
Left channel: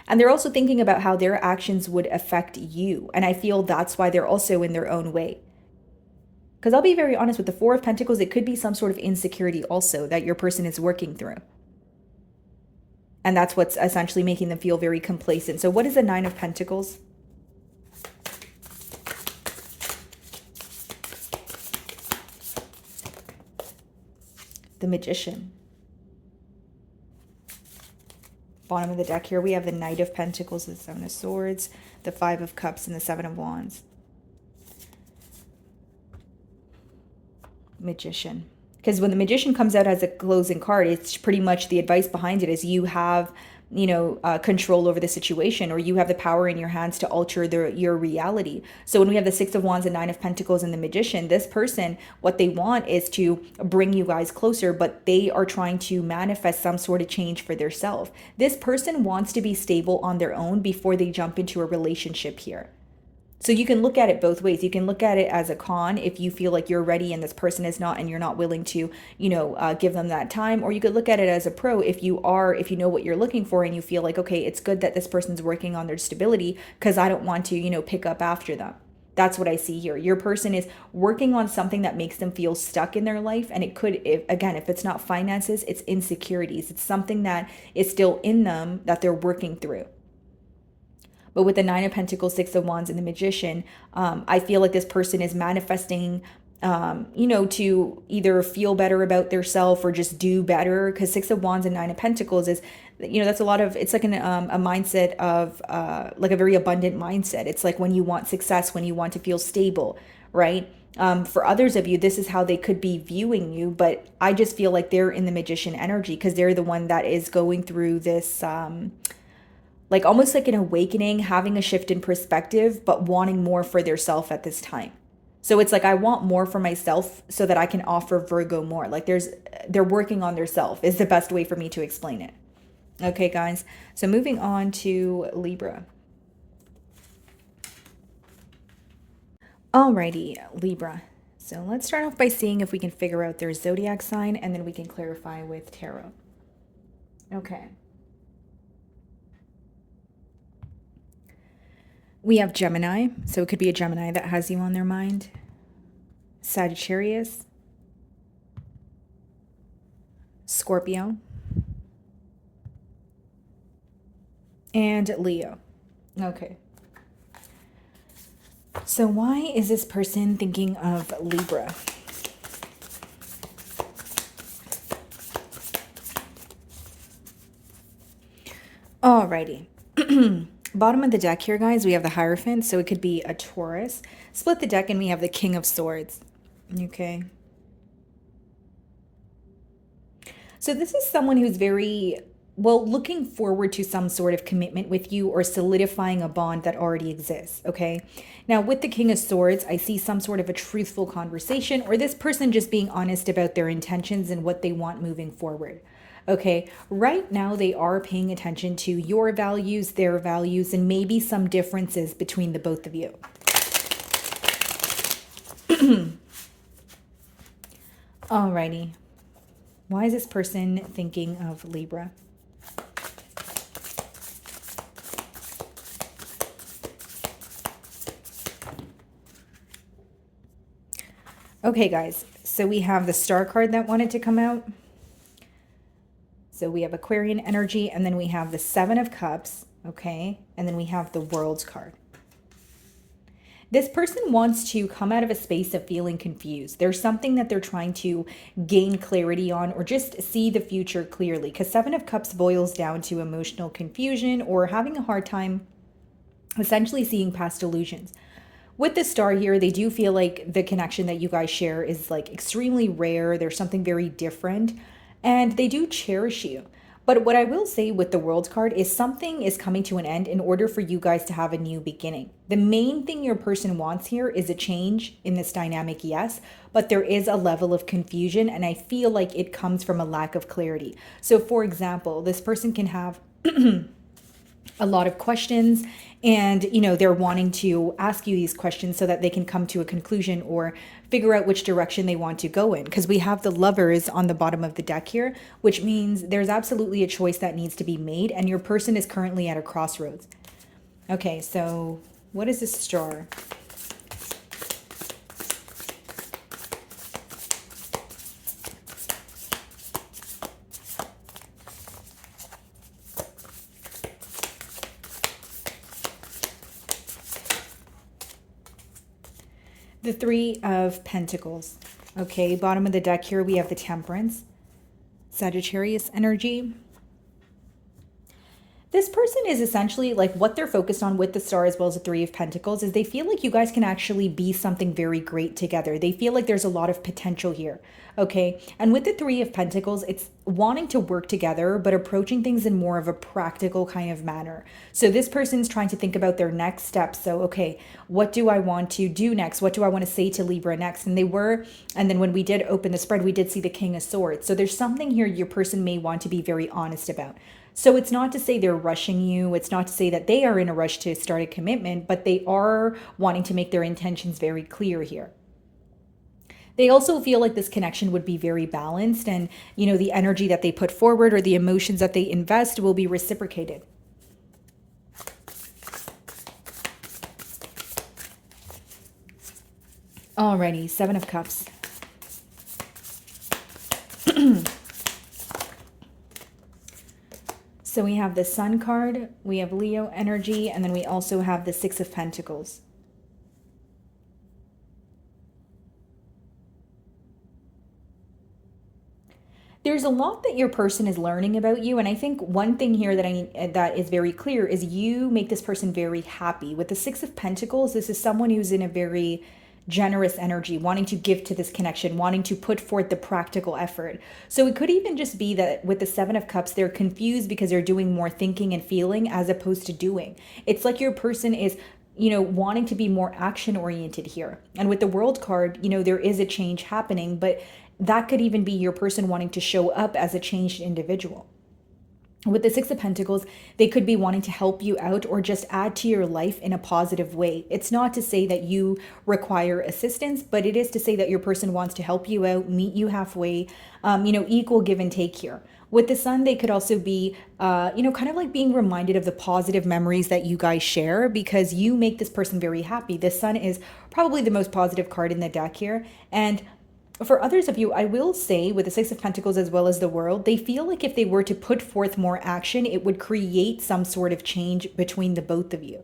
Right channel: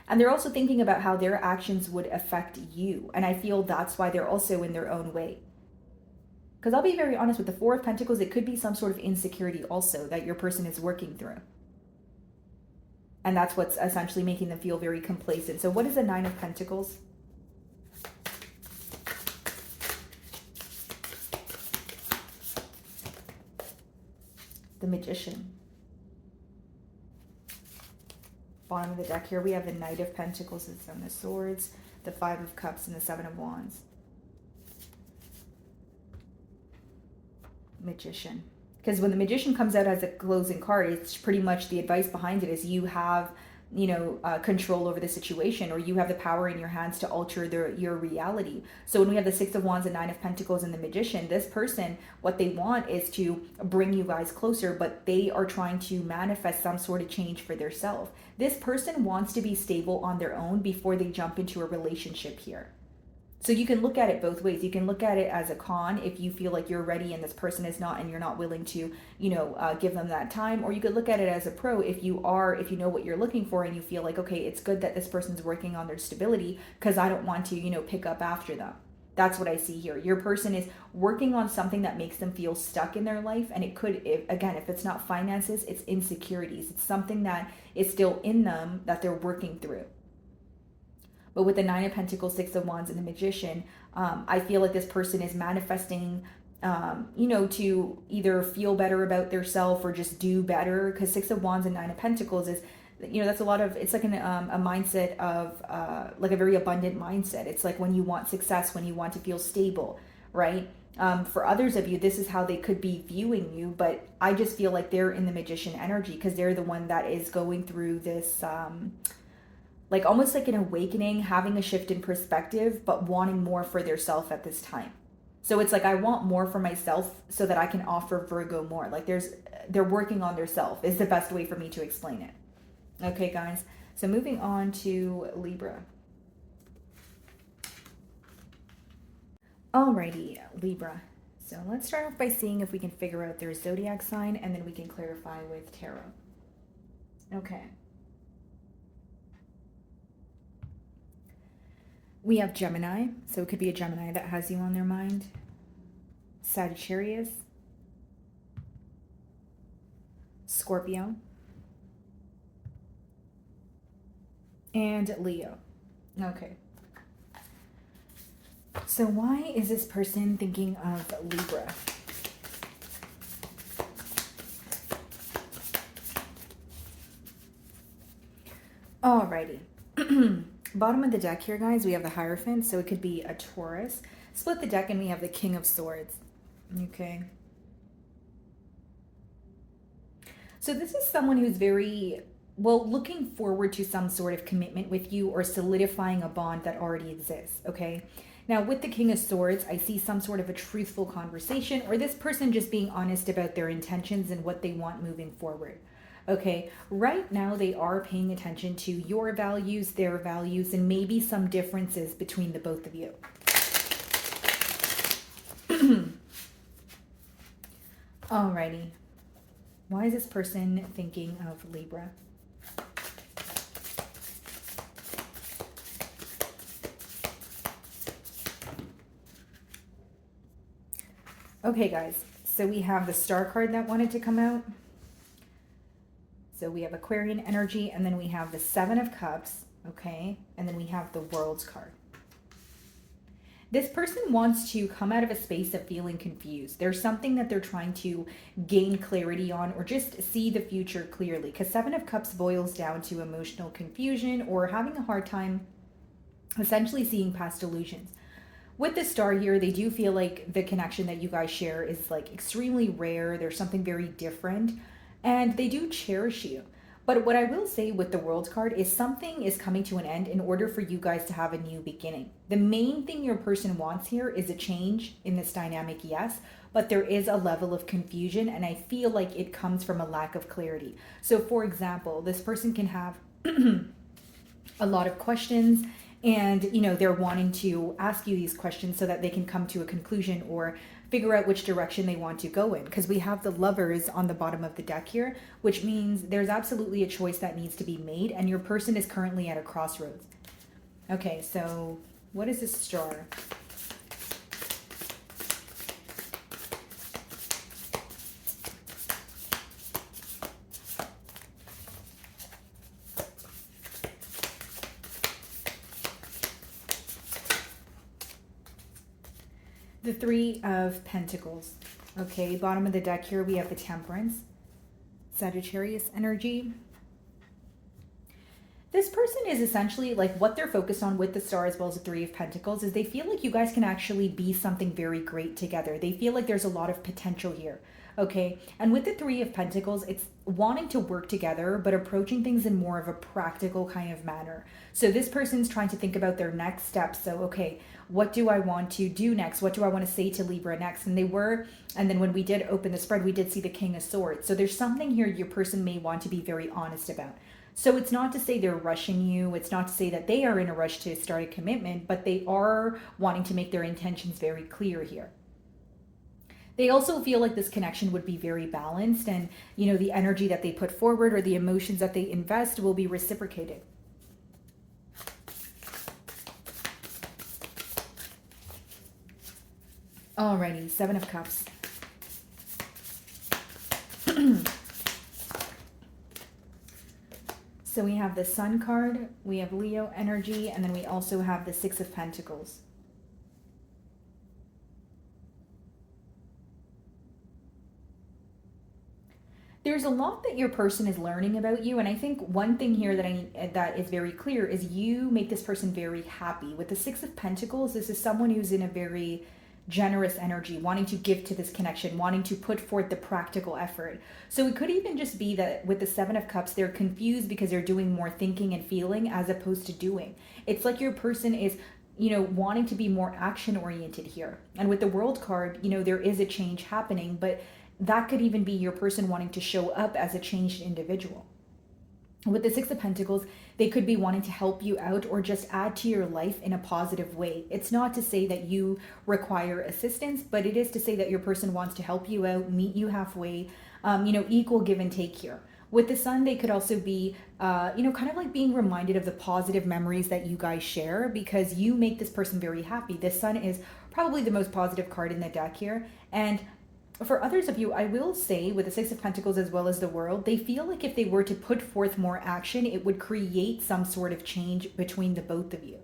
And they're also thinking about how their actions would affect you. And I feel that's why they're also in their own way. Because I'll be very honest, with the Four of Pentacles, it could be some sort of insecurity also that your person is working through. And that's what's essentially making them feel very complacent. So what is the Nine of Pentacles? The Magician. Bottom of the deck here, we have the Knight of Pentacles, the Seven of Swords, the Five of Cups, and the Seven of Wands. Magician. Because when the Magician comes out as a closing card, it's pretty much the advice behind it is you have, control over the situation, or you have the power in your hands to alter your reality. So when we have the Six of Wands and Nine of Pentacles and the Magician, this person, what they want is to bring you guys closer, but they are trying to manifest some sort of change for themselves. This person wants to be stable on their own before they jump into a relationship here. So you can look at it both ways. You can look at it as a con if you feel like you're ready and this person is not, and you're not willing to, give them that time. Or you could look at it as a pro if you know what you're looking for and you feel like, okay, it's good that this person's working on their stability because I don't want to, pick up after them. That's what I see here. Your person is working on something that makes them feel stuck in their life. And it could, if it's not finances, it's insecurities. It's something that is still in them that they're working through. But with the Nine of Pentacles, Six of Wands, and the Magician, I feel like this person is manifesting, to either feel better about their self or just do better. Because Six of Wands and Nine of Pentacles is, that's a lot of, it's like a mindset of, like a very abundant mindset. It's like when you want success, when you want to feel stable, right? For others of you, this is how they could be viewing you. But I just feel like they're in the Magician energy because they're the one that is going through this, like almost like an awakening, having a shift in perspective, but wanting more for their self at this time. So it's like, I want more for myself so that I can offer Virgo more. Like they're working on their self is the best way for me to explain it. Okay, guys. So moving on to Libra. Alrighty, Libra. So let's start off by seeing if we can figure out their zodiac sign, and then we can clarify with tarot. Okay. We have Gemini, so it could be a Gemini that has you on their mind. Sagittarius. Scorpio. And Leo. Okay. So why is this person thinking of Libra? Alrighty. Bottom of the deck here, guys, we have the Hierophant, so it could be a Taurus. Split the deck and we have the King of Swords. Okay. So this is someone who's very, looking forward to some sort of commitment with you or solidifying a bond that already exists, okay? Now, with the King of Swords, I see some sort of a truthful conversation or this person just being honest about their intentions and what they want moving forward. Okay, right now they are paying attention to your values, their values, and maybe some differences between the both of you. Alrighty. Why is this person thinking of Libra? Okay, guys, so we have the Star card that wanted to come out. So we have Aquarian energy, and then we have the Seven of Cups, okay? And then we have the World's card. This person wants to come out of a space of feeling confused. There's something that they're trying to gain clarity on or just see the future clearly, because Seven of Cups boils down to emotional confusion or having a hard time essentially seeing past illusions. With the Star here, they do feel like the connection that you guys share is like extremely rare. There's something very different, and they do cherish you. But what I will say with the World card is something is coming to an end in order for you guys to have a new beginning. The main thing your person wants here is a change in this dynamic, yes, but there is a level of confusion, and I feel like it comes from a lack of clarity. So for example, this person can have a lot of questions, and they're wanting to ask you these questions so that they can come to a conclusion or figure out which direction they want to go in, because we have the Lovers on the bottom of the deck here, which means there's absolutely a choice that needs to be made, and your person is currently at a crossroads. Okay, so what is this Star? The Three of Pentacles. Okay, bottom of the deck here, we have the Temperance, Sagittarius energy. This person is essentially like what they're focused on with the Star as well as the Three of Pentacles is they feel like you guys can actually be something very great together. They feel like there's a lot of potential here. Okay. And with the Three of Pentacles, it's wanting to work together, but approaching things in more of a practical kind of manner. So this person's trying to think about their next steps. So, okay, what do I want to do next? What do I want to say to Libra next? And then when we did open the spread, we did see the King of Swords. So there's something here your person may want to be very honest about. So it's not to say they're rushing you. It's not to say that they are in a rush to start a commitment, but they are wanting to make their intentions very clear here. They also feel like this connection would be very balanced, and the energy that they put forward or the emotions that they invest will be reciprocated. Alrighty, Seven of Cups. So we have the Sun card, we have Leo energy, and then we also have the Six of Pentacles. There's a lot that your person is learning about you, and I think one thing here that is very clear is you make this person very happy. With the Six of Pentacles, this is someone who's in a very generous energy, wanting to give to this connection, wanting to put forth the practical effort. So it could even just be that with the Seven of Cups, they're confused because they're doing more thinking and feeling as opposed to doing. It's like your person is wanting to be more action oriented here. And with the World card, there is a change happening, but that could even be your person wanting to show up as a changed individual. With the Six of Pentacles, they could be wanting to help you out or just add to your life in a positive way. It's not to say that you require assistance, but it is to say that your person wants to help you out, meet you halfway, equal give and take here. With the Sun, they could also be, kind of like being reminded of the positive memories that you guys share because you make this person very happy. The Sun is probably the most positive card in the deck here. And for others of you, I will say with the Six of Pentacles as well as the World, they feel like if they were to put forth more action, it would create some sort of change between the both of you.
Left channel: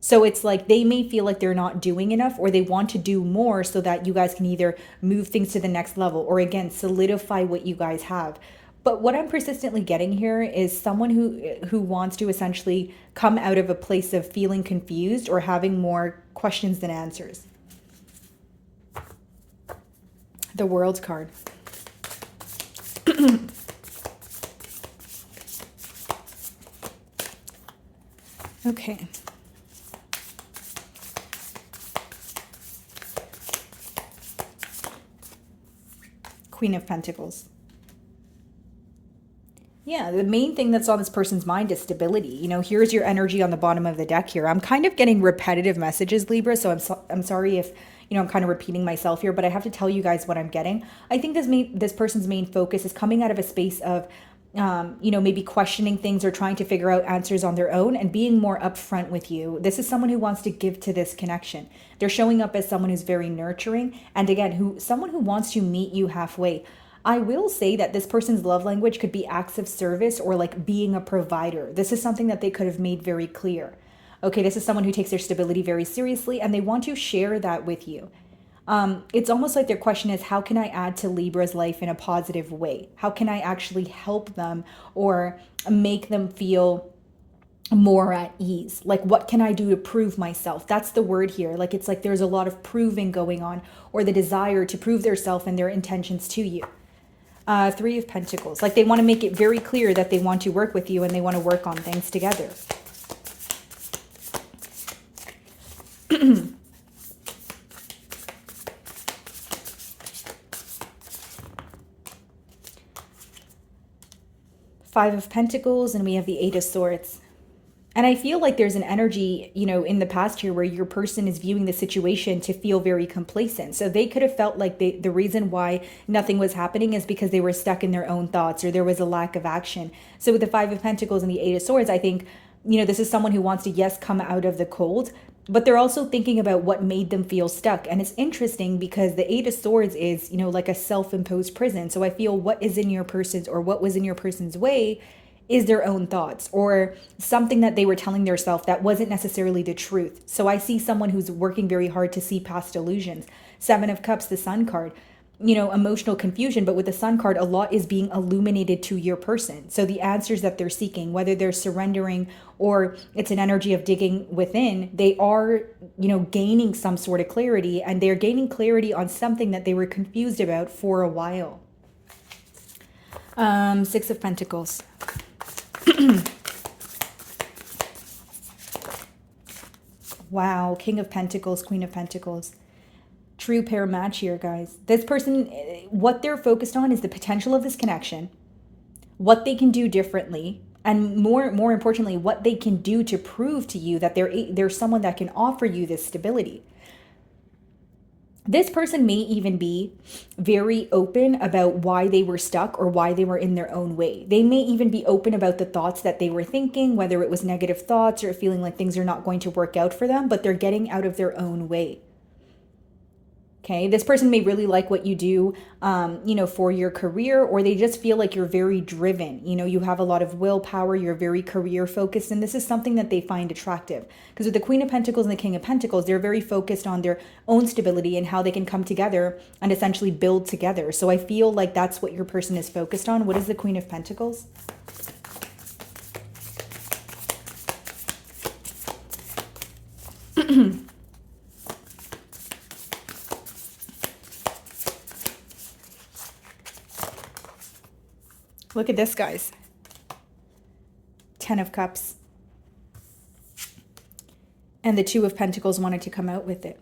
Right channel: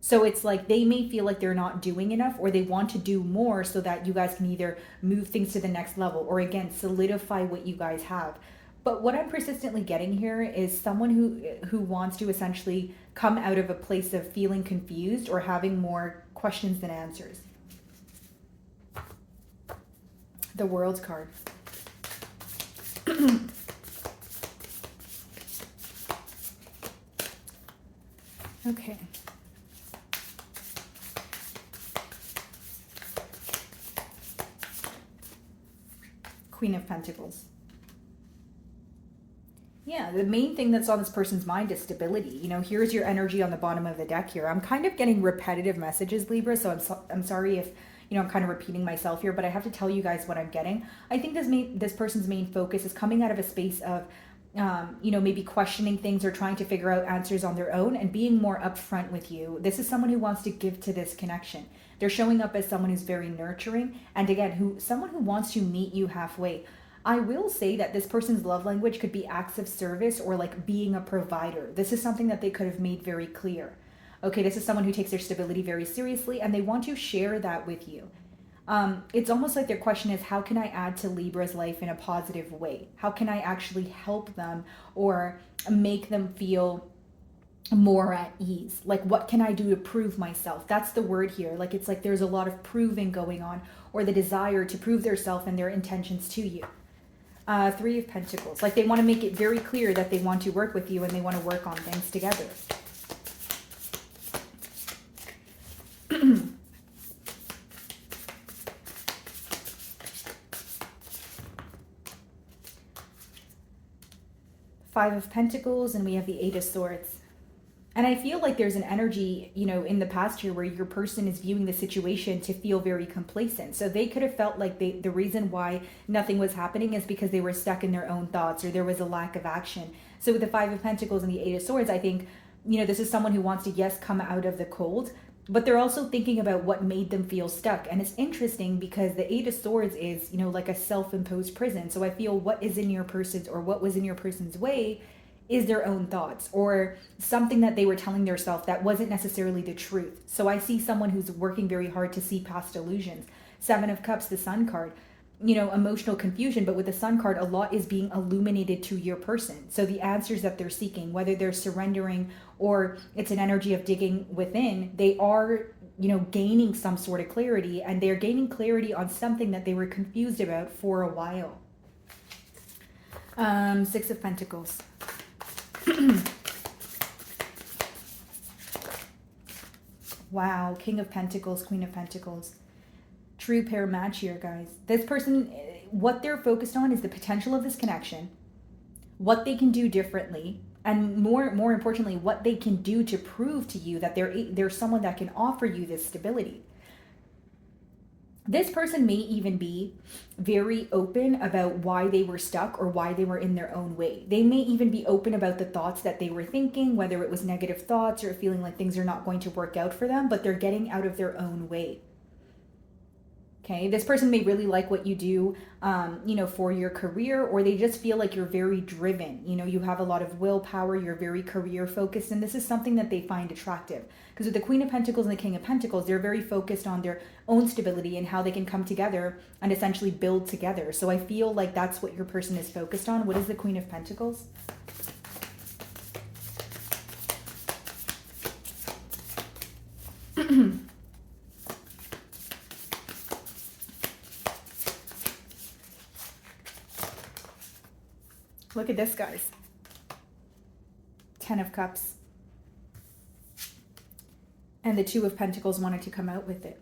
So it's like they may feel like they're not doing enough or they want to do more so that you guys can either move things to the next level or again, solidify what you guys have. But what I'm persistently getting here is someone who wants to essentially come out of a place of feeling confused or having more questions than answers. The World card. Okay. Queen of Pentacles. Yeah, the main thing that's on this person's mind is stability. Here's your energy on the bottom of the deck here. I'm kind of getting repetitive messages, Libra, so I'm sorry if I'm kind of repeating myself here, but I have to tell you guys what I'm getting. I think this person's main focus is coming out of a space of maybe questioning things or trying to figure out answers on their own and being more upfront with you. This is someone who wants to give to this connection. They're showing up as someone who's very nurturing. And again, someone who wants to meet you halfway. I will say that this person's love language could be acts of service or like being a provider. This is something that they could have made very clear. Okay, this is someone who takes their stability very seriously and they want to share that with you. It's almost like their question is, how can I add to Libra's life in a positive way? How can I actually help them or make them feel more at ease? Like, what can I do to prove myself? That's the word here. Like, it's like there's a lot of proving going on, or the desire to prove their self and their intentions to you. Three of Pentacles. Like, they want to make it very clear that they want to work with you and they want to work on things together. Five of Pentacles, and we have the Eight of Swords. And I feel like there's an energy, in the past here where your person is viewing the situation to feel very complacent. So they could have felt like the reason why nothing was happening is because they were stuck in their own thoughts or there was a lack of action. So with the Five of Pentacles and the Eight of Swords, I think, this is someone who wants to, yes, come out of the cold, but they're also thinking about what made them feel stuck. And it's interesting because the Eight of Swords is, like a self-imposed prison. So I feel what is in your person's or what was in your person's way is their own thoughts or something that they were telling themselves that wasn't necessarily the truth. So I see someone who's working very hard to see past illusions. Seven of Cups, the Sun card, emotional confusion, but with the Sun card, a lot is being illuminated to your person. So the answers that they're seeking, whether they're surrendering or it's an energy of digging within, they are, gaining some sort of clarity, and they're gaining clarity on something that they were confused about for a while. Six of Pentacles. Wow, King of Pentacles, Queen of Pentacles. True pair match here, guys. This person, what they're focused on is the potential of this connection, what they can do differently, and more importantly, what they can do to prove to you that they're someone that can offer you this stability. This person may even be very open about why they were stuck or why they were in their own way. They may even be open about the thoughts that they were thinking, whether it was negative thoughts or feeling like things are not going to work out for them, but they're getting out of their own way. Okay, this person may really like what you do, for your career, or they just feel like you're very driven. You have a lot of willpower, you're very career focused, and this is something that they find attractive. Because with the Queen of Pentacles and the King of Pentacles, they're very focused on their own stability and how they can come together and essentially build together. So I feel like that's what your person is focused on. What is the Queen of Pentacles? Look at this, guys. Ten of Cups. And the Two of Pentacles wanted to come out with it.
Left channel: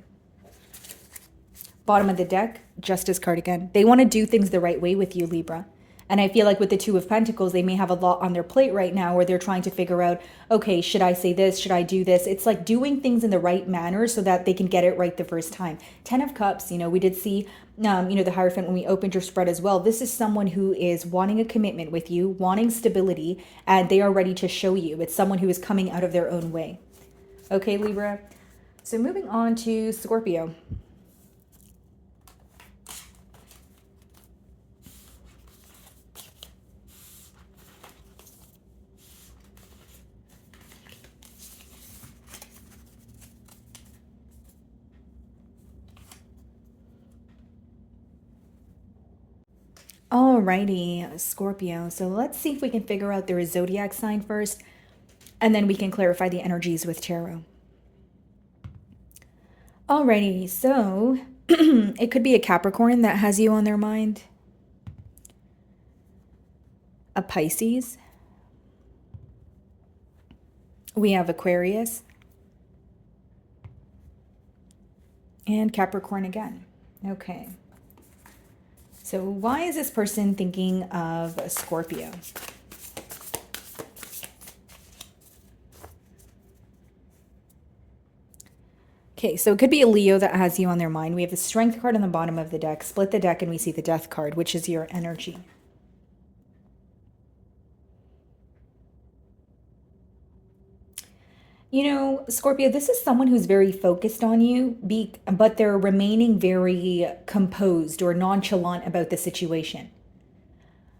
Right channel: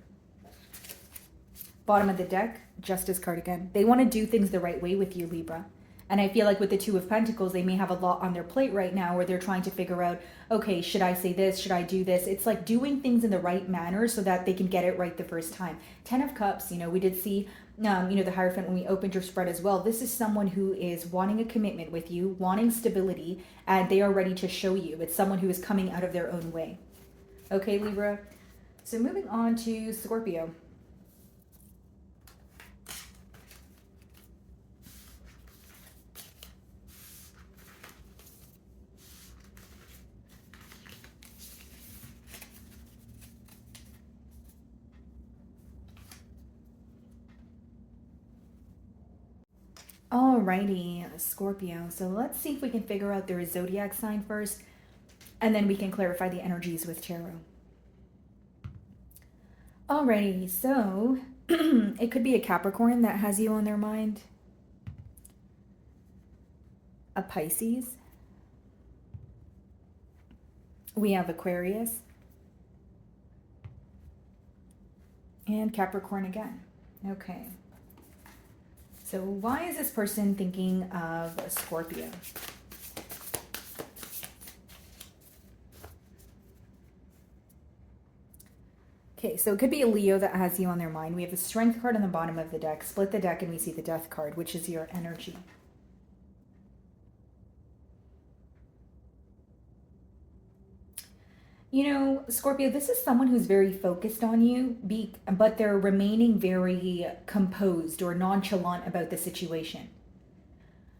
Bottom of the deck, Justice card again. They want to do things the right way with you, Libra. And I feel like with the Two of Pentacles, they may have a lot on their plate right now where they're trying to figure out, okay, should I say this? Should I do this? It's like doing things in the right manner so that they can get it right the first time. Ten of Cups, we did see, the Hierophant when we opened your spread as well. This is someone who is wanting a commitment with you, wanting stability, and they are ready to show you. It's someone who is coming out of their own way. Okay, Libra. So moving on to Scorpio. Alrighty, Scorpio. So let's see if we can figure out their zodiac sign first, and then we can clarify the energies with tarot. Alrighty, so it could be a Capricorn that has you on their mind, a Pisces, we have Aquarius, and Capricorn again. Okay. So why is this person thinking of a Scorpio? Okay, so it could be a Leo that has you on their mind. We have the Strength card on the bottom of the deck. Split the deck and we see the Death card, which is your energy. You know, Scorpio, this is someone who's very focused on you, but they're remaining very composed or nonchalant about the situation.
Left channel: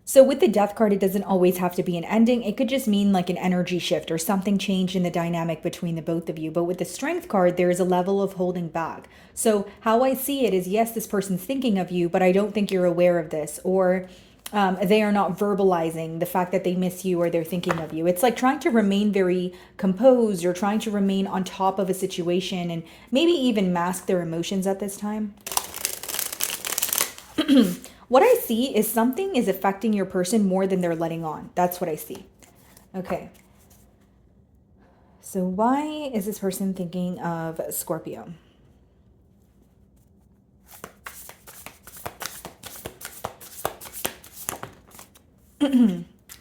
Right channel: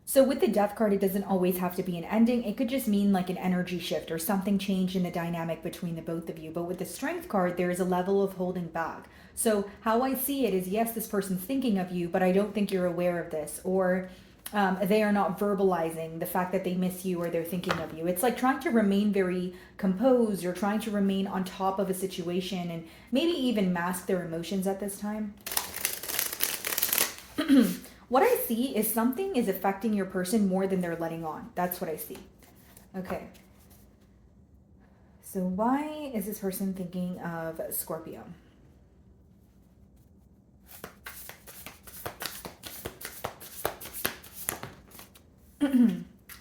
So with the death card, it doesn't always have to be an ending. It could just mean like an energy shift or something changed in the dynamic between the both of you. But with the strength card, there is a level of holding back. So how I see it is, yes, this person's thinking of you, but I don't think you're aware of this, or they are not verbalizing the fact that they miss you or they're thinking of you. It's like trying to remain very composed or trying to remain on top of a situation and maybe even mask their emotions at this time. What I see is something is affecting your person more than they're letting on. That's what I see. Okay. So why is this person thinking of Scorpio?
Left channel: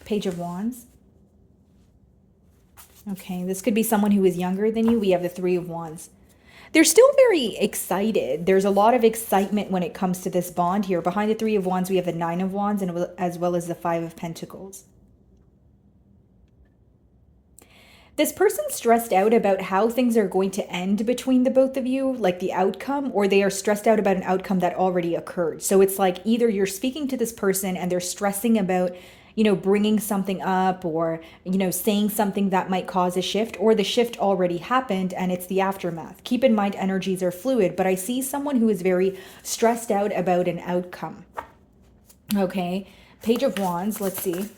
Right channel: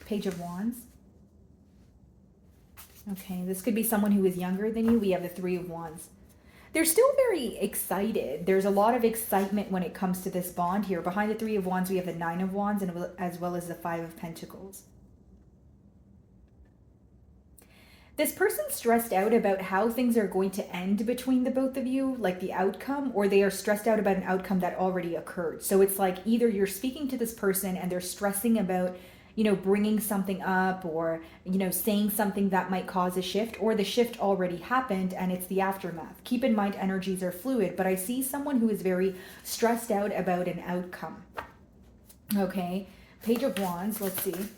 Page of Wands. Okay, this could be someone who is younger than you. We have the Three of Wands. They're still very excited. There's a lot of excitement when it comes to this bond here. Behind the Three of Wands, we have the Nine of Wands and as well as the Five of Pentacles. This person's stressed out about how things are going to end between the both of you, like the outcome, or they are stressed out about an outcome that already occurred. So it's like either you're speaking to this person and they're stressing about, you know, bringing something up or, you know, saying something that might cause a shift, or the shift already happened and it's the aftermath. Keep in mind, energies are fluid, but I see someone who is very stressed out about an outcome. Okay, Page of Wands, let's see.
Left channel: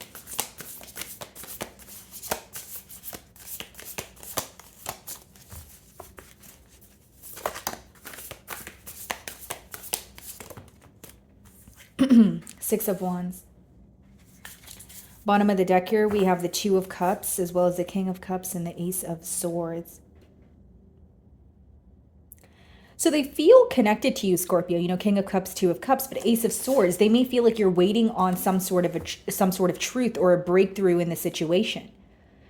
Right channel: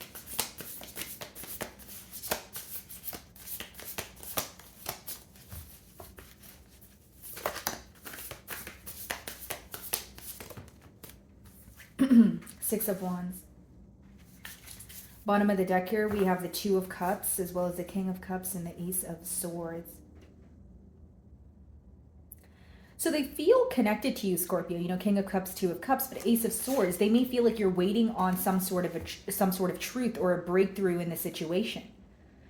Six of Wands. Bottom of the deck here, we have the Two of Cups, as well as the King of Cups and the Ace of Swords. So they feel connected to you, Scorpio. You know, King of Cups, Two of Cups, but Ace of Swords, they may feel like you're waiting on some sort of truth or a breakthrough in the situation.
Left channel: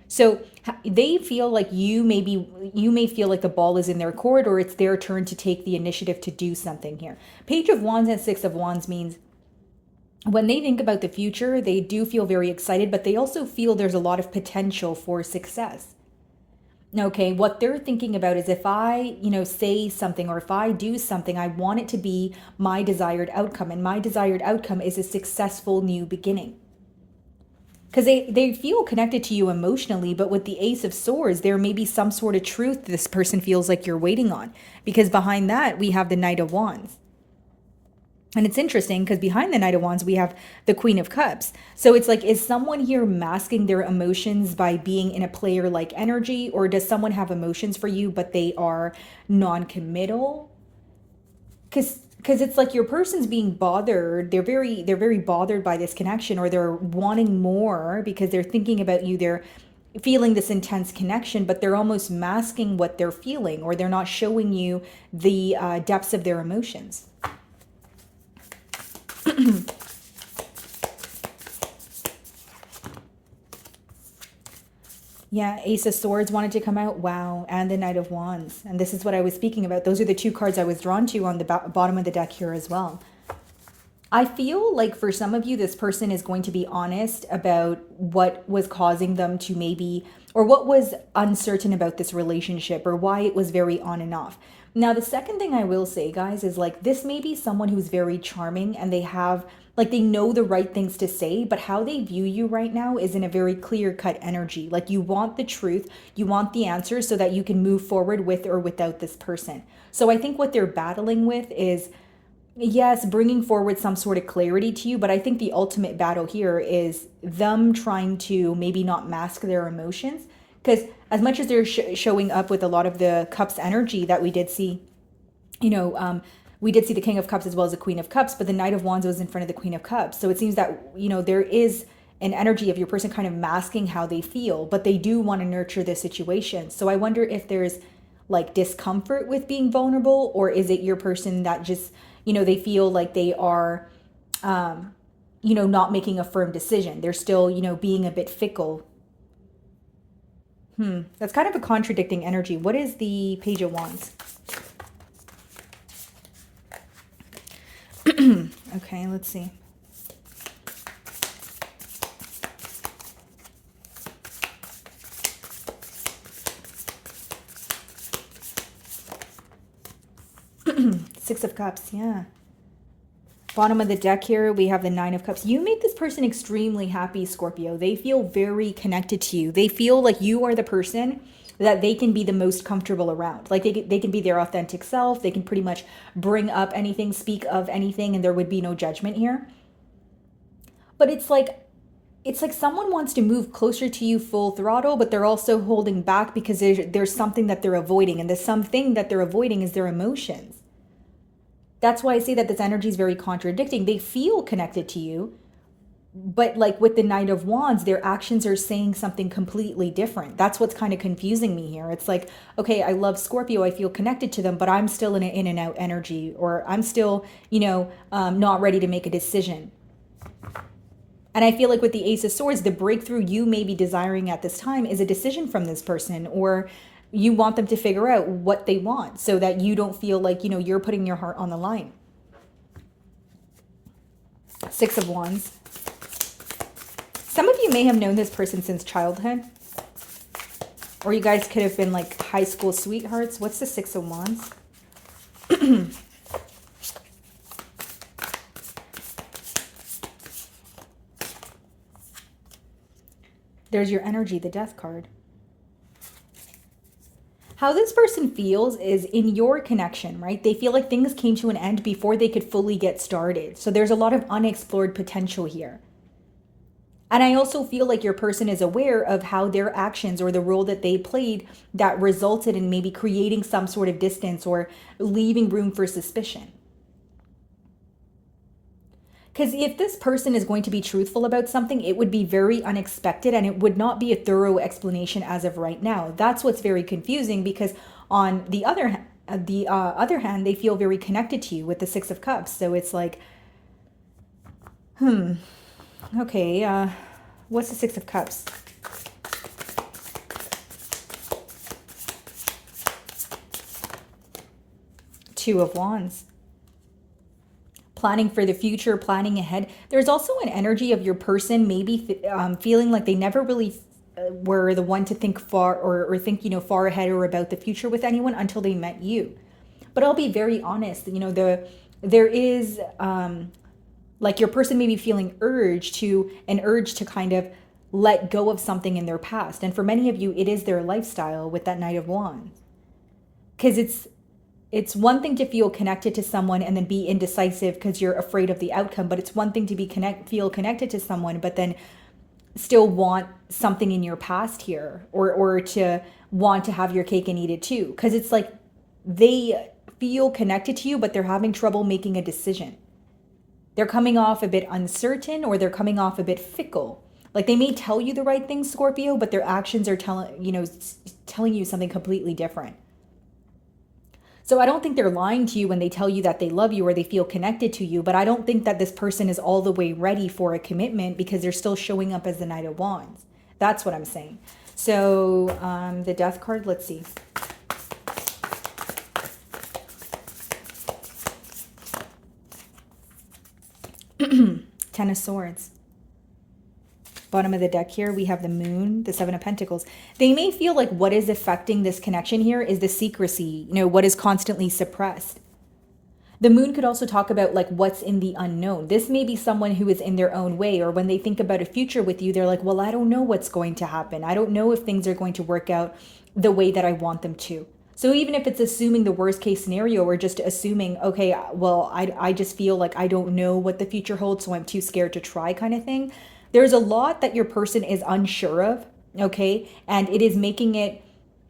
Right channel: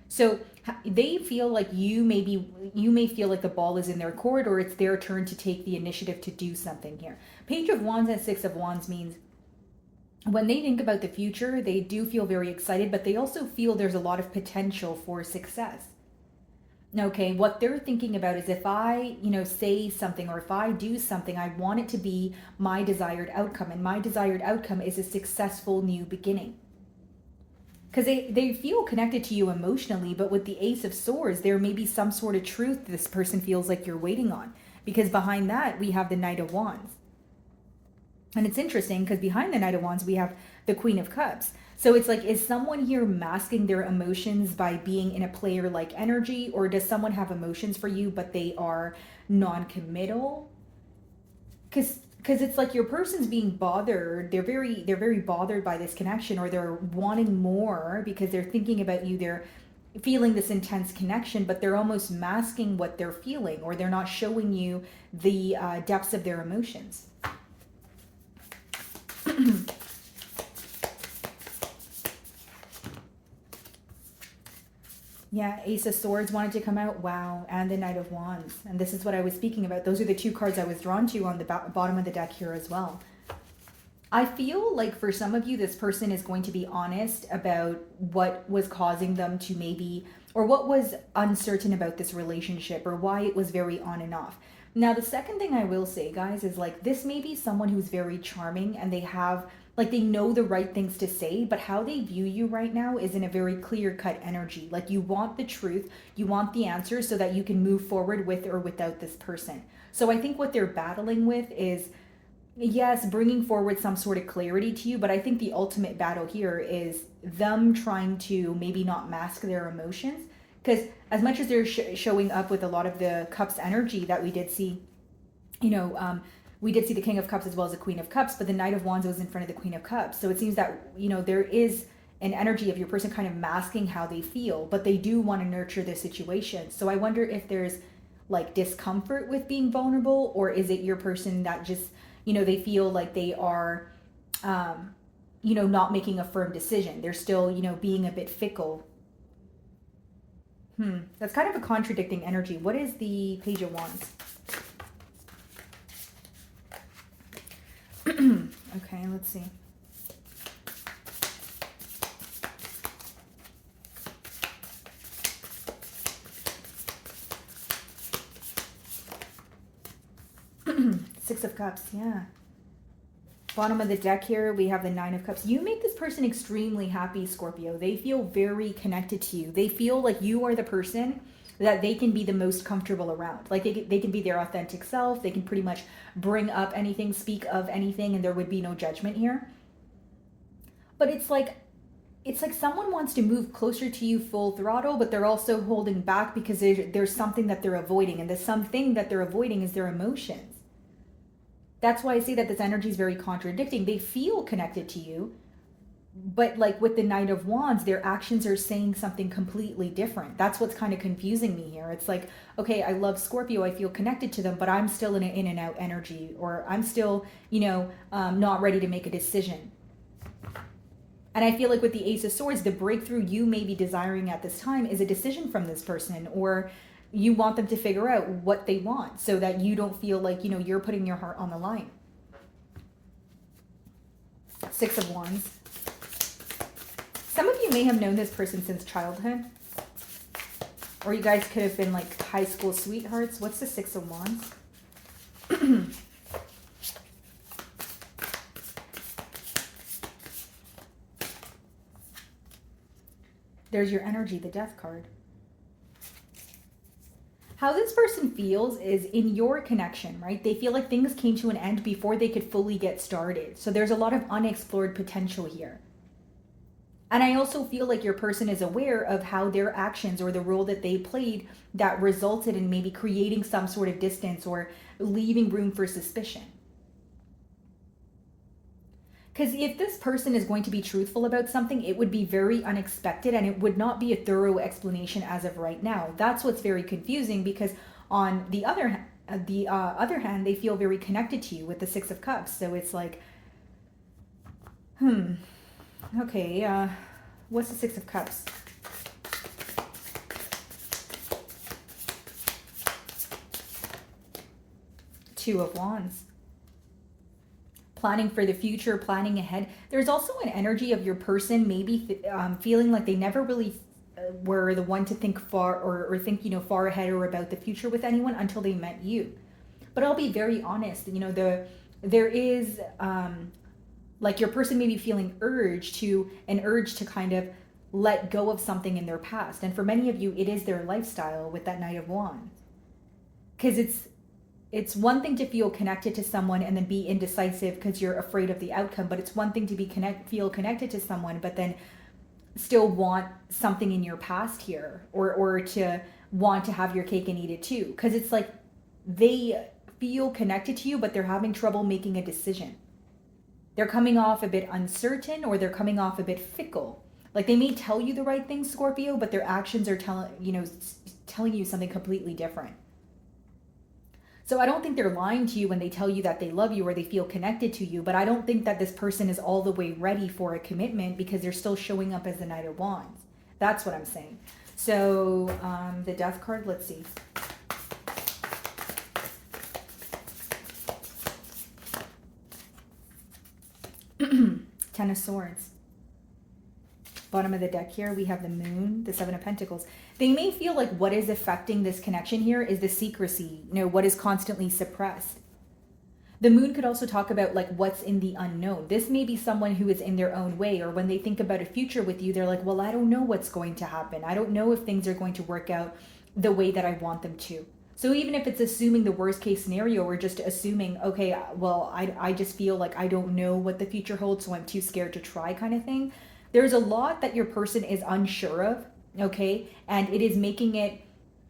So they feel like you may feel like the ball is in their court, or it's their turn to take the initiative to do something here. Page of Wands and Six of Wands means when they think about the future, they do feel very excited, but they also feel there's a lot of potential for success. Okay, what they're thinking about is if I, you know, say something or if I do something, I want it to be my desired outcome. And my desired outcome is a successful new beginning. Because they feel connected to you emotionally, but with the Ace of Swords, there may be some sort of truth this person feels like you're waiting on. Because behind that, we have the Knight of Wands. And it's interesting because behind the Knight of Wands, we have the Queen of Cups. So it's like, is someone here masking their emotions by being in a player-like energy? Or does someone have emotions for you, but they are non-committal? Because it's like your person's being bothered. They're very bothered by this connection, or they're wanting more because they're thinking about you. They're feeling this intense connection, but they're almost masking what they're feeling, or they're not showing you the depths of their emotions. Yeah, Ace of Swords wanted to come out. Wow. And the Knight of Wands. And this is what I was speaking about. Those are the two cards I was drawn to on the bottom of the deck here as well. I feel like for some of you, this person is going to be honest about what was causing them to maybe, or what was uncertain about this relationship, or why it was very on and off. Now, the second thing I will say, guys, is like this may be someone who's very charming and they have, like, they know the right things to say, but how they view you right now is in a very clear-cut energy. Like, you want the truth, you want the answers so that you can move forward with or without this person. So I think what they're battling with is, yes, bringing forward some sort of clarity to you, but I think the ultimate battle here is them trying to maybe not mask their emotions. Because as much as they're showing up with a lot of the Cups energy that we did see, you know, we did see the King of Cups as well as the Queen of Cups, but the Knight of Wands was in front of the Queen of Cups. So it seems that, you know, there is an energy of your person kind of masking how they feel, but they do want to nurture the situation. So I wonder if there's like discomfort with being vulnerable, or is it your person that just, you know, they feel like they are, you know, not making a firm decision. They're still, you know, being a bit fickle. That's kind of a contradicting energy. What is the Page of Wands? Okay, let's see. Six of Cups, yeah. Bottom of the deck here, we have the Nine of Cups. You make this person extremely happy, Scorpio. They feel very connected to you. They feel like you are the person that they can be the most comfortable around. Like they can be their authentic self. They can pretty much bring up anything, speak of anything, and there would be no judgment here. But it's like someone wants to move closer to you full throttle, but they're also holding back because there's something that they're avoiding. And the something that they're avoiding is their emotions. That's why I say that this energy is very contradicting. They feel connected to you, but like with the Knight of Wands, their actions are saying something completely different. That's what's kind of confusing me here. It's like, okay, I love Scorpio. I feel connected to them, but I'm still in an in and out energy, or I'm still, not ready to make a decision. And I feel like with the Ace of Swords, the breakthrough you may be desiring at this time is a decision from this person, or you want them to figure out what they want so that you don't feel like, you're putting your heart on the line. Six of Wands. Some of you may have known this person since childhood, or you guys could have been like high school sweethearts. What's the Six of Wands? There's your energy, the Death card. How this person feels is in your connection, right? They feel like things came to an end before they could fully get started. So there's a lot of unexplored potential here. And I also feel like your person is aware of how their actions or the role that they played that resulted in maybe creating some sort of distance or leaving room for suspicion. Because if this person is going to be truthful about something, it would be very unexpected and it would not be a thorough explanation as of right now. That's what's very confusing, because on the other hand, they feel very connected to you with the Six of Cups. So it's like, okay, what's the Six of Cups? Two of Wands. Planning for the future, planning ahead. There's also an energy of your person maybe feeling like they never really were the one to think far or think, far ahead or about the future with anyone until they met you. But I'll be very honest, there is like your person may be feeling an urge to kind of let go of something in their past. And for many of you, it is their lifestyle with that Knight of Wands. Because it's one thing to feel connected to someone and then be indecisive because you're afraid of the outcome, but it's one thing to feel connected to someone but then still want something in your past here, or to want to have your cake and eat it too. Because it's like they feel connected to you, but they're having trouble making a decision. They're coming off a bit uncertain, or they're coming off a bit fickle. Like they may tell you the right thing, Scorpio, but their actions are telling you something completely different. So I don't think they're lying to you when they tell you that they love you or they feel connected to you, but I don't think that this person is all the way ready for a commitment because they're still showing up as the Knight of Wands. That's what I'm saying. So the Death card, let's see. Ten of Swords. Bottom of the deck here, we have the Moon, the Seven of Pentacles. They may feel like what is affecting this connection here is the secrecy, what is constantly suppressed. The Moon could also talk about like what's in the unknown. This may be someone who is in their own way, or when they think about a future with you, they're like, well, I don't know what's going to happen. I don't know if things are going to work out the way that I want them to. So even if it's assuming the worst case scenario, or just assuming, okay, well, I just feel like I don't know what the future holds, so I'm too scared to try kind of thing. There's a lot that your person is unsure of, okay? And it is making it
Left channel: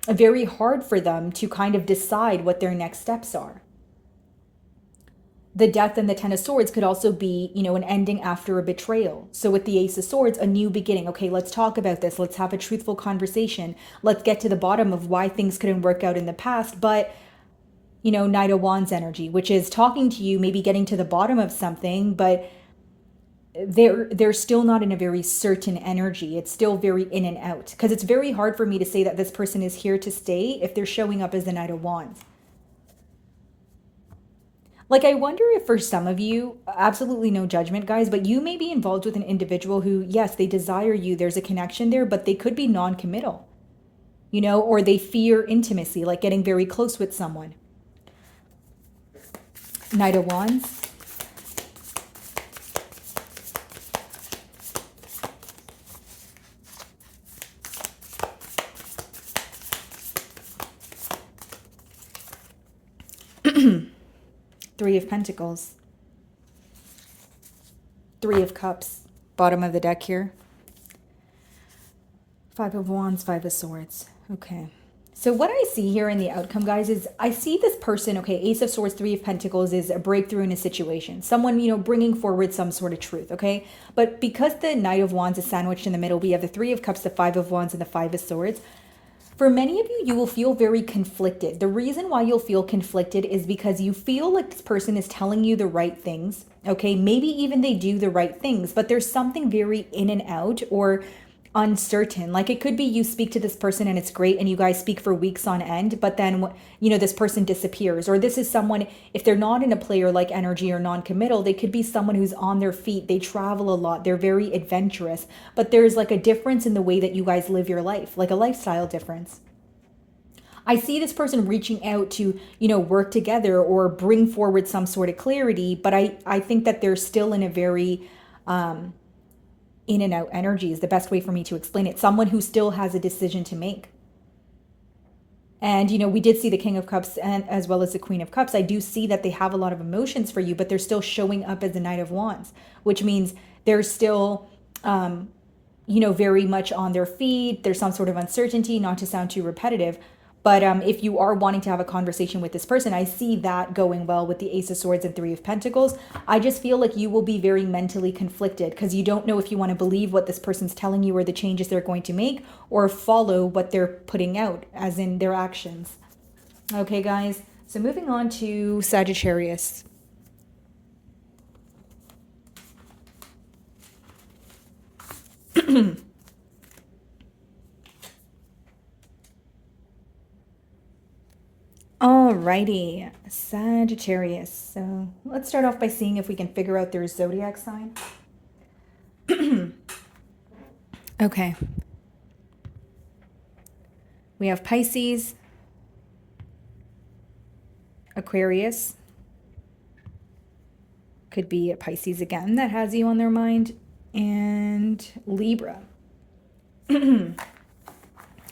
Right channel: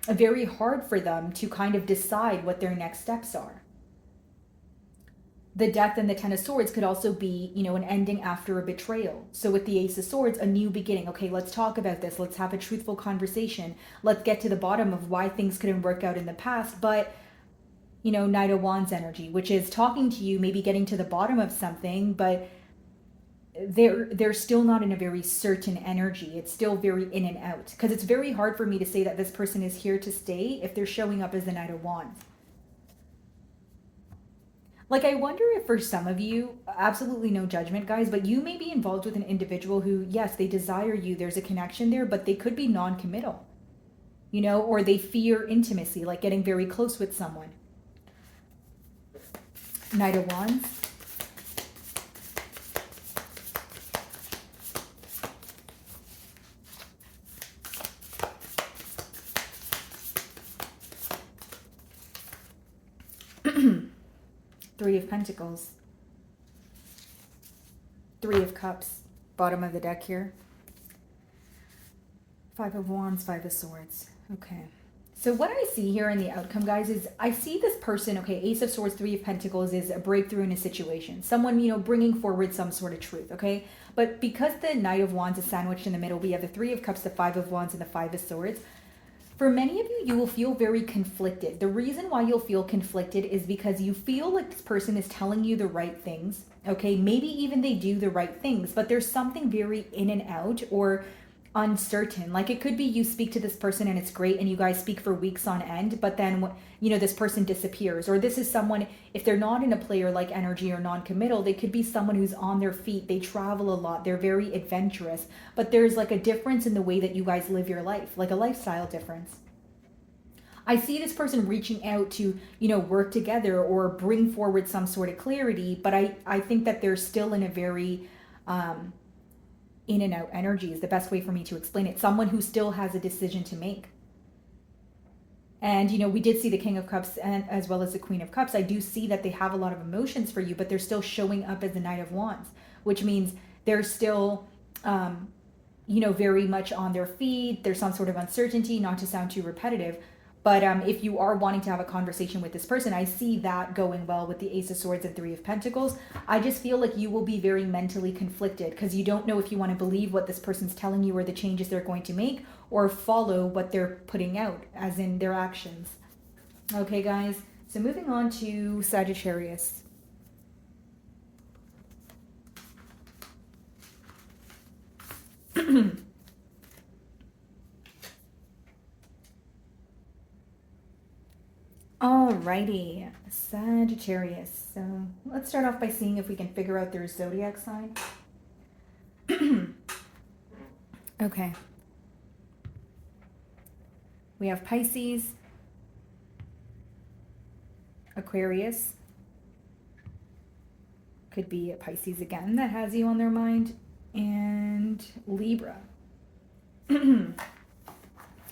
very hard for them to kind of decide what their next steps are. The Death and the Ten of Swords could also be, an ending after a betrayal. So with the Ace of Swords, a new beginning. Okay, let's talk about this. Let's have a truthful conversation. Let's get to the bottom of why things couldn't work out in the past. But, Knight of Wands energy, which is talking to you, maybe getting to the bottom of something, but they're still not in a very certain energy. It's still very in and out, because it's very hard for me to say that this person is here to stay if they're showing up as the Knight of Wands. Like, I wonder if for some of you, absolutely no judgment, guys, but you may be involved with an individual who, yes, they desire you, there's a connection there, but they could be non-committal, or they fear intimacy, like getting very close with someone. Knight of Wands. Three of Pentacles. Three of Cups. Bottom of the deck here. Five of Wands, Five of Swords. Okay. So what I see here in the outcome, guys, is I see this person, okay, Ace of Swords, Three of Pentacles is a breakthrough in a situation. Someone, you know, bringing forward some sort of truth, okay? But because the Knight of Wands is sandwiched in the middle, we have the Three of Cups, the Five of Wands, and the Five of Swords. For many of you, you will feel very conflicted. The reason why you'll feel conflicted is because you feel like this person is telling you the right things, okay? Maybe even they do the right things, but there's something very in and out or uncertain. Like it could be you speak to this person and it's great and you guys speak for weeks on end, but then, you know, this person disappears. Or this is someone, if they're not in a player-like energy or non-committal, they could be someone who's on their feet. They travel a lot. They're very adventurous, but there's like a difference in the way that you guys live your life, like a lifestyle difference. I see this person reaching out to, you know, work together or bring forward some sort of clarity, but I think that they're still in a very, in and out energy is the best way for me to explain it. Someone who still has a decision to make. And, you know, we did see the King of Cups and as well as the Queen of Cups. I do see that they have a lot of emotions for you, but they're still showing up as the Knight of Wands, which means they're still, you know, very much on their feet. There's some sort of uncertainty, not to sound too repetitive. But if you are wanting to have a conversation with this person, I see that going well with the Ace of Swords and Three of Pentacles. I just feel like you will be very mentally conflicted because you don't know if you want to believe what this person's telling you or the changes they're going to make or follow what they're putting out, as in their actions. Okay, guys. So moving on to Sagittarius. Alrighty, Sagittarius. So let's start off by seeing if we can figure out their zodiac sign. Okay. We have Pisces, Aquarius. Could be a Pisces again that has you on their mind. And Libra.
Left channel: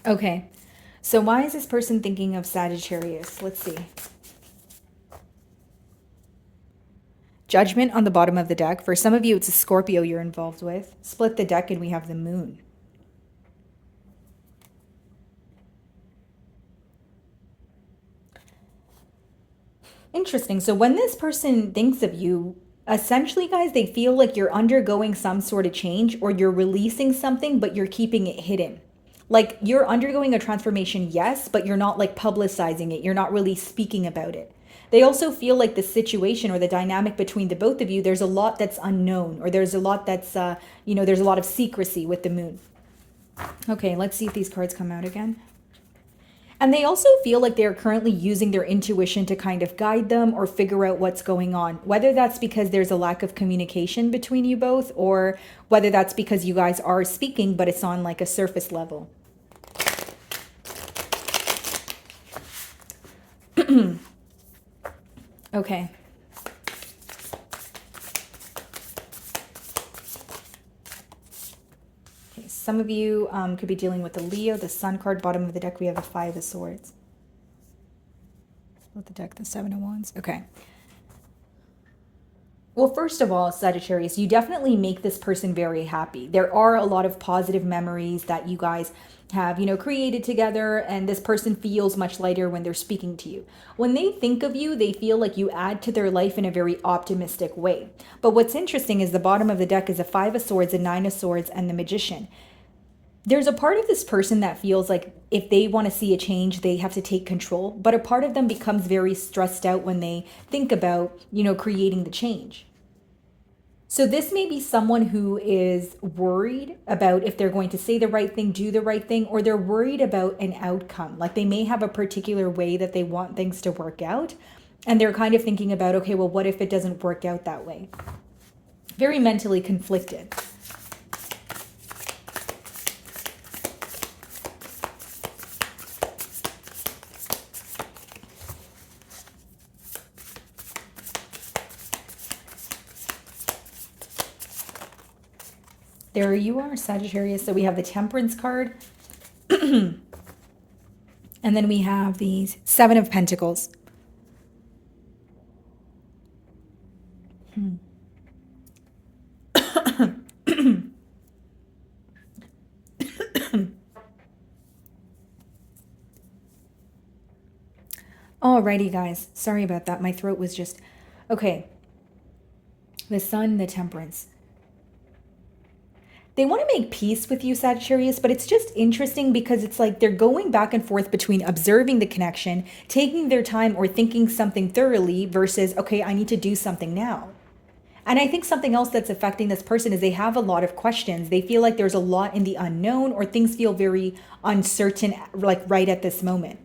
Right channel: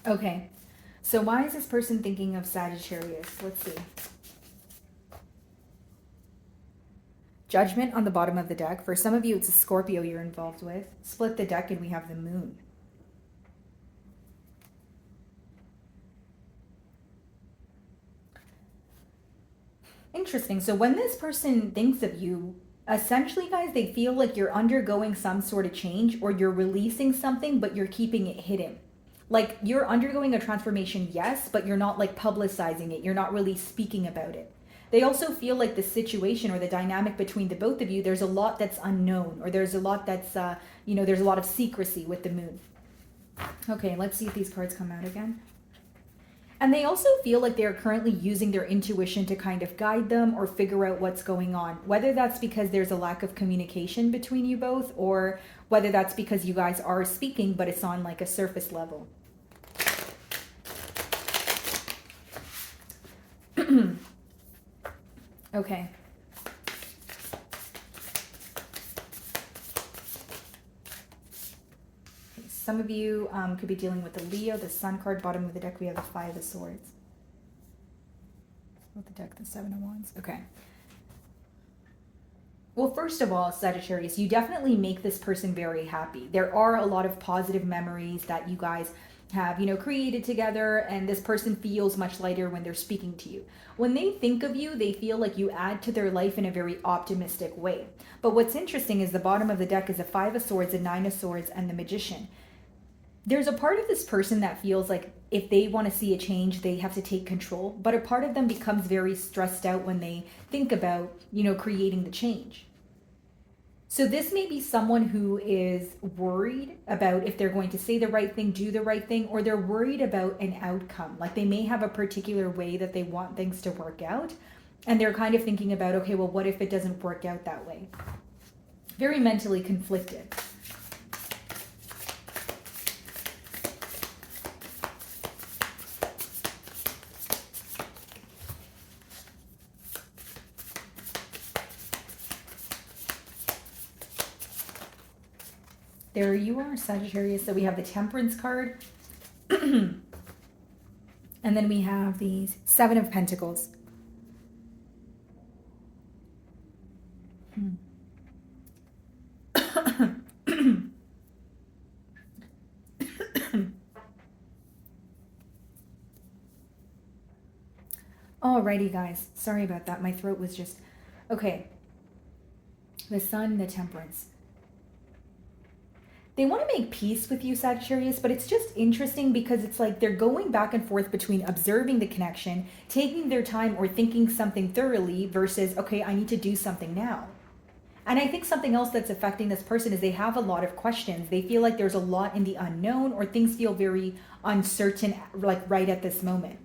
Okay. So why is this person thinking of Sagittarius? Let's see. Judgment on the bottom of the deck. For some of you, it's a Scorpio you're involved with. Split the deck and we have the Moon. Interesting. So when this person thinks of you, essentially, guys, they feel like you're undergoing some sort of change or you're releasing something, but you're keeping it hidden. Like you're undergoing a transformation, yes, but you're not like publicizing it. You're not really speaking about it. They also feel like the situation or the dynamic between the both of you, there's a lot that's unknown or there's a lot that's, you know, there's a lot of secrecy with the Moon. Okay, let's see if these cards come out again. And they also feel like they're currently using their intuition to kind of guide them or figure out what's going on, whether that's because there's a lack of communication between you both or whether that's because you guys are speaking, but it's on like a surface level. Okay. Some of you could be dealing with the Leo, the Sun card, bottom of the deck. We have the Five of Swords. With the deck, the Seven of Wands. Okay. Well, first of all, Sagittarius, you definitely make this person very happy. There are a lot of positive memories that you guys have, you know, created together, and this person feels much lighter when they're speaking to you. When they think of you, they feel like you add to their life in a very optimistic way. But what's interesting is the bottom of the deck is a Five of Swords, a Nine of Swords, and the Magician. There's a part of this person that feels like if they want to see a change, they have to take control. But a part of them becomes very stressed out when they think about, you know, creating the change. So this may be someone who is worried about if they're going to say the right thing, do the right thing, or they're worried about an outcome. Like they may have a particular way that they want things to work out. And they're kind of thinking about, okay, well, what if it doesn't work out that way? Very mentally conflicted. There you are, Sagittarius. So we have the Temperance card. And then we have the Seven of Pentacles. Alrighty, guys. Sorry about that. My throat was just... Okay. The Sun, the Temperance. They want to make peace with you, Sagittarius, but it's just interesting because it's like they're going back and forth between observing the connection, taking their time, or thinking something thoroughly versus, okay, I need to do something now. And I think something else that's affecting this person is they have a lot of questions. They feel like there's a lot in the unknown, or things feel very uncertain, like right at this moment.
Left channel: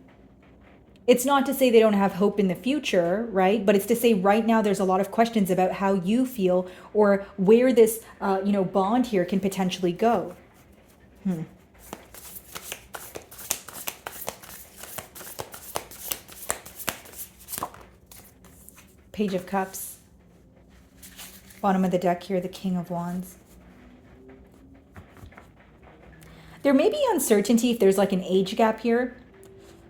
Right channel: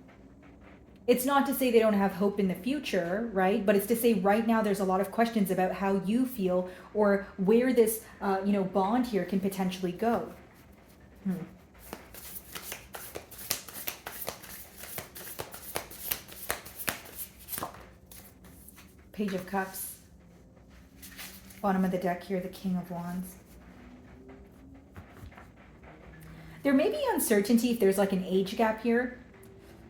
It's not to say they don't have hope in the future, right? But it's to say right now there's a lot of questions about how you feel or where this, bond here can potentially go. Page of Cups. Bottom of the deck here, the King of Wands. There may be uncertainty if there's like an age gap here.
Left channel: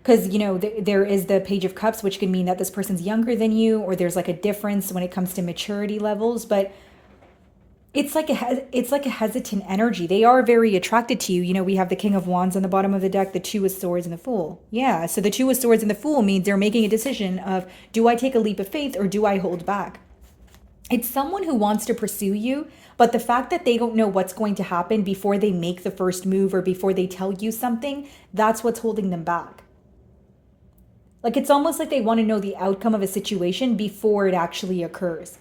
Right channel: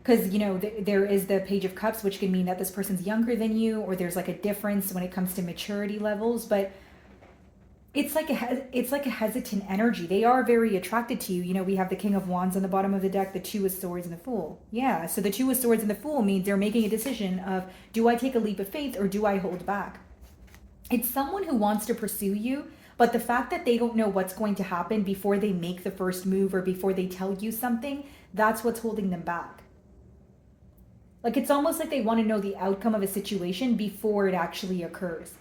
Because, there is the Page of Cups, which can mean that this person's younger than you, or there's like a difference when it comes to maturity levels. But it's like a hesitant energy. They are very attracted to you. We have the King of Wands on the bottom of the deck, the Two of Swords, and the Fool. Yeah, so the Two of Swords and the Fool means they're making a decision of, do I take a leap of faith or do I hold back? It's someone who wants to pursue you, but the fact that they don't know what's going to happen before they make the first move or before they tell you something, that's what's holding them back. Like, it's almost like they want to know the outcome of a situation before it actually occurs.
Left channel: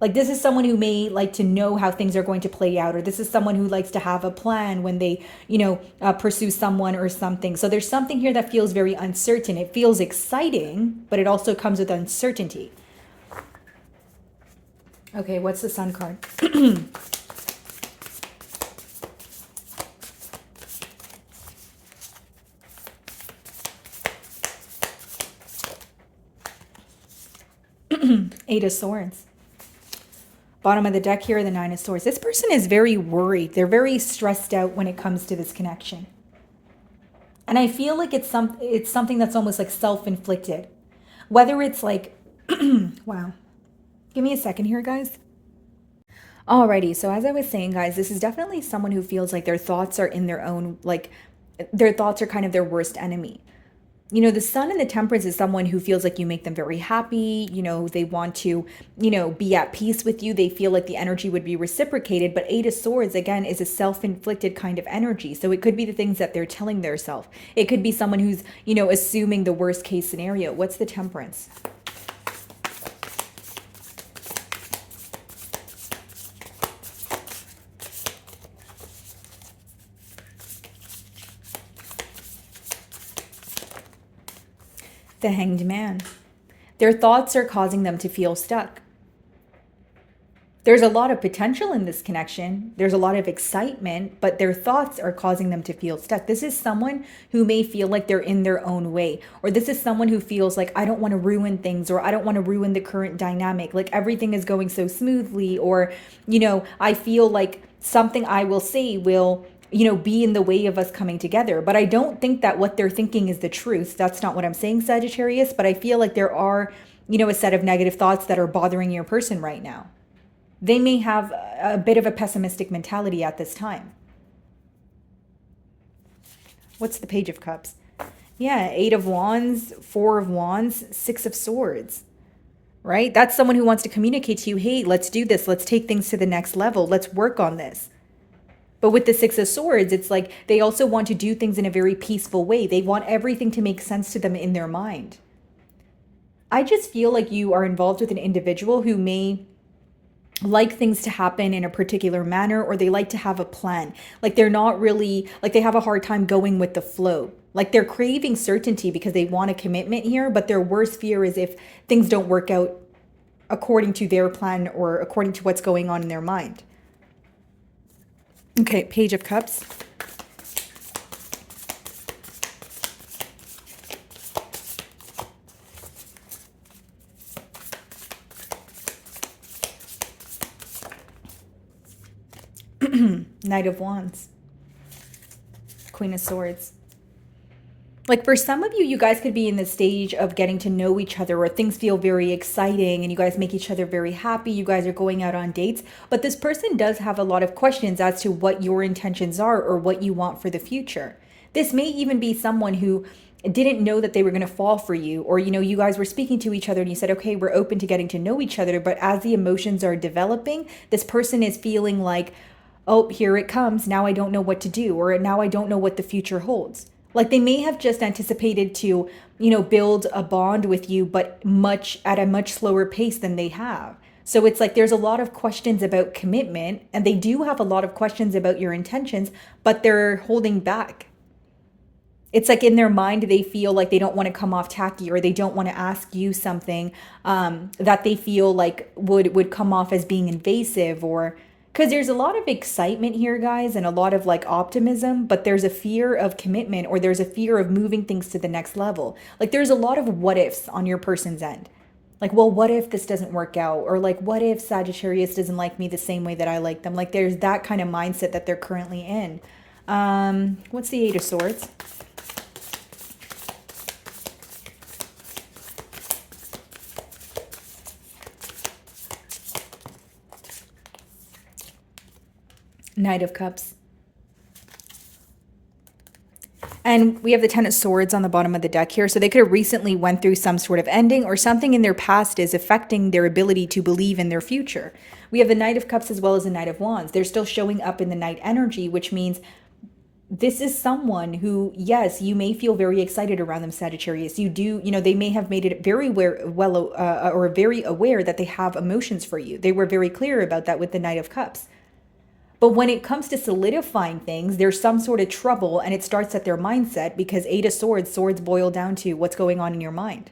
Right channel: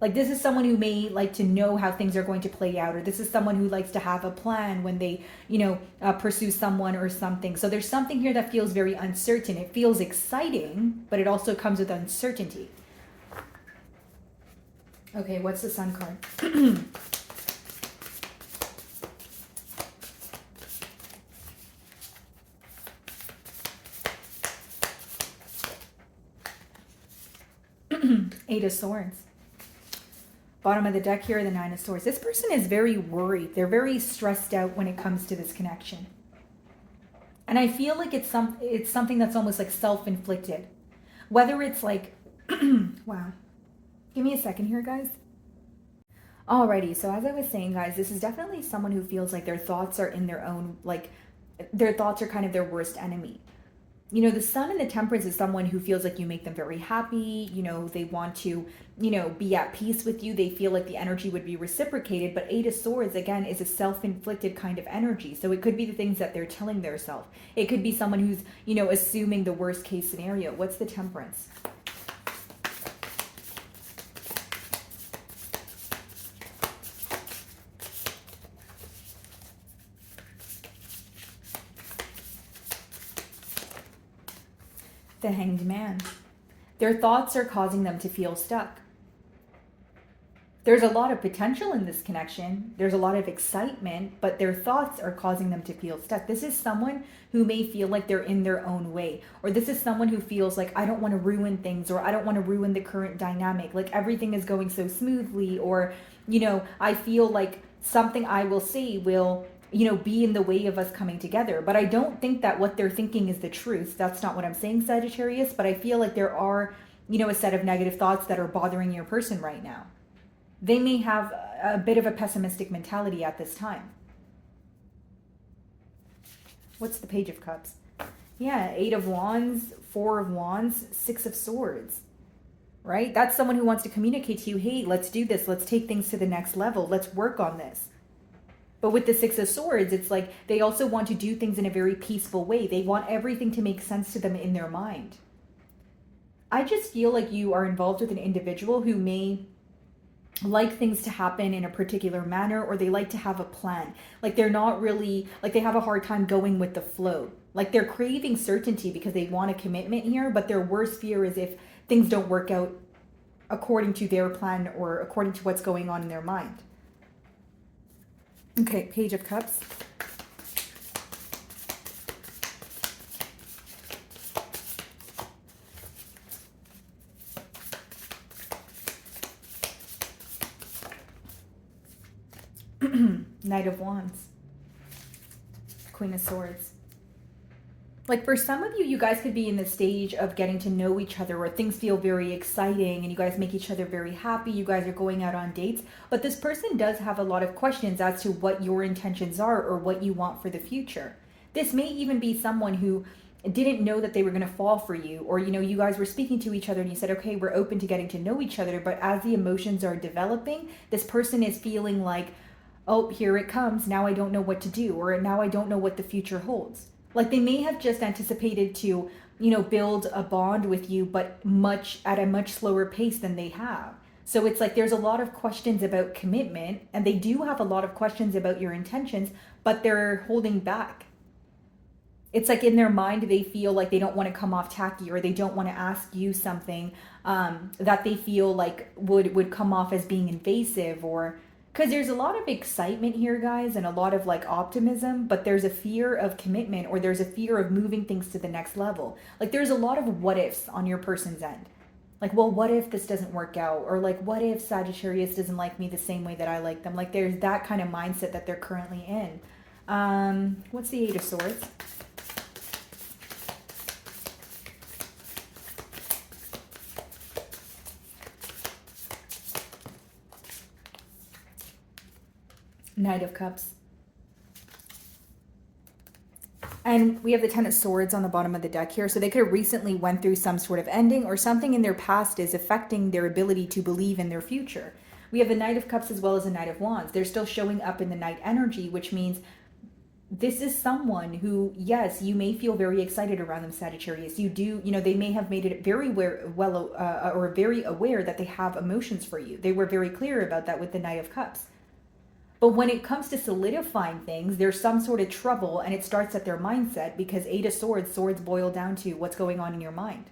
Like, this is someone who may like to know how things are going to play out, or this is someone who likes to have a plan when they, pursue someone or something. So there's something here that feels very uncertain. It feels exciting, but it also comes with uncertainty. Okay, what's the Sun card? Eight of Swords. Bottom of the deck here, the Nine of Swords. This person is very worried. They're very stressed out when it comes to this connection. And I feel like it's something that's almost like self-inflicted. Whether it's like, wow. Give me a second here, guys. Alrighty, so as I was saying, guys, this is definitely someone who feels like their thoughts are in their own, like, their thoughts are kind of their worst enemy. The Sun and the Temperance is someone who feels like you make them very happy. They want to, be at peace with you. They feel like the energy would be reciprocated. But Eight of Swords, again, is a self-inflicted kind of energy. So it could be the things that they're telling themselves. It could be someone who's, assuming the worst case scenario. What's the Temperance? The Hanged Man. Their thoughts are causing them to feel stuck. There's a lot of potential in this connection. There's a lot of excitement, but their thoughts are causing them to feel stuck. This is someone who may feel like they're in their own way, or this is someone who feels like, I don't want to ruin things, or I don't want to ruin the current dynamic. Like, everything is going so smoothly, or, I feel like something I will say will be in the way of us coming together. But I don't think that what they're thinking is the truth. That's not what I'm saying, Sagittarius. But I feel like there are, a set of negative thoughts that are bothering your person right now. They may have a bit of a pessimistic mentality at this time. What's the Page of Cups? Yeah, Eight of Wands, Four of Wands, Six of Swords. Right? That's someone who wants to communicate to you, hey, let's do this. Let's take things to the next level. Let's work on this. But with the Six of Swords, it's like they also want to do things in a very peaceful way. They want everything to make sense to them in their mind. I just feel like you are involved with an individual who may like things to happen in a particular manner, or they like to have a plan. Like, they're not really, like, they have a hard time going with the flow. Like, they're craving certainty because they want a commitment here, but their worst fear is if things don't work out according to their plan or according to what's going on in their mind. Okay, Page of Cups. Knight of Wands. Queen of Swords. Like for some of you, you guys could be in the stage of getting to know each other, or things feel very exciting and you guys make each other very happy. You guys are going out on dates, but this person does have a lot of questions as to what your intentions are or what you want for the future. This may even be someone who didn't know that they were going to fall for you, or you guys were speaking to each other and you said, okay, we're open to getting to know each other, but as the emotions are developing, this person is feeling like, oh, here it comes, now I don't know what to do, or now I don't know what the future holds. Like they may have just anticipated to build a bond with you, but at a much slower pace than they have. So it's like there's a lot of questions about commitment, and they do have a lot of questions about your intentions, but they're holding back. It's like in their mind, they feel like they don't want to come off tacky, or they don't want to ask you something that they feel like would come off as being invasive, or because there's a lot of excitement here, guys, and a lot of like optimism, but there's a fear of commitment, or there's a fear of moving things to the next level. Like there's a lot of what ifs on your person's end. Like, well, what if this doesn't work out? Or like, what if Sagittarius doesn't like me the same way that I like them? Like there's that kind of mindset that they're currently in. What's the Eight of Swords? Knight of Cups. And we have the Ten of Swords on the bottom of the deck here. So they could have recently went through some sort of ending, or something in their past is affecting their ability to believe in their future. We have the Knight of Cups as well as the Knight of Wands. They're still showing up in the Knight energy, which means this is someone who, yes, you may feel very excited around them, Sagittarius. You do, they may have made it very or very aware that they have emotions for you. They were very clear about that with the Knight of Cups. But when it comes to solidifying things, there's some sort of trouble, and it starts at their mindset, because Eight of Swords, swords boil down to what's going on in your mind.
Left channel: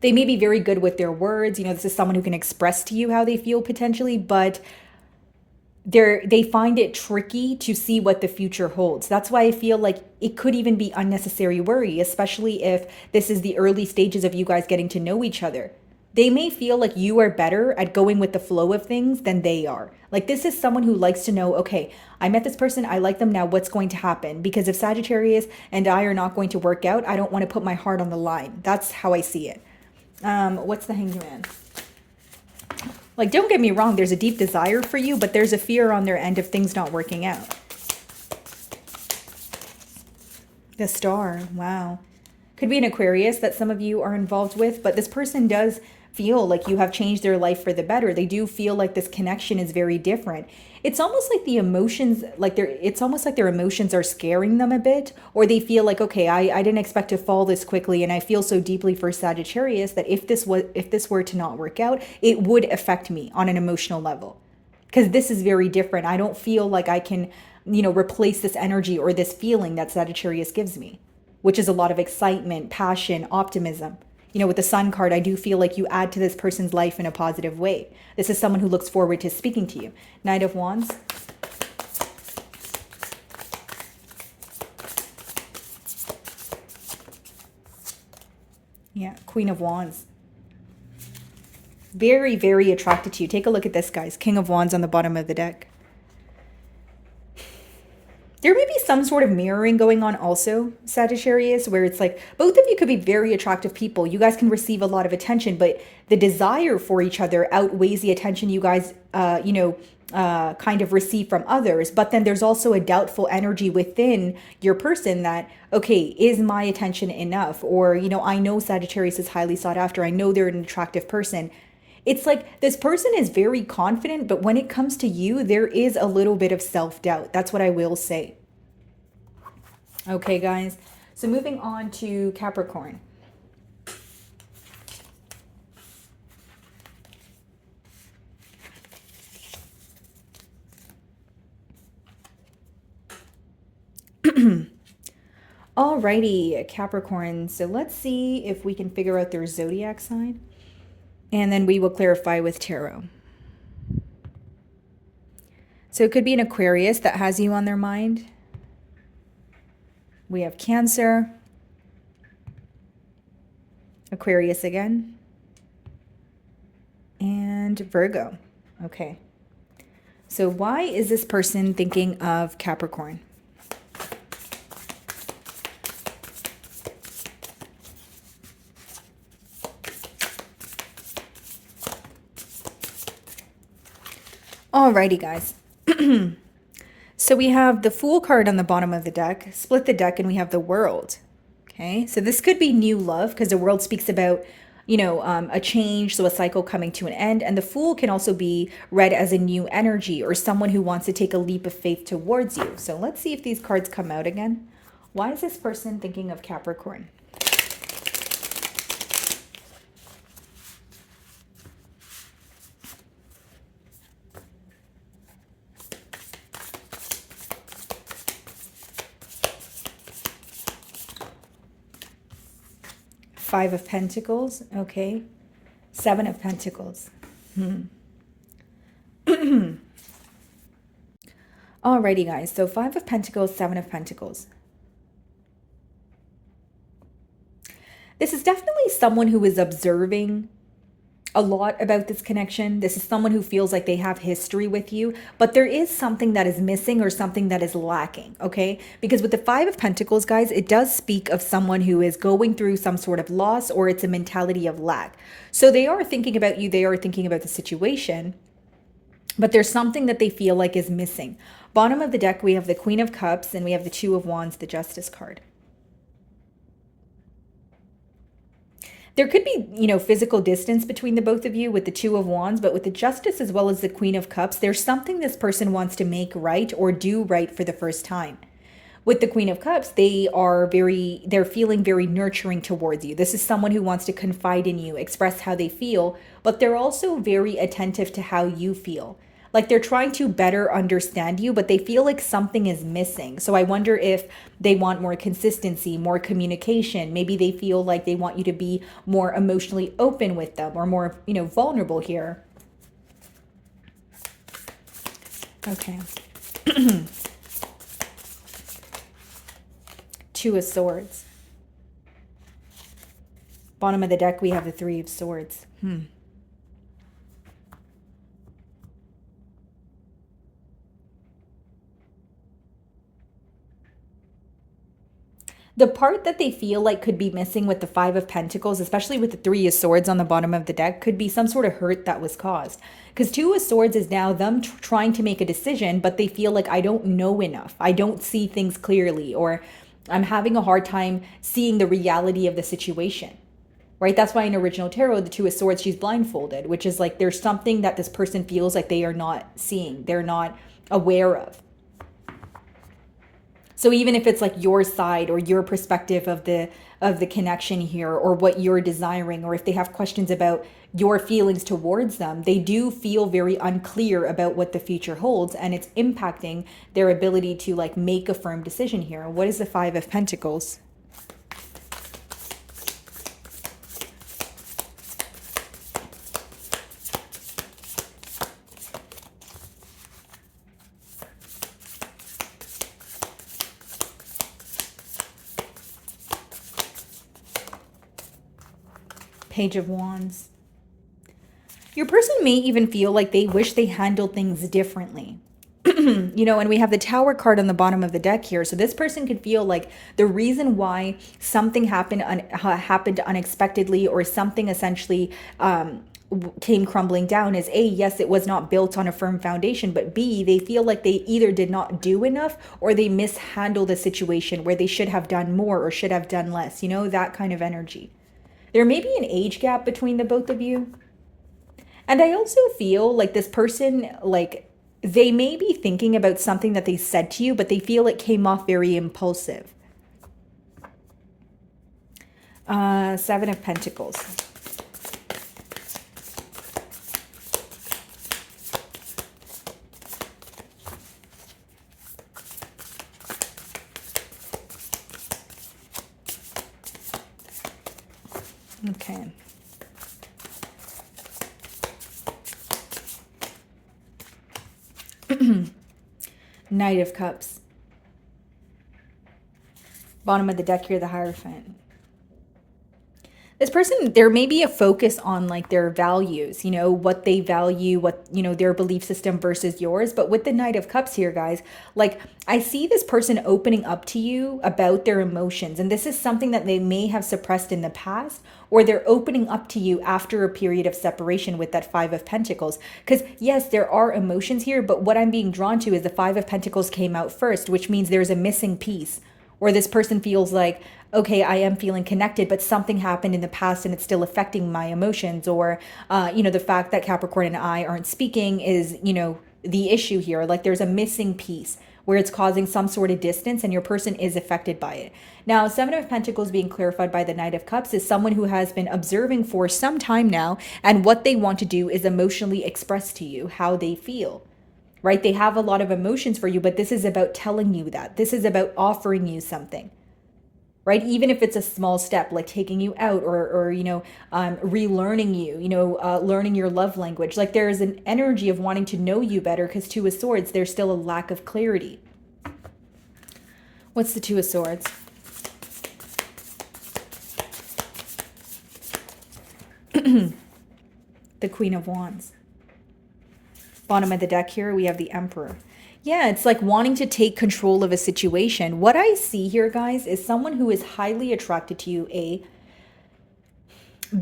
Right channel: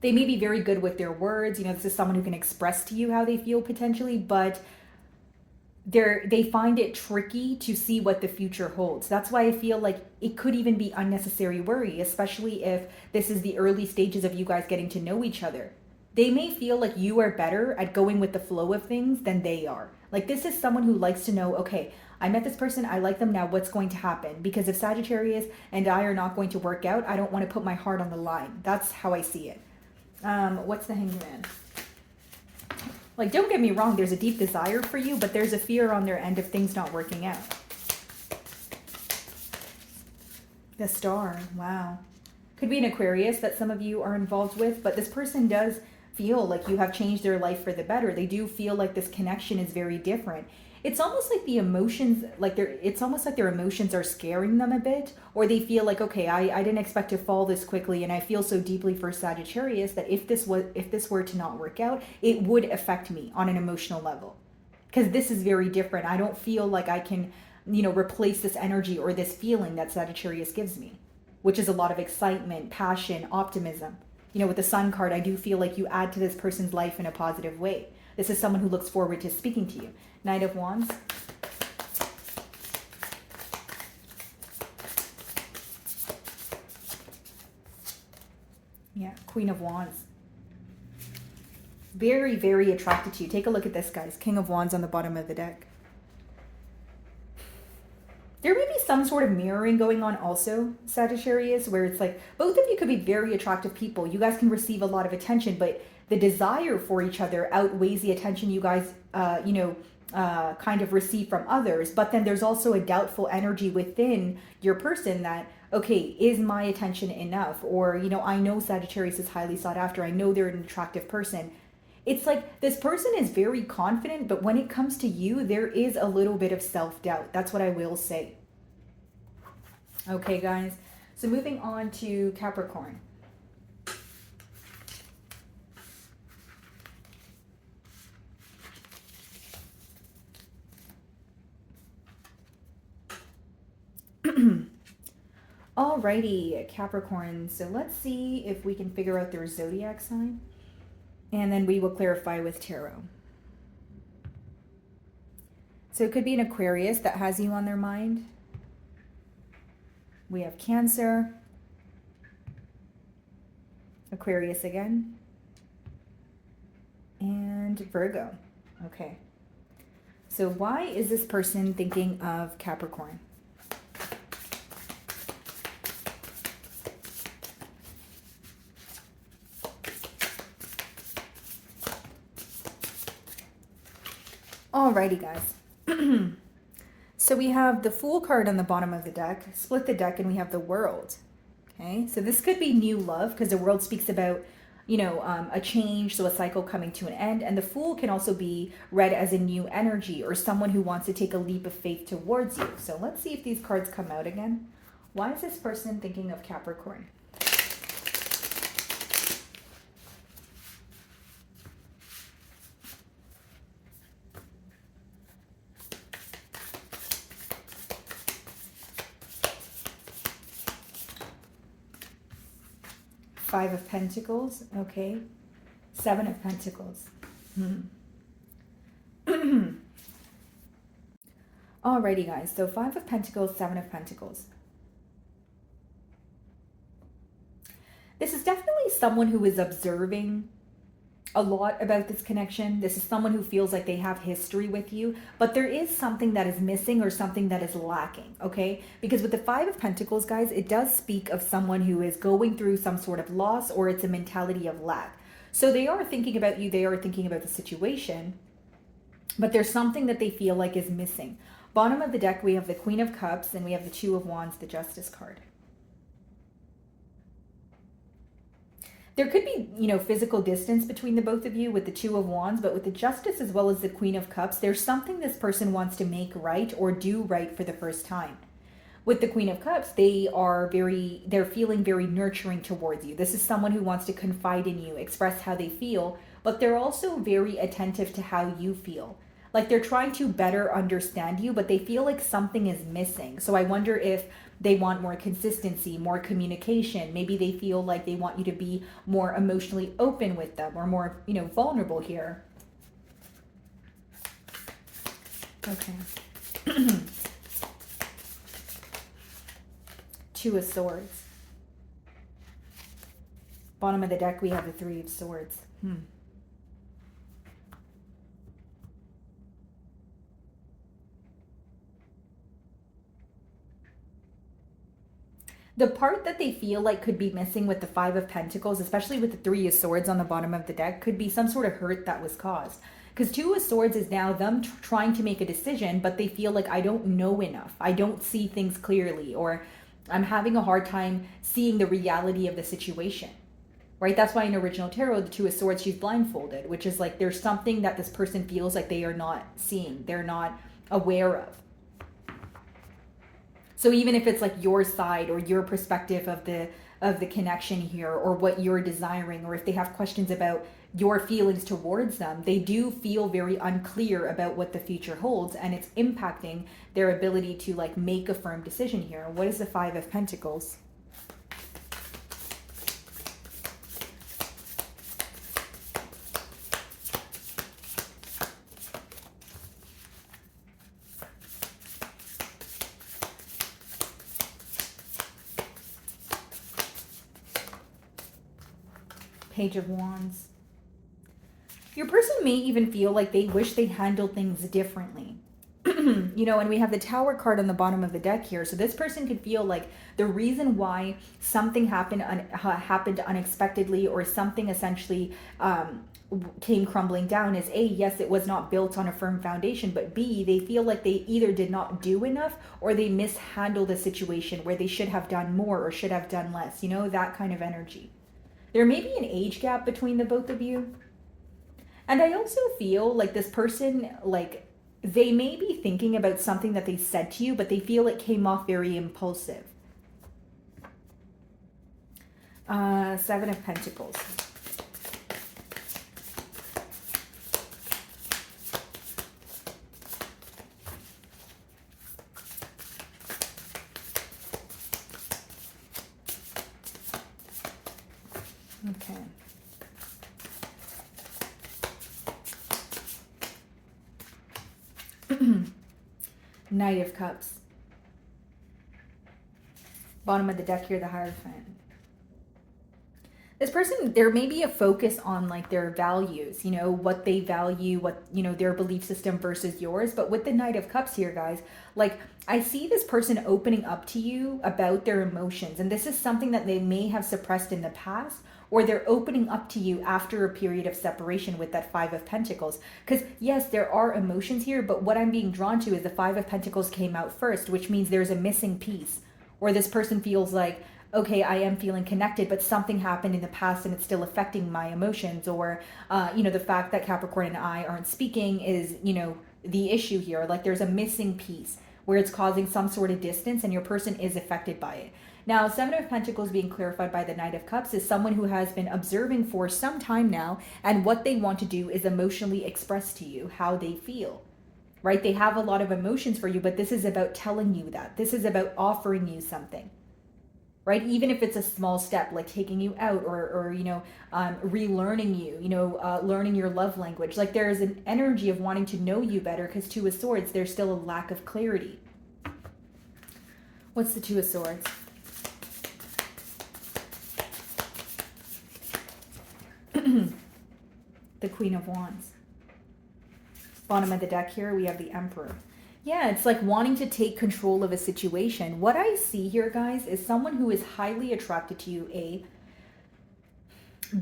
They may be very good with their words. This is someone who can express to you how they feel potentially, but they find it tricky to see what the future holds. That's why I feel like it could even be unnecessary worry, especially if this is the early stages of you guys getting to know each other. They may feel like you are better at going with the flow of things than they are. Like this is someone who likes to know, okay, I met this person, I like them now, what's going to happen? Because if Sagittarius and I are not going to work out, I don't want to put my heart on the line. That's how I see it. What's the Hanged Man? Like, don't get me wrong, there's a deep desire for you, but there's a fear on their end of things not working out. The Star, wow. Could be an Aquarius that some of you are involved with, but this person does feel like you have changed their life for the better. They do feel like this connection is very different. It's almost like the emotions, it's almost like their emotions are scaring them a bit, or they feel like, okay, I didn't expect to fall this quickly, and I feel so deeply for Sagittarius that if this were to not work out, it would affect me on an emotional level. Because this is very different. I don't feel like I can, replace this energy or this feeling that Sagittarius gives me, which is a lot of excitement, passion, optimism. With the Sun card, I do feel like you add to this person's life in a positive way. This is someone who looks forward to speaking to you. Knight of Wands. Yeah, Queen of Wands. Very, very attracted to you. Take a look at this, guys. King of Wands on the bottom of the deck. There may be some sort of mirroring going on also, Sagittarius, where it's like both of you could be very attractive people. You guys can receive a lot of attention, but the desire for each other outweighs the attention you guys, kind of receive from others. But then there's also a doubtful energy within your person that, okay, is my attention enough? Or, I know Sagittarius is highly sought after. I know they're an attractive person. It's like this person is very confident, but when it comes to you, there is a little bit of self-doubt. That's what I will say. Okay, guys. So moving on to Capricorn. Alrighty, Capricorn. So let's see if we can figure out their zodiac sign. And then we will clarify with tarot. So it could be an Aquarius that has you on their mind. We have Cancer. Aquarius again. And Virgo. Okay. So why is this person thinking of Capricorn? Alrighty, guys. So we have the Fool card on the bottom of the deck, split the deck, and we have the World. Okay, so this could be new love because the World speaks about, a change, so a cycle coming to an end. And the Fool can also be read as a new energy or someone who wants to take a leap of faith towards you. So let's see if these cards come out again. Why is this person thinking of Capricorn? Five of Pentacles, okay. Seven of Pentacles. Alrighty, guys. So Five of Pentacles, Seven of Pentacles. This is definitely someone who is observing a lot about this connection. This is someone who feels like they have history with you, but there is something that is missing or something that is lacking, okay? Because with the Five of Pentacles, guys, it does speak of someone who is going through some sort of loss, or it's a mentality of lack. So they are thinking about you, they are thinking about the situation, but there's something that they feel like is missing. Bottom of the deck, we have the Queen of Cups, and we have the Two of Wands, the Justice card. There could be, physical distance between the both of you with the Two of Wands, but with the Justice as well as the Queen of Cups, there's something this person wants to make right or do right for the first time. With the Queen of Cups, they're feeling very nurturing towards you. This is someone who wants to confide in you, express how they feel, but they're also very attentive to how you feel. Like they're trying to better understand you, but they feel like something is missing. So I wonder if they want more consistency, more communication. Maybe they feel like they want you to be more emotionally open with them or more, vulnerable here. Okay. Two of Swords. Bottom of the deck, we have the Three of Swords. The part that they feel like could be missing with the Five of Pentacles, especially with the Three of Swords on the bottom of the deck, could be some sort of hurt that was caused. Because Two of Swords is now them trying to make a decision, but they feel like, I don't know enough. I don't see things clearly, or I'm having a hard time seeing the reality of the situation. Right? That's why in original tarot, the Two of Swords, she's blindfolded, which is like there's something that this person feels like they are not seeing, they're not aware of. So even if it's like your side or your perspective of the connection here, or what you're desiring, or if they have questions about your feelings towards them, they do feel very unclear about what the future holds, and it's impacting their ability to like make a firm decision here. What is the Five of Pentacles? Page of Wands. Your person may even feel like they wish they handled things differently. And we have the Tower card on the bottom of the deck here. So this person could feel like the reason why something happened unexpectedly, or something essentially came crumbling down is A, yes, it was not built on a firm foundation, but B, they feel like they either did not do enough or they mishandled the situation where they should have done more or should have done less, that kind of energy. There may be an age gap between the both of you. And I also feel like this person, like they may be thinking about something that they said to you, but they feel it came off very impulsive. Seven of Pentacles. Okay. Knight of Cups. Bottom of the deck here, the Hierophant. This person, there may be a focus on like their values, you know, what they value, what, you know, their belief system versus yours. But with the Knight of Cups here, guys, like I see this person opening up to you about their emotions. And this is something that they may have suppressed in the past, or they're opening up to you after a period of separation with that Five of Pentacles. Because yes, there are emotions here, but what I'm being drawn to is the Five of Pentacles came out first, which means there's a missing piece, or this person feels like, okay, I am feeling connected, but something happened in the past and it's still affecting my emotions. Or, you know, the fact that Capricorn and I aren't speaking is, you know, the issue here. Like there's a missing piece where it's causing some sort of distance and your person is affected by it. Now, Seven of Pentacles being clarified by the Knight of Cups is someone who has been observing for some time now, and what they want to do is emotionally express to you how they feel. Right? They have a lot of emotions for you, but this is about telling you that. This is about offering you something. Right? Even if it's a small step, like taking you out, or you know, relearning you, you know, learning your love language. Like there is an energy of wanting to know you better, because Two of Swords, there's still a lack of clarity. What's the Two of Swords? The Queen of Wands. Bottom of the deck here, we have the Emperor. Yeah, it's like wanting to take control of a situation. What I see here, guys, is someone who is highly attracted to you, A.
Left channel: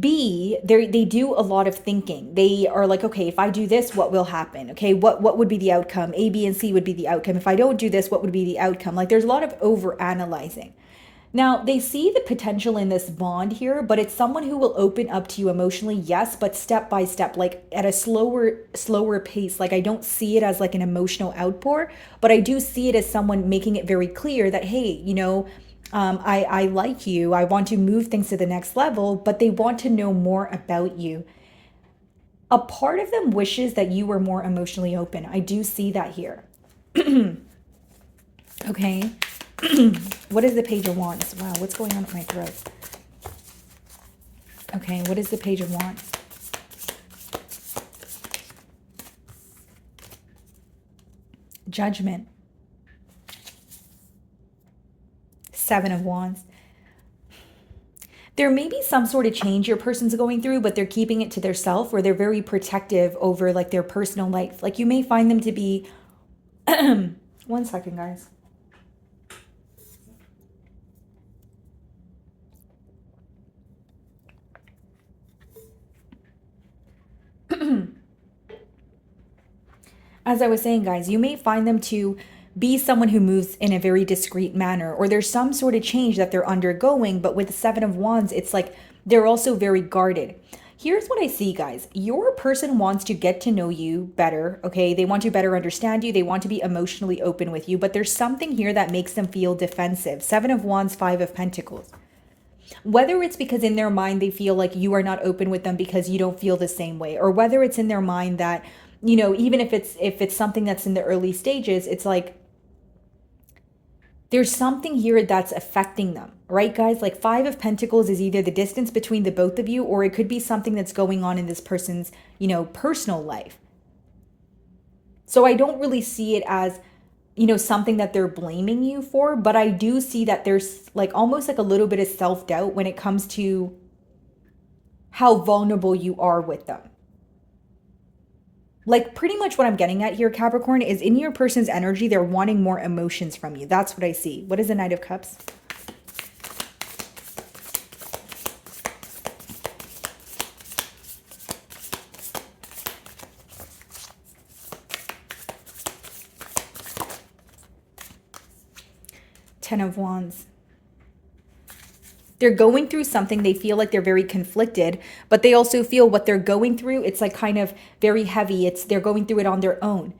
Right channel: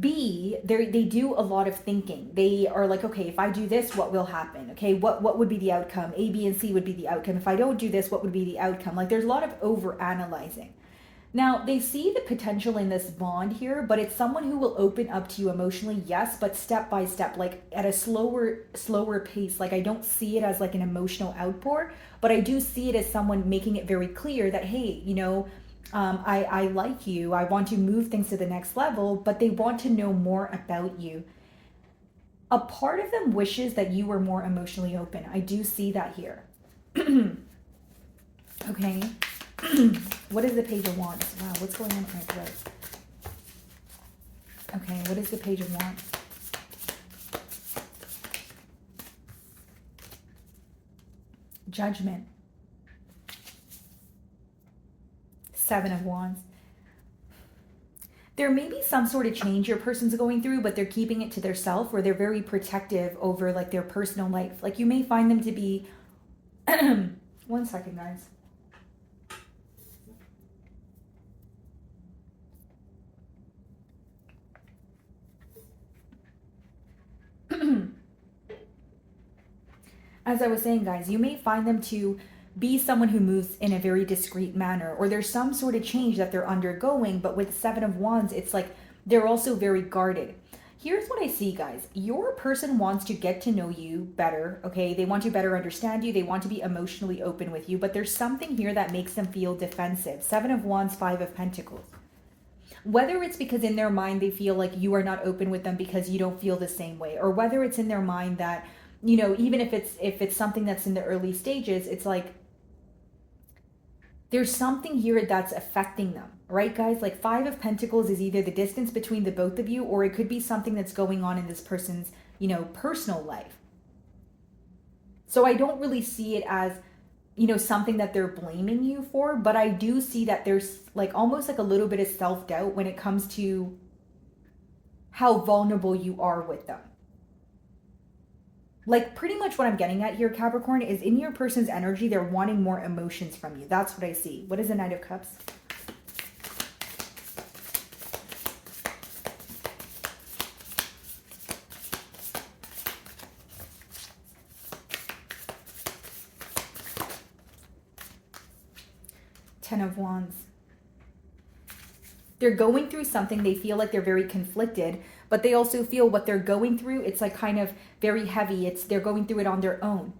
B, they do a lot of thinking. They are like, okay, if I do this, what will happen? Okay, what would be the outcome? A, B, and C would be the outcome. If I don't do this, what would be the outcome? Like there's a lot of over analyzing. Now, they see the potential in this bond here, but it's someone who will open up to you emotionally, yes, but step by step, like at a slower pace. Like I don't see it as like an emotional outpour, but I do see it as someone making it very clear that, hey, you know, I like you. I want to move things to the next level, but they want to know more about you. A part of them wishes that you were more emotionally open. I do see that here. Okay. What is the Page of Wands? Wow, what's going on with my throat? Okay, what is the Page of Wands? Judgment. Seven of Wands. There may be some sort of change your person's going through, but they're keeping it to themselves, or they're very protective over like their personal life. Like you may find them to be... One second, guys. As I was saying, guys, you may find them to be someone who moves in a very discreet manner, or there's some sort of change that they're undergoing, but with the Seven of Wands, it's like they're also very guarded. Here's what I see, guys. Your person wants to get to know you better, okay? They want to better understand you. They want to be emotionally open with you, but there's something here that makes them feel defensive. Seven of Wands, Five of Pentacles. Whether it's because in their mind they feel like you are not open with them because you don't feel the same way, or whether it's in their mind that, you know, even if it's something that's in the early stages, it's like there's something here that's affecting them, right, guys? Like Five of Pentacles is either the distance between the both of you, or it could be something that's going on in this person's, you know, personal life. So I don't really see it as, you know, something that they're blaming you for, but I do see that there's like almost like a little bit of self-doubt when it comes to how vulnerable you are with them. Like pretty much what I'm getting at here, Capricorn, is in your person's energy, they're wanting more emotions from you. That's what I see. What is the Knight of Cups? Ten of Wands. They're going through something. They feel like they're very conflicted, but they also feel what they're going through, it's like kind of very heavy. They're going through it on their own.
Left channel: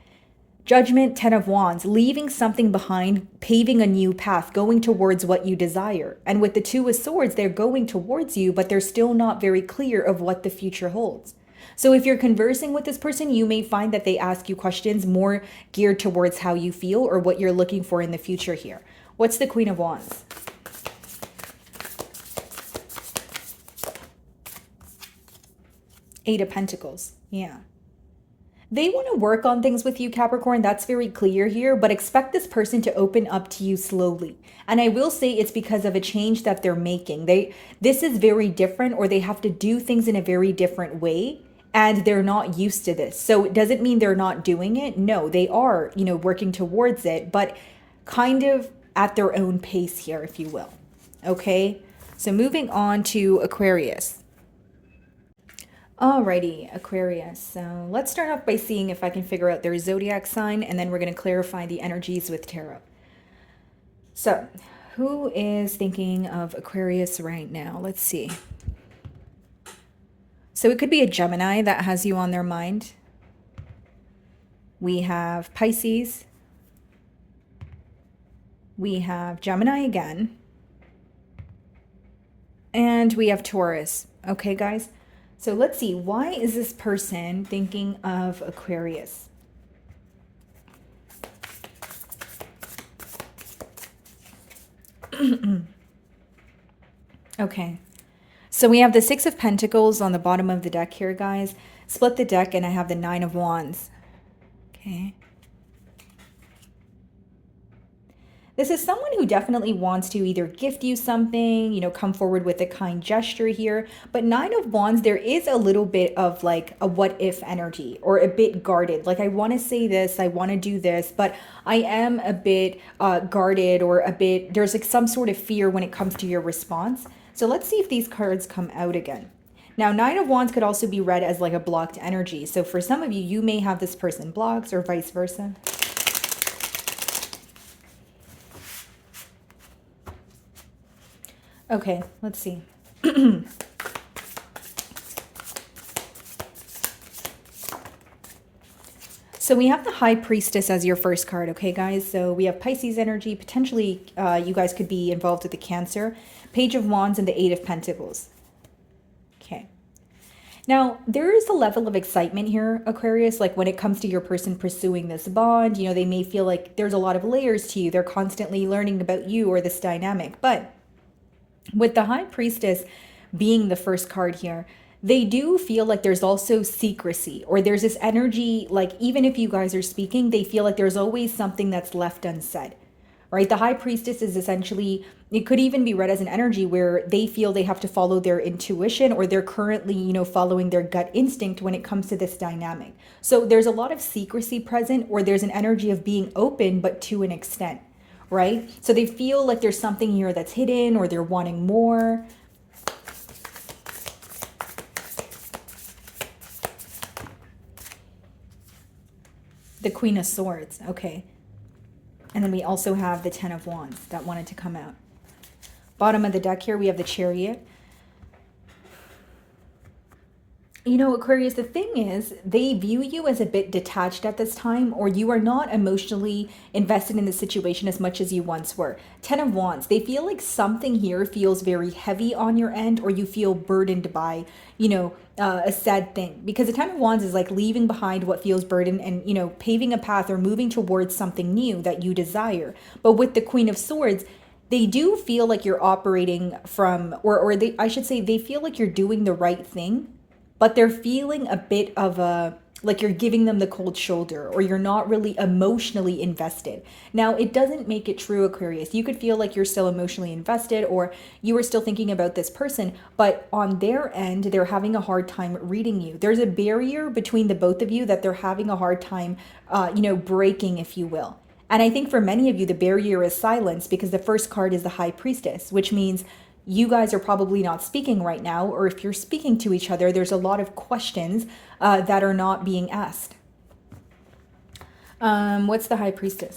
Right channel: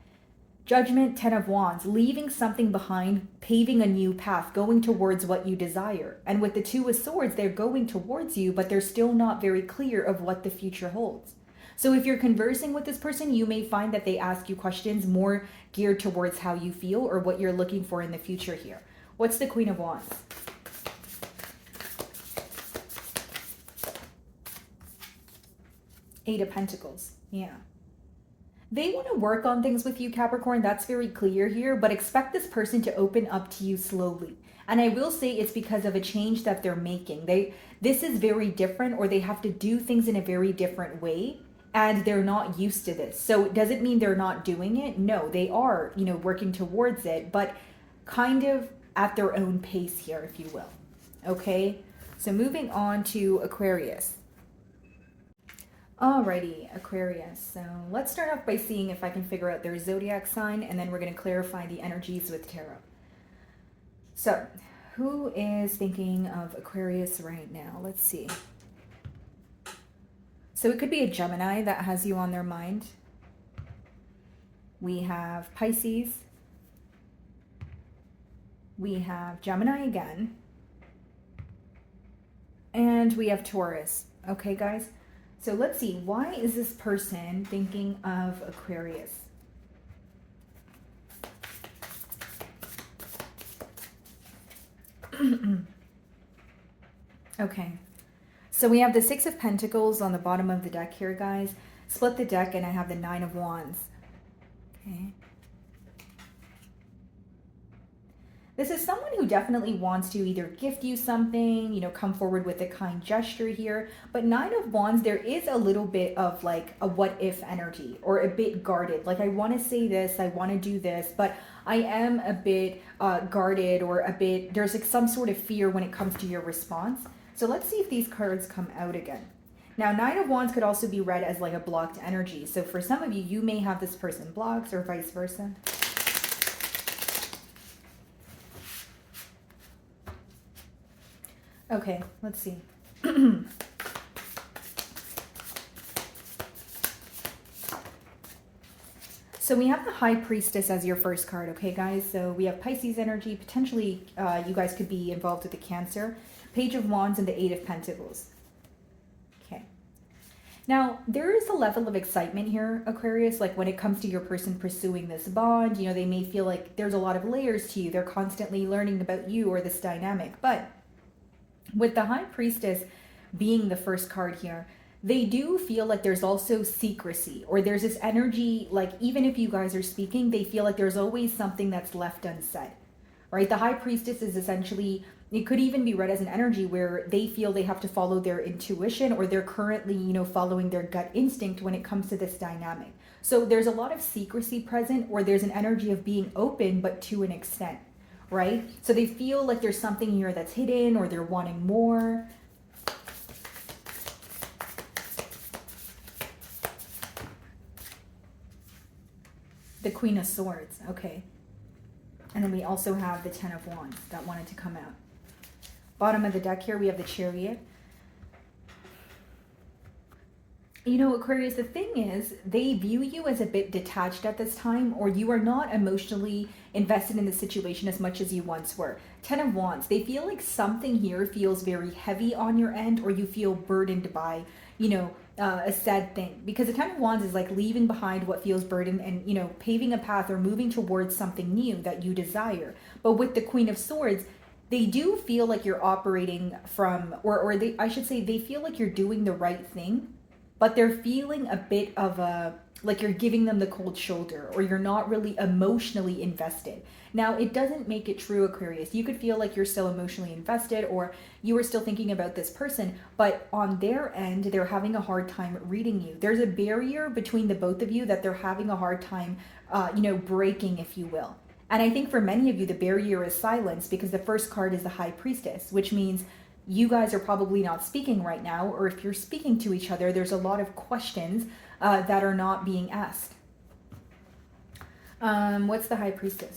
Judgment, Ten of Wands, leaving something behind, paving a new path, going towards what you desire. And with the Two of Swords, they're going towards you, but they're still not very clear of what the future holds. So if you're conversing with this person, you may find that they ask you questions more geared towards how you feel or what you're looking for in the future here. What's the Queen of Wands? Eight of Pentacles. Yeah. They want to work on things with you, Capricorn. That's very clear here, but expect this person to open up to you slowly. And I will say it's because of a change that they're making. This is very different, or they have to do things in a very different way, and they're not used to this. So it doesn't mean they're not doing it. No, they are, working towards it, but kind of at their own pace here, if you will. Okay? So moving on to Aquarius. Alrighty, Aquarius. So let's start off by seeing if I can figure out their zodiac sign, and then we're going to clarify the energies with tarot. So, who is thinking of Aquarius right now? Let's see. So it could be a Gemini that has you on their mind. We have Pisces. We have Gemini again. And we have Taurus. Okay, guys? So let's see, why is this person thinking of Aquarius? Okay, so we have the Six of Pentacles on the bottom of the deck here, guys. Split the deck and I have the Nine of Wands. Okay. This is someone who definitely wants to either gift you something, come forward with a kind gesture here. But Nine of Wands, there is a little bit of like a what if energy, or a bit guarded. Like, I want to say this, I want to do this, but I am a bit guarded, or a bit, there's like some sort of fear when it comes to your response. So let's see if these cards come out again. Now, Nine of Wands could also be read as like a blocked energy. So for some of you, you may have this person blocked, or vice versa. Okay, let's see. So we have the High Priestess as your first card, okay, guys? So we have Pisces energy. Potentially, you guys could be involved with the Cancer. Page of Wands and the Eight of Pentacles. Okay. Now, there is a level of excitement here, Aquarius, like when it comes to your person pursuing this bond. They may feel like there's a lot of layers to you. They're constantly learning about you or this dynamic, but with the High Priestess being the first card here, they do feel like there's also secrecy, or there's this energy, like even if you guys are speaking, they feel like there's always something that's left unsaid, right? The High Priestess is essentially, it could even be read as an energy where they feel they have to follow their intuition, or they're currently, following their gut instinct when it comes to this dynamic. So there's a lot of secrecy present, or there's an energy of being open, but to an extent. Right? So they feel like there's something here that's hidden, or they're wanting more. The Queen of Swords. Okay. And then we also have the Ten of Wands that wanted to come out. Bottom of the deck here, we have the Chariot. Aquarius, the thing is, they view you as a bit detached at this time, or you are not emotionally invested in the situation as much as you once were. Ten of Wands, they feel like something here feels very heavy on your end, or you feel burdened by, a sad thing. Because the Ten of Wands is like leaving behind what feels burdened and, paving a path or moving towards something new that you desire. But with the Queen of Swords, they do feel like you're operating from, I should say, they feel like you're doing the right thing, but they're feeling a bit of like you're giving them the cold shoulder, or you're not really emotionally invested. Now, it doesn't make it true, Aquarius. You could feel like you're still emotionally invested, or you are still thinking about this person, but on their end, they're having a hard time reading you. There's a barrier between the both of you that they're having a hard time, breaking, if you will. And I think for many of you, the barrier is silence, because the first card is the High Priestess, which means you guys are probably not speaking right now, or if you're speaking to each other, there's a lot of questions that are not being asked. What's the High Priestess?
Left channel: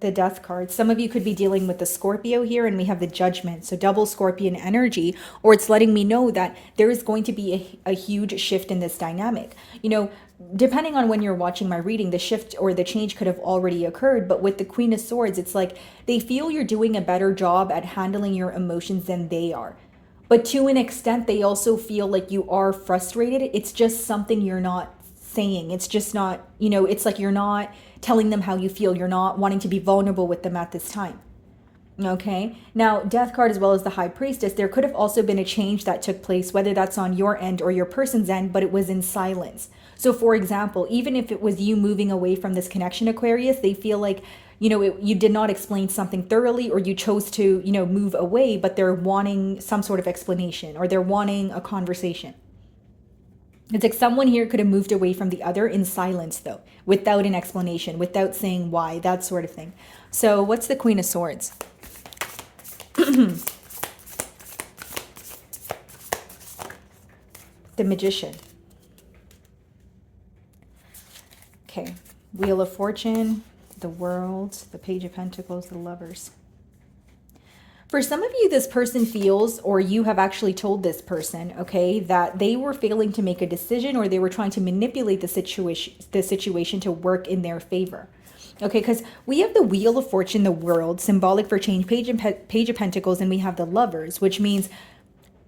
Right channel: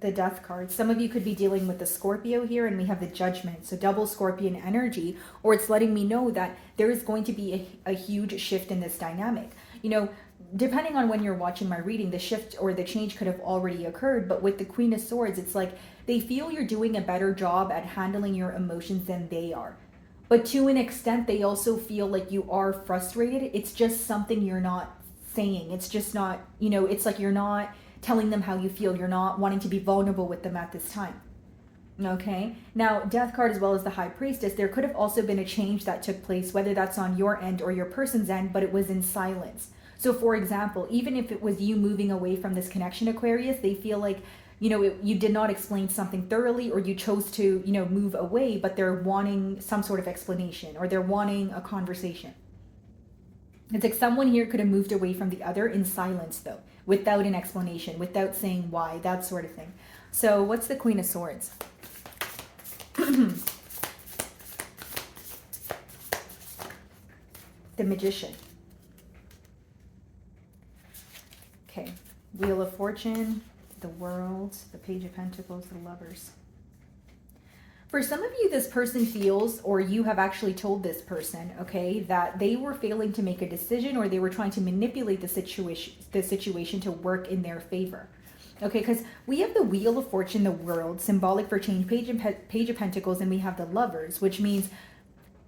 The Death card. Some of you could be dealing with the Scorpio here, and we have the Judgment. So double Scorpion energy, or it's letting me know that there is going to be a huge shift in this dynamic. Depending on when you're watching my reading, the shift or the change could have already occurred. But with the Queen of Swords, it's like they feel you're doing a better job at handling your emotions than they are. But to an extent, they also feel like you are frustrated. It's just something you're not saying. It's just not, it's like you're not telling them how you feel. You're not wanting to be vulnerable with them at this time. Okay. Now, death card as well as the high priestess, there could have also been a change that took place, whether that's on your end or your person's end, but it was in silence. So, for example, even if it was you moving away from this connection, Aquarius, they feel like, you did not explain something thoroughly, or you chose to, move away, but they're wanting some sort of explanation, or they're wanting a conversation. It's like someone here could have moved away from the other in silence, though, without an explanation, without saying why, that sort of thing. So, what's the Queen of Swords? The Magician. Okay. Wheel of Fortune, the World, the Page of Pentacles, the Lovers. For some of you, this person feels, or you have actually told this person, okay, that they were failing to make a decision, or they were trying to manipulate the situation to work in their favor. Okay, because we have the Wheel of Fortune, the World, symbolic for change, Page of Pentacles, and we have the Lovers, which means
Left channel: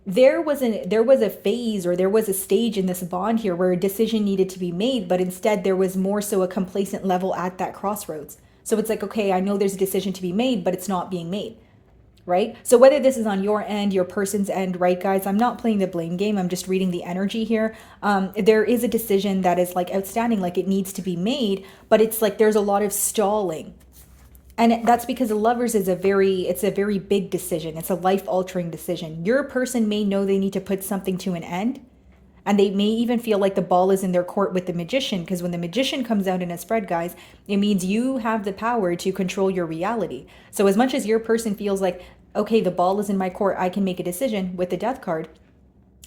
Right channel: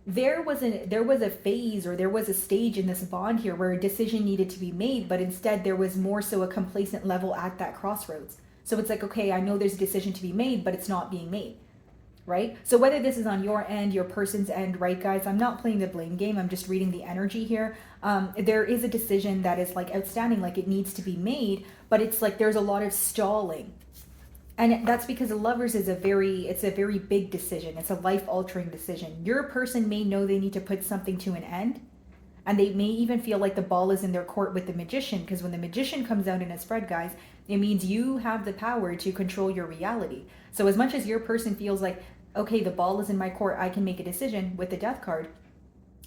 there was a phase, or there was a stage in this bond here where a decision needed to be made, but instead there was more so a complacent level at that crossroads. So it's like, okay, I know there's a decision to be made, but it's not being made. Right? So whether this is on your end, your person's end, right, guys, I'm not playing the blame game. I'm just reading the energy here. There is a decision that is like outstanding, like it needs to be made, but it's like there's a lot of stalling. And that's because the Lovers is it's a very big decision. It's a life-altering decision. Your person may know they need to put something to an end, and they may even feel like the ball is in their court with the Magician, because when the Magician comes out in a spread, guys, it means you have the power to control your reality. So as much as your person feels like, okay, the ball is in my court, I can make a decision with the Death card,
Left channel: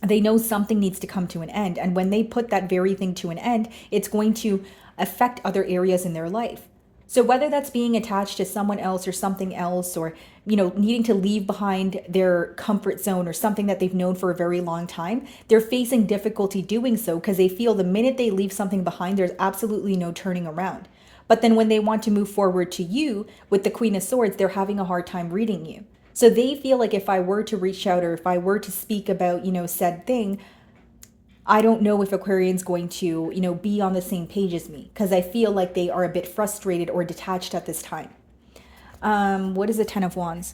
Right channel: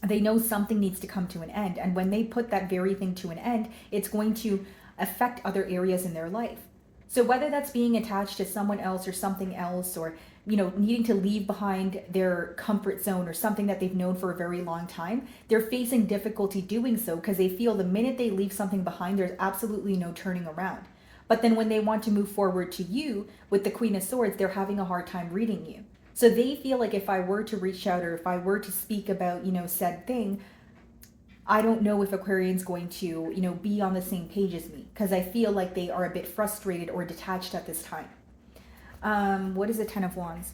they know something needs to come to an end. And when they put that very thing to an end, it's going to affect other areas in their life. So whether that's being attached to someone else or something else, or, needing to leave behind their comfort zone or something that they've known for a very long time, they're facing difficulty doing so because they feel the minute they leave something behind, there's absolutely no turning around. But then when they want to move forward to you with the Queen of Swords, they're having a hard time reading you. So they feel like if I were to reach out, or if I were to speak about, said thing, I don't know if Aquarian's going to, be on the same page as me, because I feel like they are a bit frustrated or detached at this time. What is the Ten of Wands?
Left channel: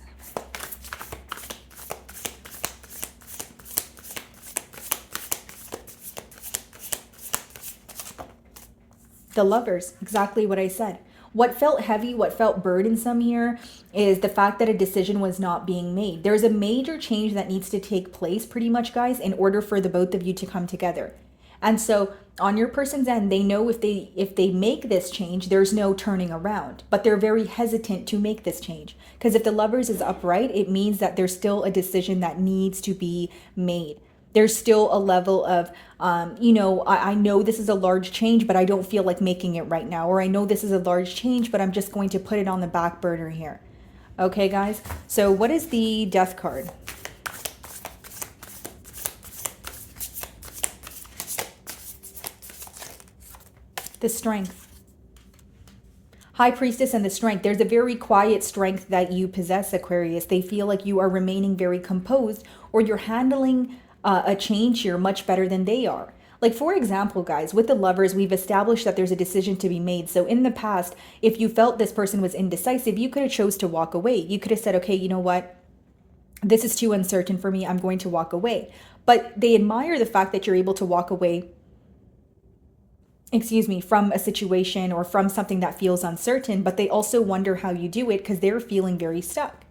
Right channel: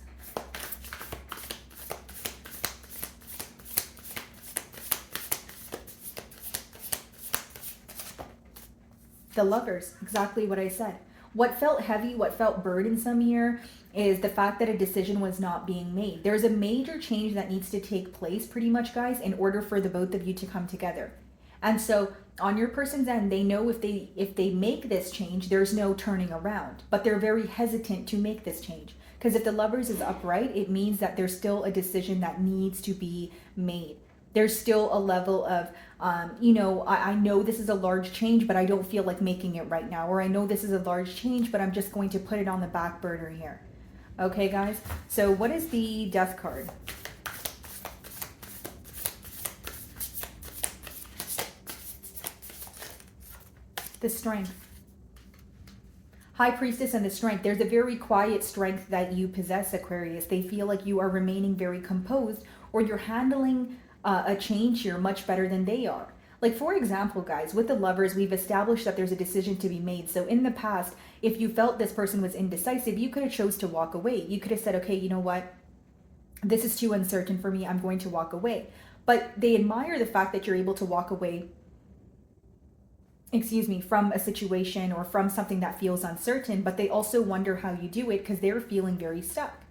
The Lovers, exactly what I said. What felt heavy, what felt burdensome here is the fact that a decision was not being made. There's a major change that needs to take place, pretty much, guys, in order for the both of you to come together. And so on your person's end, they know if they make this change, there's no turning around, but they're very hesitant to make this change. Because if the Lovers is upright, it means that there's still a decision that needs to be made. There's still a level of, I know this is a large change, but I don't feel like making it right now. Or I know this is a large change, but I'm just going to put it on the back burner here. Okay, guys? So what is the Death card? The Strength. High Priestess and the Strength. There's a very quiet strength that you possess, Aquarius. They feel like you are remaining very composed, or you're handling a change here much better than they are. Like, for example, guys, with the Lovers, we've established that there's a decision to be made. So in the past, if you felt this person was indecisive, you could have chose to walk away. You could have said, okay, you know what? This is too uncertain for me. I'm going to walk away. But they admire the fact that you're able to walk away, from a situation or from something that feels uncertain, but they also wonder how you do it because they're feeling very stuck.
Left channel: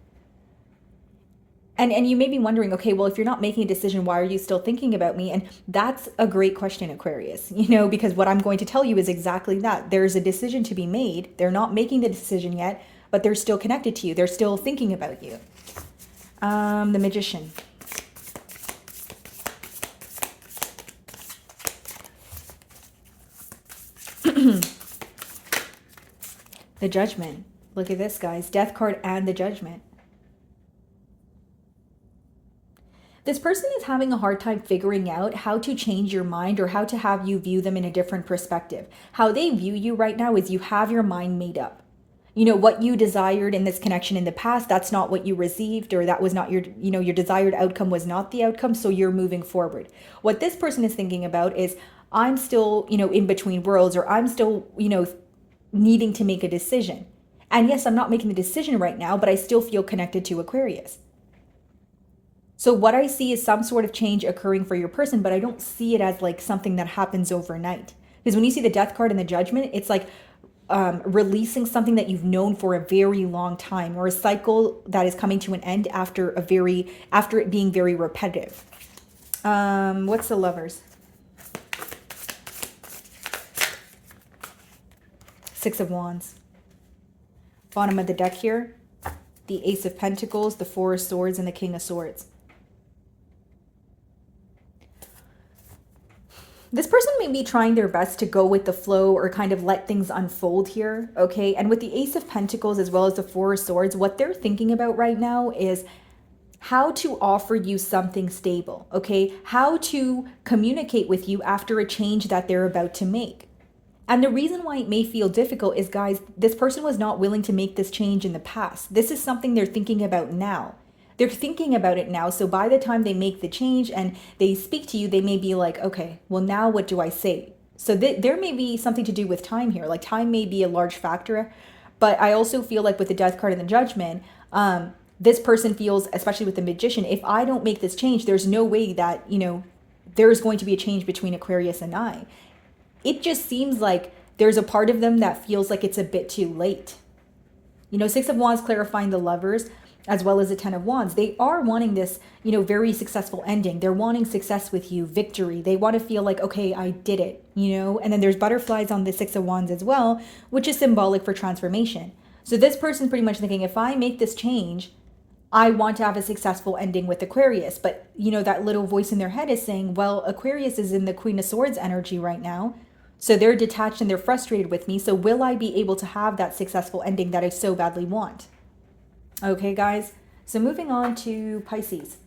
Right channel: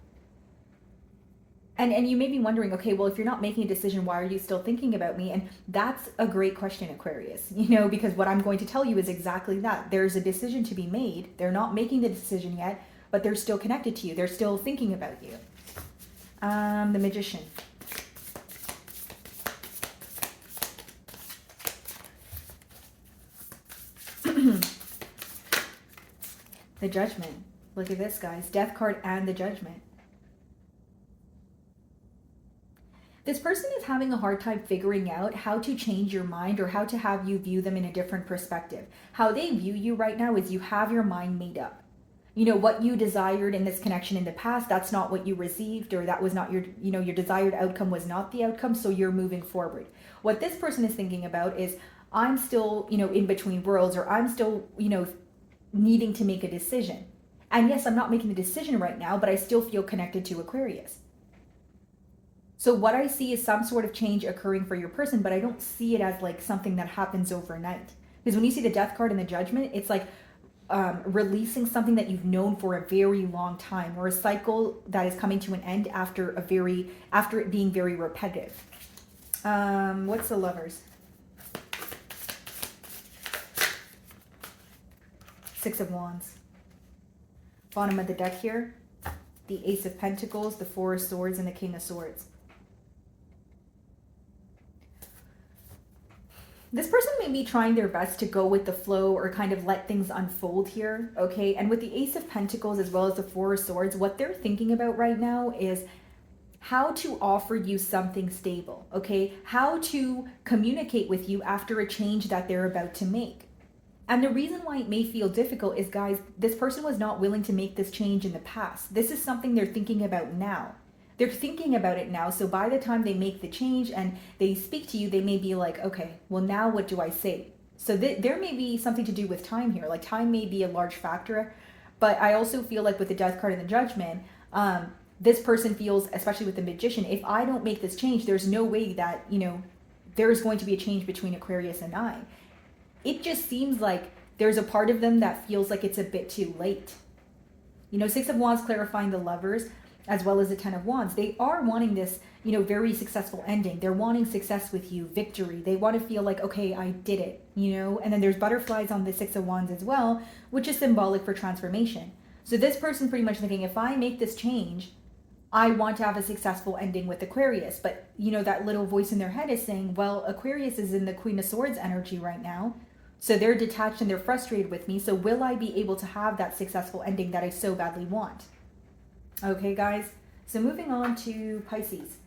And you may be wondering, okay, well, if you're not making a decision, why are you still thinking about me? And that's a great question, Aquarius, because what I'm going to tell you is exactly that. There's a decision to be made. They're not making the decision yet, but they're still connected to you. They're still thinking about you. The Magician. The Judgment. Look at this, guys. Death card and the Judgment. This person is having a hard time figuring out how to change your mind, or how to have you view them in a different perspective. How they view you right now is you have your mind made up. What you desired in this connection in the past, that's not what you received, or that was not your desired outcome was not the outcome, so you're moving forward. What this person is thinking about is, I'm still, in between worlds, or I'm still, needing to make a decision. And yes, I'm not making the decision right now, but I still feel connected to Aquarius. So what I see is some sort of change occurring for your person, but I don't see it as like something that happens overnight. Because when you see the Death card and the Judgment, it's like releasing something that you've known for a very long time, or a cycle that is coming to an end after it being very repetitive. What's the Lovers? Six of Wands. Bottom of the deck here, the Ace of Pentacles, the Four of Swords, and the King of Swords. This person may be trying their best to go with the flow or kind of let things unfold here, okay? And with the Ace of Pentacles as well as the Four of Swords, what they're thinking about right now is how to offer you something stable, okay? How to communicate with you after a change that they're about to make. And the reason why it may feel difficult is, guys, this person was not willing to make this change in the past. This is something they're thinking about now. They're thinking about it now. So by the time they make the change and they speak to you, they may be like, okay, well, now what do I say? So there may be something to do with time here. Like time may be a large factor. But I also feel like with the Death card and the Judgment, this person feels, especially with the Magician, if I don't make this change, there's no way that, you know, there's going to be a change between Aquarius and I. It just seems like there's a part of them that feels like it's a bit too late. You know, Six of Wands clarifying the Lovers, as well as the Ten of Wands. They are wanting this, you know, very successful ending. They're wanting success with you, victory. They want to feel like, okay, I did it, you know? And then there's butterflies on the Six of Wands as well, which is symbolic for transformation. So this person's pretty much thinking, if I make this change, I want to have a successful ending with Aquarius. But, you know, that little voice in their head is saying, well, Aquarius is in the Queen of Swords energy right now. So they're detached and they're frustrated with me. So will I be able to have that successful ending that I so badly want? Okay, guys. So moving on to Pisces.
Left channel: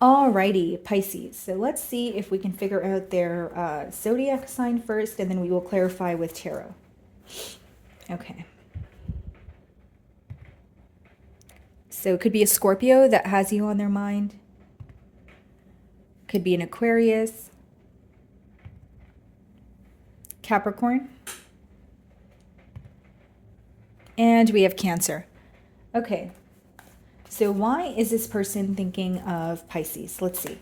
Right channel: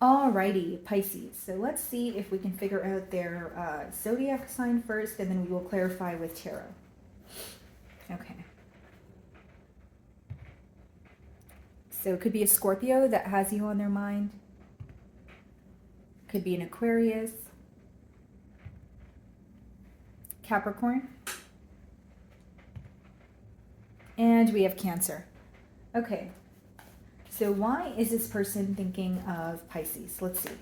Alrighty, Pisces. So let's see if we can figure out their zodiac sign first, and then we will clarify with tarot. Okay. So it could be a Scorpio that has you on their mind. Could be an Aquarius. Capricorn. And we have Cancer. Okay. So why is this person thinking of Pisces? Let's see.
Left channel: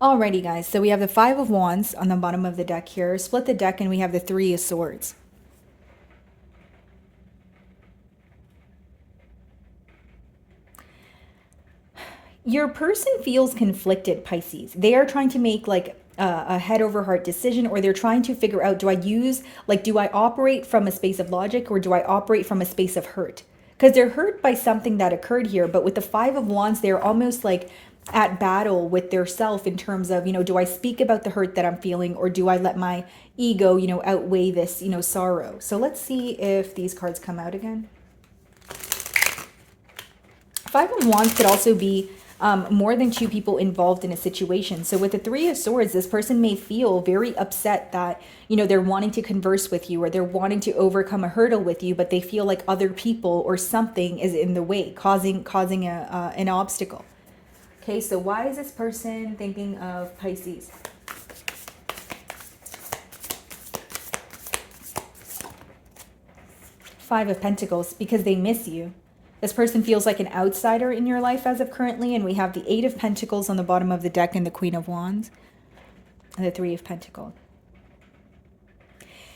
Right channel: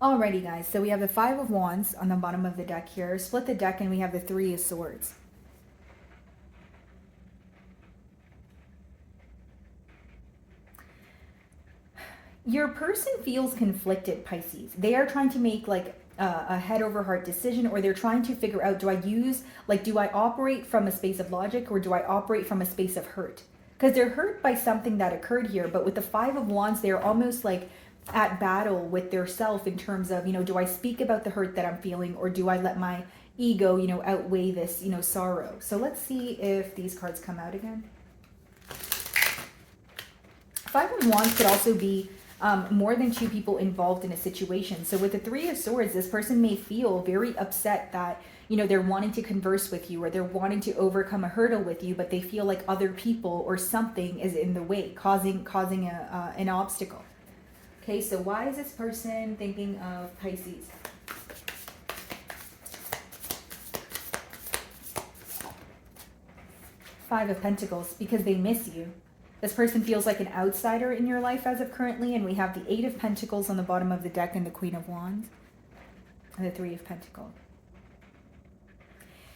Alrighty, guys. So we have the Five of Wands on the bottom of the deck here. Split the deck and we have the Three of Swords. Your person feels conflicted, Pisces. They are trying to make like a head over heart decision, or they're trying to figure out, do I operate from a space of logic, or do I operate from a space of hurt? Because they're hurt by something that occurred here. But with the Five of Wands, they're almost like at battle with their self in terms of, you know, do I speak about the hurt that I'm feeling, or do I let my ego, you know, outweigh this, you know, sorrow? So let's see if these cards come out again. Five of Wands could also be more than two people involved in a situation. So with the Three of Swords, this person may feel very upset that, you know, they're wanting to converse with you, or they're wanting to overcome a hurdle with you, but they feel like other people or something is in the way, causing an obstacle. Okay, so why is this person thinking of Pisces? Five of Pentacles, because they miss you. This person feels like an outsider in your life as of currently, and we have the Eight of Pentacles on the bottom of the deck and the Queen of Wands and the Three of Pentacles.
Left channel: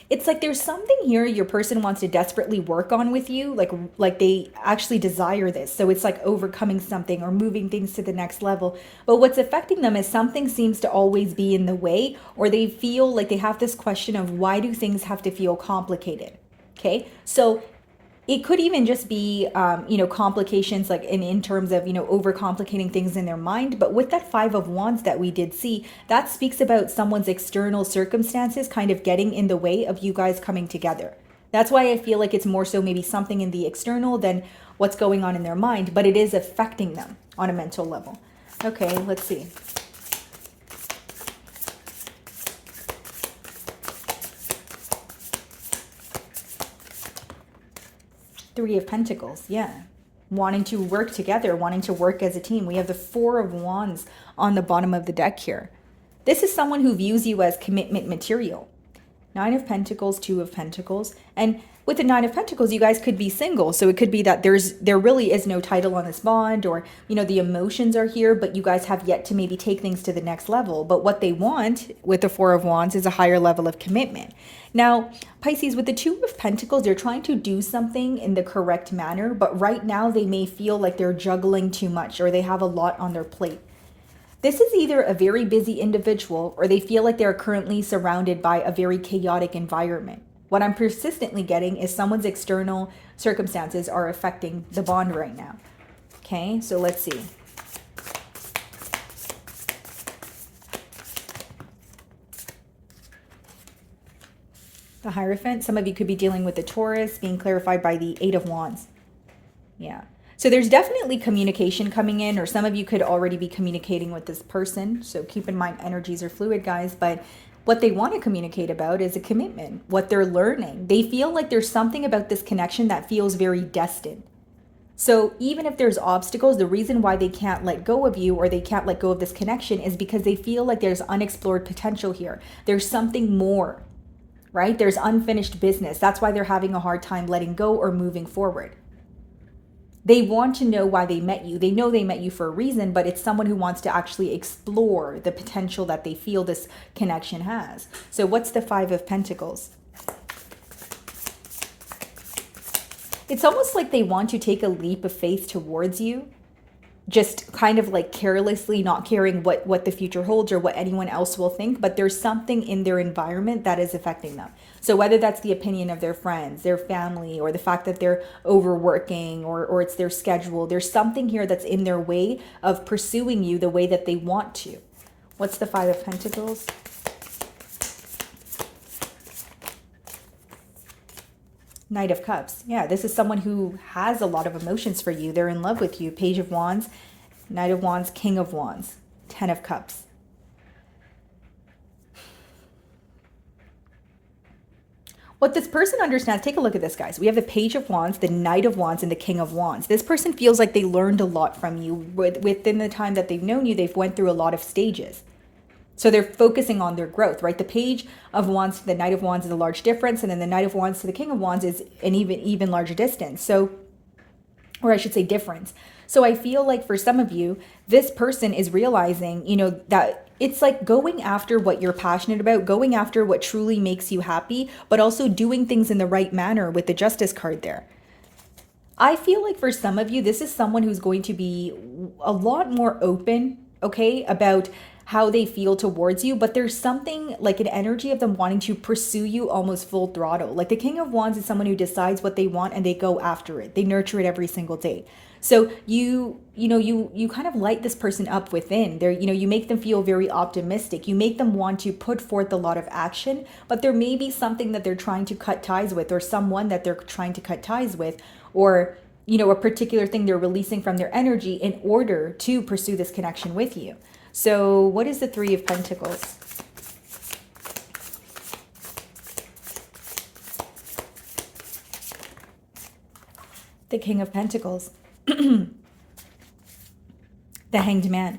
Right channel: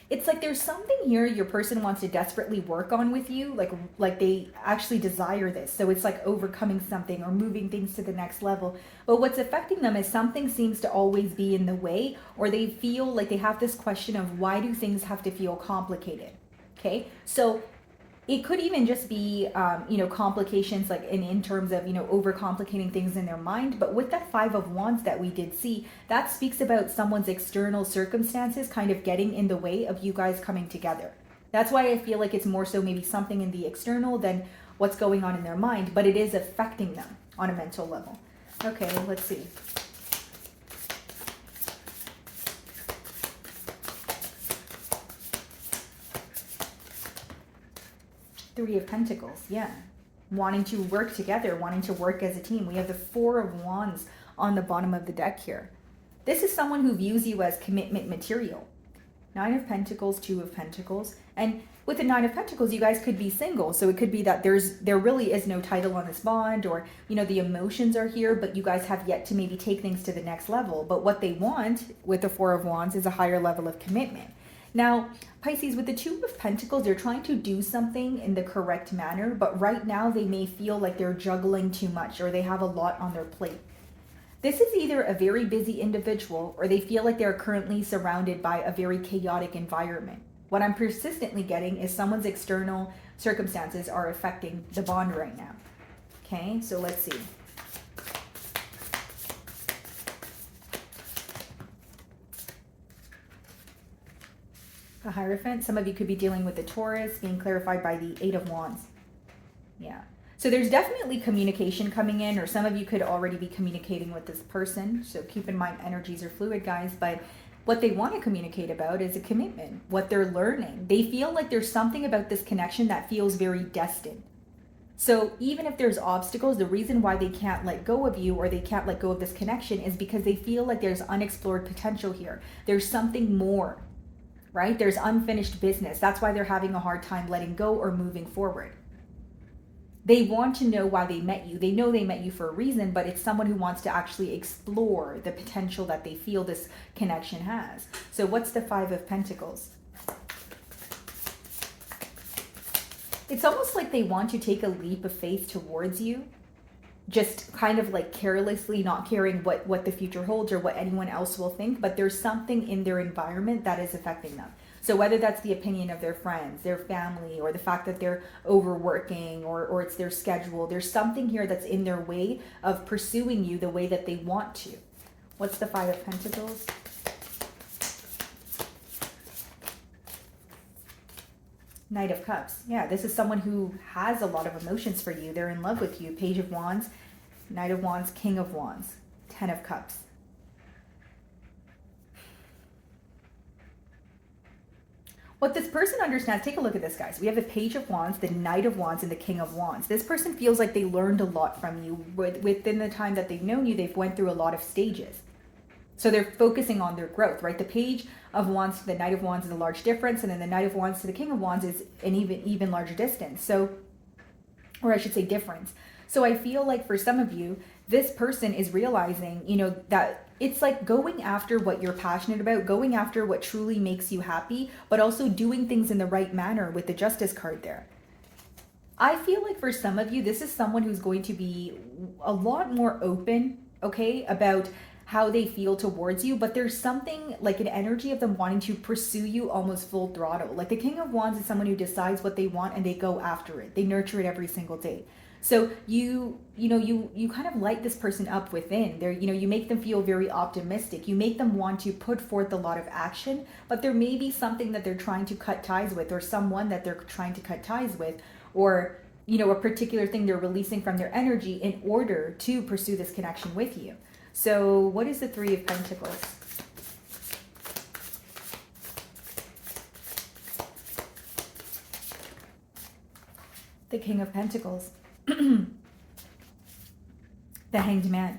It's like there's something here your person wants to desperately work on with you, like they actually desire this. So it's like overcoming something or moving things to the next level. But what's affecting them is something seems to always be in the way, or they feel like they have this question of, why do things have to feel complicated? Okay, so it could even just be, you know, complications like in terms of, you know, overcomplicating things in their mind. But with that Five of Wands that we did see, that speaks about someone's external circumstances kind of getting in the way of you guys coming together. That's why I feel like it's more so maybe something in the external than what's going on in their mind, but it is affecting them on a mental level. Okay, let's see. Three of Pentacles, yeah. Wanting to work together, wanting to work as a team. We have the Four of Wands on the bottom of the deck here. This is someone who views you as commitment material. Nine of Pentacles, Two of Pentacles. And with the Nine of Pentacles, you guys could be single. So it could be that there really is no title on this bond, or, you know, the emotions are here, but you guys have yet to maybe take things to the next level. But what they want with the Four of Wands is a higher level of commitment. Now, Pisces, with the Two of Pentacles, they're trying to do something in the correct manner, but right now they may feel like they're juggling too much, or they have a lot on their plate. This is either a very busy individual, or they feel like they're currently surrounded by a very chaotic environment. What I'm persistently getting is someone's external circumstances are affecting the bond right now. Okay, so let's see. The Hierophant, some of you could be dealing with the Taurus, being clarified by the Eight of Wands. Yeah. So there's definitely communication coming in, or some of you could already be communicating with this person. So keep in mind, energies are fluid, guys. But what they want to communicate about is a commitment, what they're learning. They feel like there's something about this connection that feels very destined. So even if there's obstacles, the reason why they can't let go of you, or they can't let go of this connection, is because they feel like there's unexplored potential here. There's something more. Right? There's unfinished business. That's why they're having a hard time letting go or moving forward. They want to know why they met you. They know they met you for a reason, but it's someone who wants to actually explore the potential that they feel this connection has. So what's the Five of Pentacles? It's almost like they want to take a leap of faith towards you, just kind of like carelessly, not caring what the future holds or what anyone else will think, but there's something in their environment that is affecting them. So whether that's the opinion of their friends, their family, or the fact that they're overworking, or it's their schedule, there's something here that's in their way of pursuing you the way that they want to. What's the Five of Pentacles? Knight of Cups. Yeah, this is someone who has a lot of emotions for you. They're in love with you. Page of Wands, Knight of Wands, King of Wands, Ten of Cups. What this person understands, take a look at this, guys. We have the Page of Wands, the Knight of Wands, and the King of Wands. This person feels like they learned a lot from you. Within the time that they've known you, they've went through a lot of stages. So they're focusing on their growth, right? The Page of Wands to the Knight of Wands is a large difference, and then the Knight of Wands to the King of Wands is an even larger distance. So, or I should say difference. So I feel like for some of you, this person is realizing, you know, that it's like going after what you're passionate about, going after what truly makes you happy, but also doing things in the right manner with the Justice card there. I feel like for some of you, this is someone who's going to be a lot more open, okay, about how they feel towards you, but there's something like an energy of them wanting to pursue you almost full throttle. Like the King of Wands is someone who decides what they want and they go after it. They nurture it every single day. So you kind of light this person up within. You make them feel very optimistic. You make them want to put forth a lot of action, but there may be something that they're trying to cut ties with, or someone that they're trying to cut ties with, or a particular thing they're releasing from their energy in order to pursue this connection with you. So what is the Three of Pentacles? The King of Pentacles. The Hanged Man.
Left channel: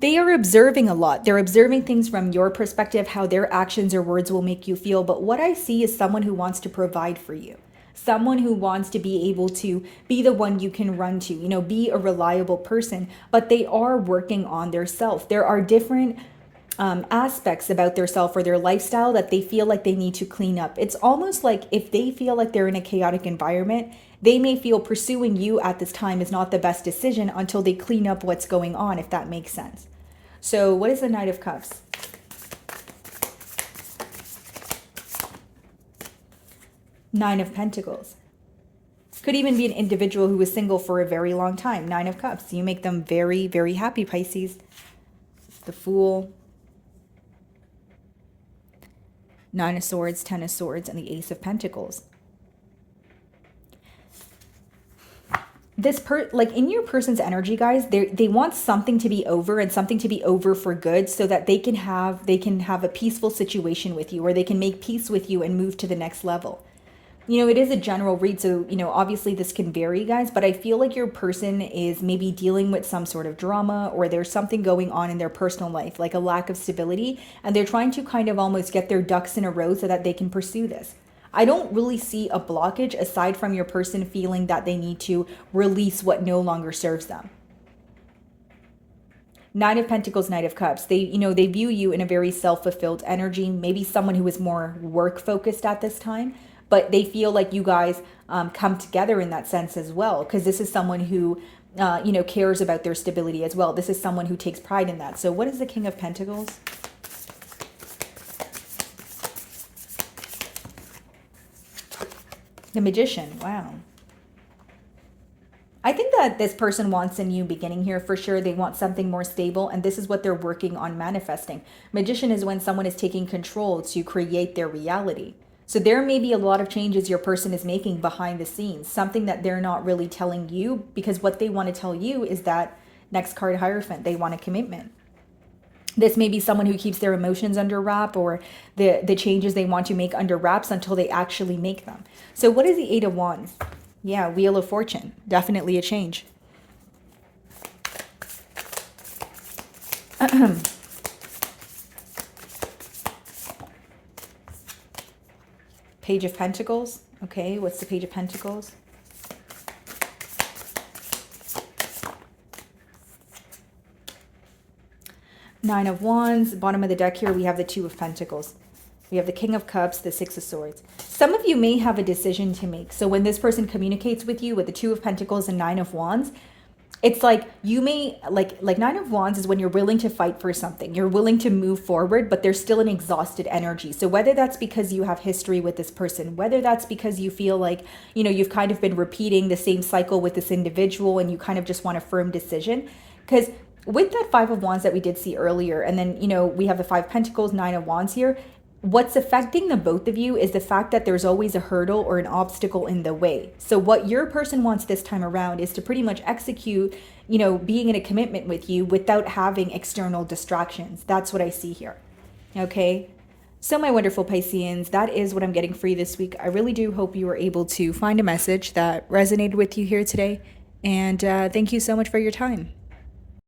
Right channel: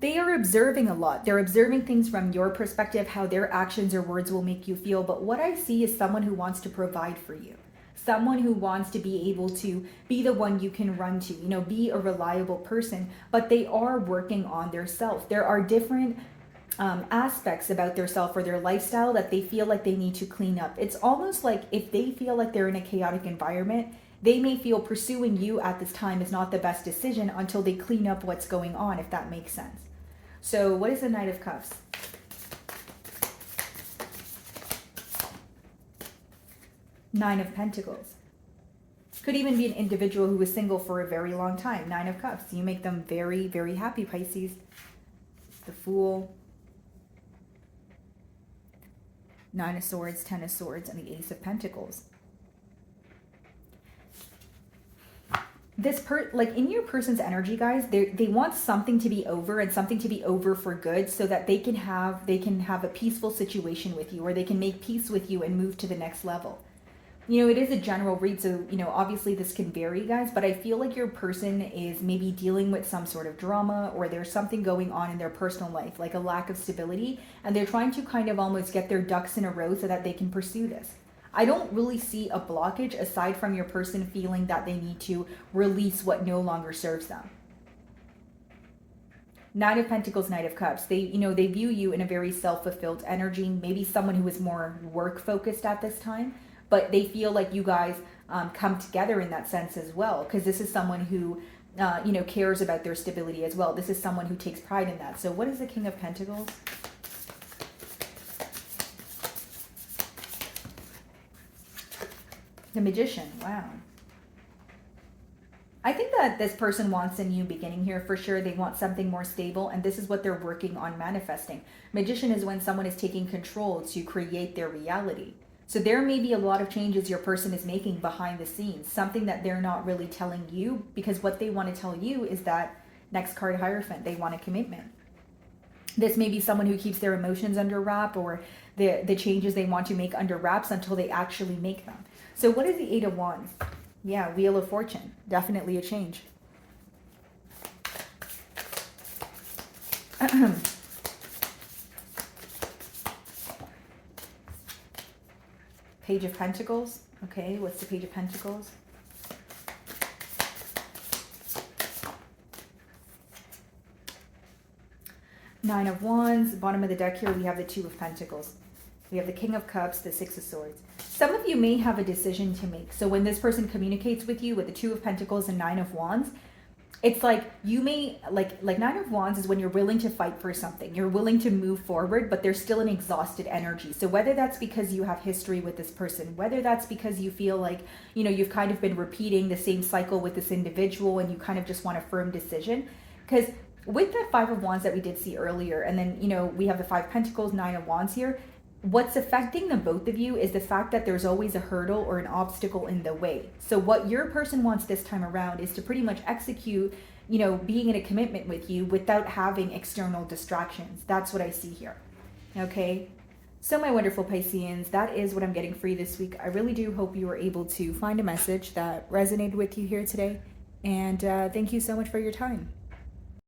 They are observing a lot. They're observing things from your perspective, how their actions or words will make you feel. But what I see is someone who wants to provide for you. Someone who wants to be able to be the one you can run to, be a reliable person, but they are working on their self. There are different aspects about their self or their lifestyle that they feel like they need to clean up. It's almost like if they feel like they're in a chaotic environment, they may feel pursuing you at this time is not the best decision until they clean up what's going on, if that makes sense. So what is the Knight of Cups? Nine of Pentacles. Could even be an individual who was single for a very long time. Nine of Cups. You make them very, very happy, Pisces. The Fool. Nine of Swords, Ten of Swords, and the Ace of Pentacles. Like in your person's energy, guys, they want something to be over, and something to be over for good, so that they can have a peaceful situation with you, or they can make peace with you and move to the next level. you know, it is a general read, so, you know, obviously this can vary, guys, but I feel like your person is maybe dealing with some sort of drama, or there's something going on in their personal life, like a lack of stability, and they're trying to kind of almost get their ducks in a row so that they can pursue this. I don't really see a blockage aside from your person feeling that they need to release what no longer serves them. Nine of Pentacles, Knight of Cups. They, you know, they view you in a very self-fulfilled energy, maybe someone who is more work focused at this time, but they feel like you guys come together in that sense as well, because this is someone who, you know, cares about their stability as well. This is someone who takes pride in that. So what is the King of Pentacles? The Magician. Wow. I think that this person wants a new beginning here for sure. They want something more stable, and this is what they're working on manifesting. Magician is when someone is taking control to create their reality. So there may be a lot of changes your person is making behind the scenes, something that they're not really telling you, because what they want to tell you is that next card, Hierophant, they want a commitment. This may be someone who keeps their emotions under wrap, or the changes they want to make under wraps until they actually make them. So what is the Eight of Wands? Yeah, Wheel of Fortune. Definitely a change. Page of Pentacles. Okay, what's the Page of Pentacles? Nine of Wands. Bottom of the deck here, we have the Two of Pentacles. We have the King of Cups, the Six of Swords. Some of you may have a decision to make. So when this person communicates with you with the Two of Pentacles and Nine of Wands, it's like you may, like Nine of Wands is when you're willing to fight for something. You're willing to move forward, but there's still an exhausted energy. So whether that's because you have history with this person, whether that's because you feel like, you know, you've kind of been repeating the same cycle with this individual and you kind of just want a firm decision. Because with that Five of Wands that we did see earlier, and then, you know, we have the Five of Pentacles, Nine of Wands here, what's affecting the both of you is the fact that there's always a hurdle or an obstacle in the way. So what your person wants this time around is to pretty much execute, you know, being in a commitment with you without having external distractions. That's what I see here. Okay. So my wonderful Pisceans, that is what I'm getting for you this week. I really do hope you were able to find a message that resonated with you here today. And thank you so much for your time.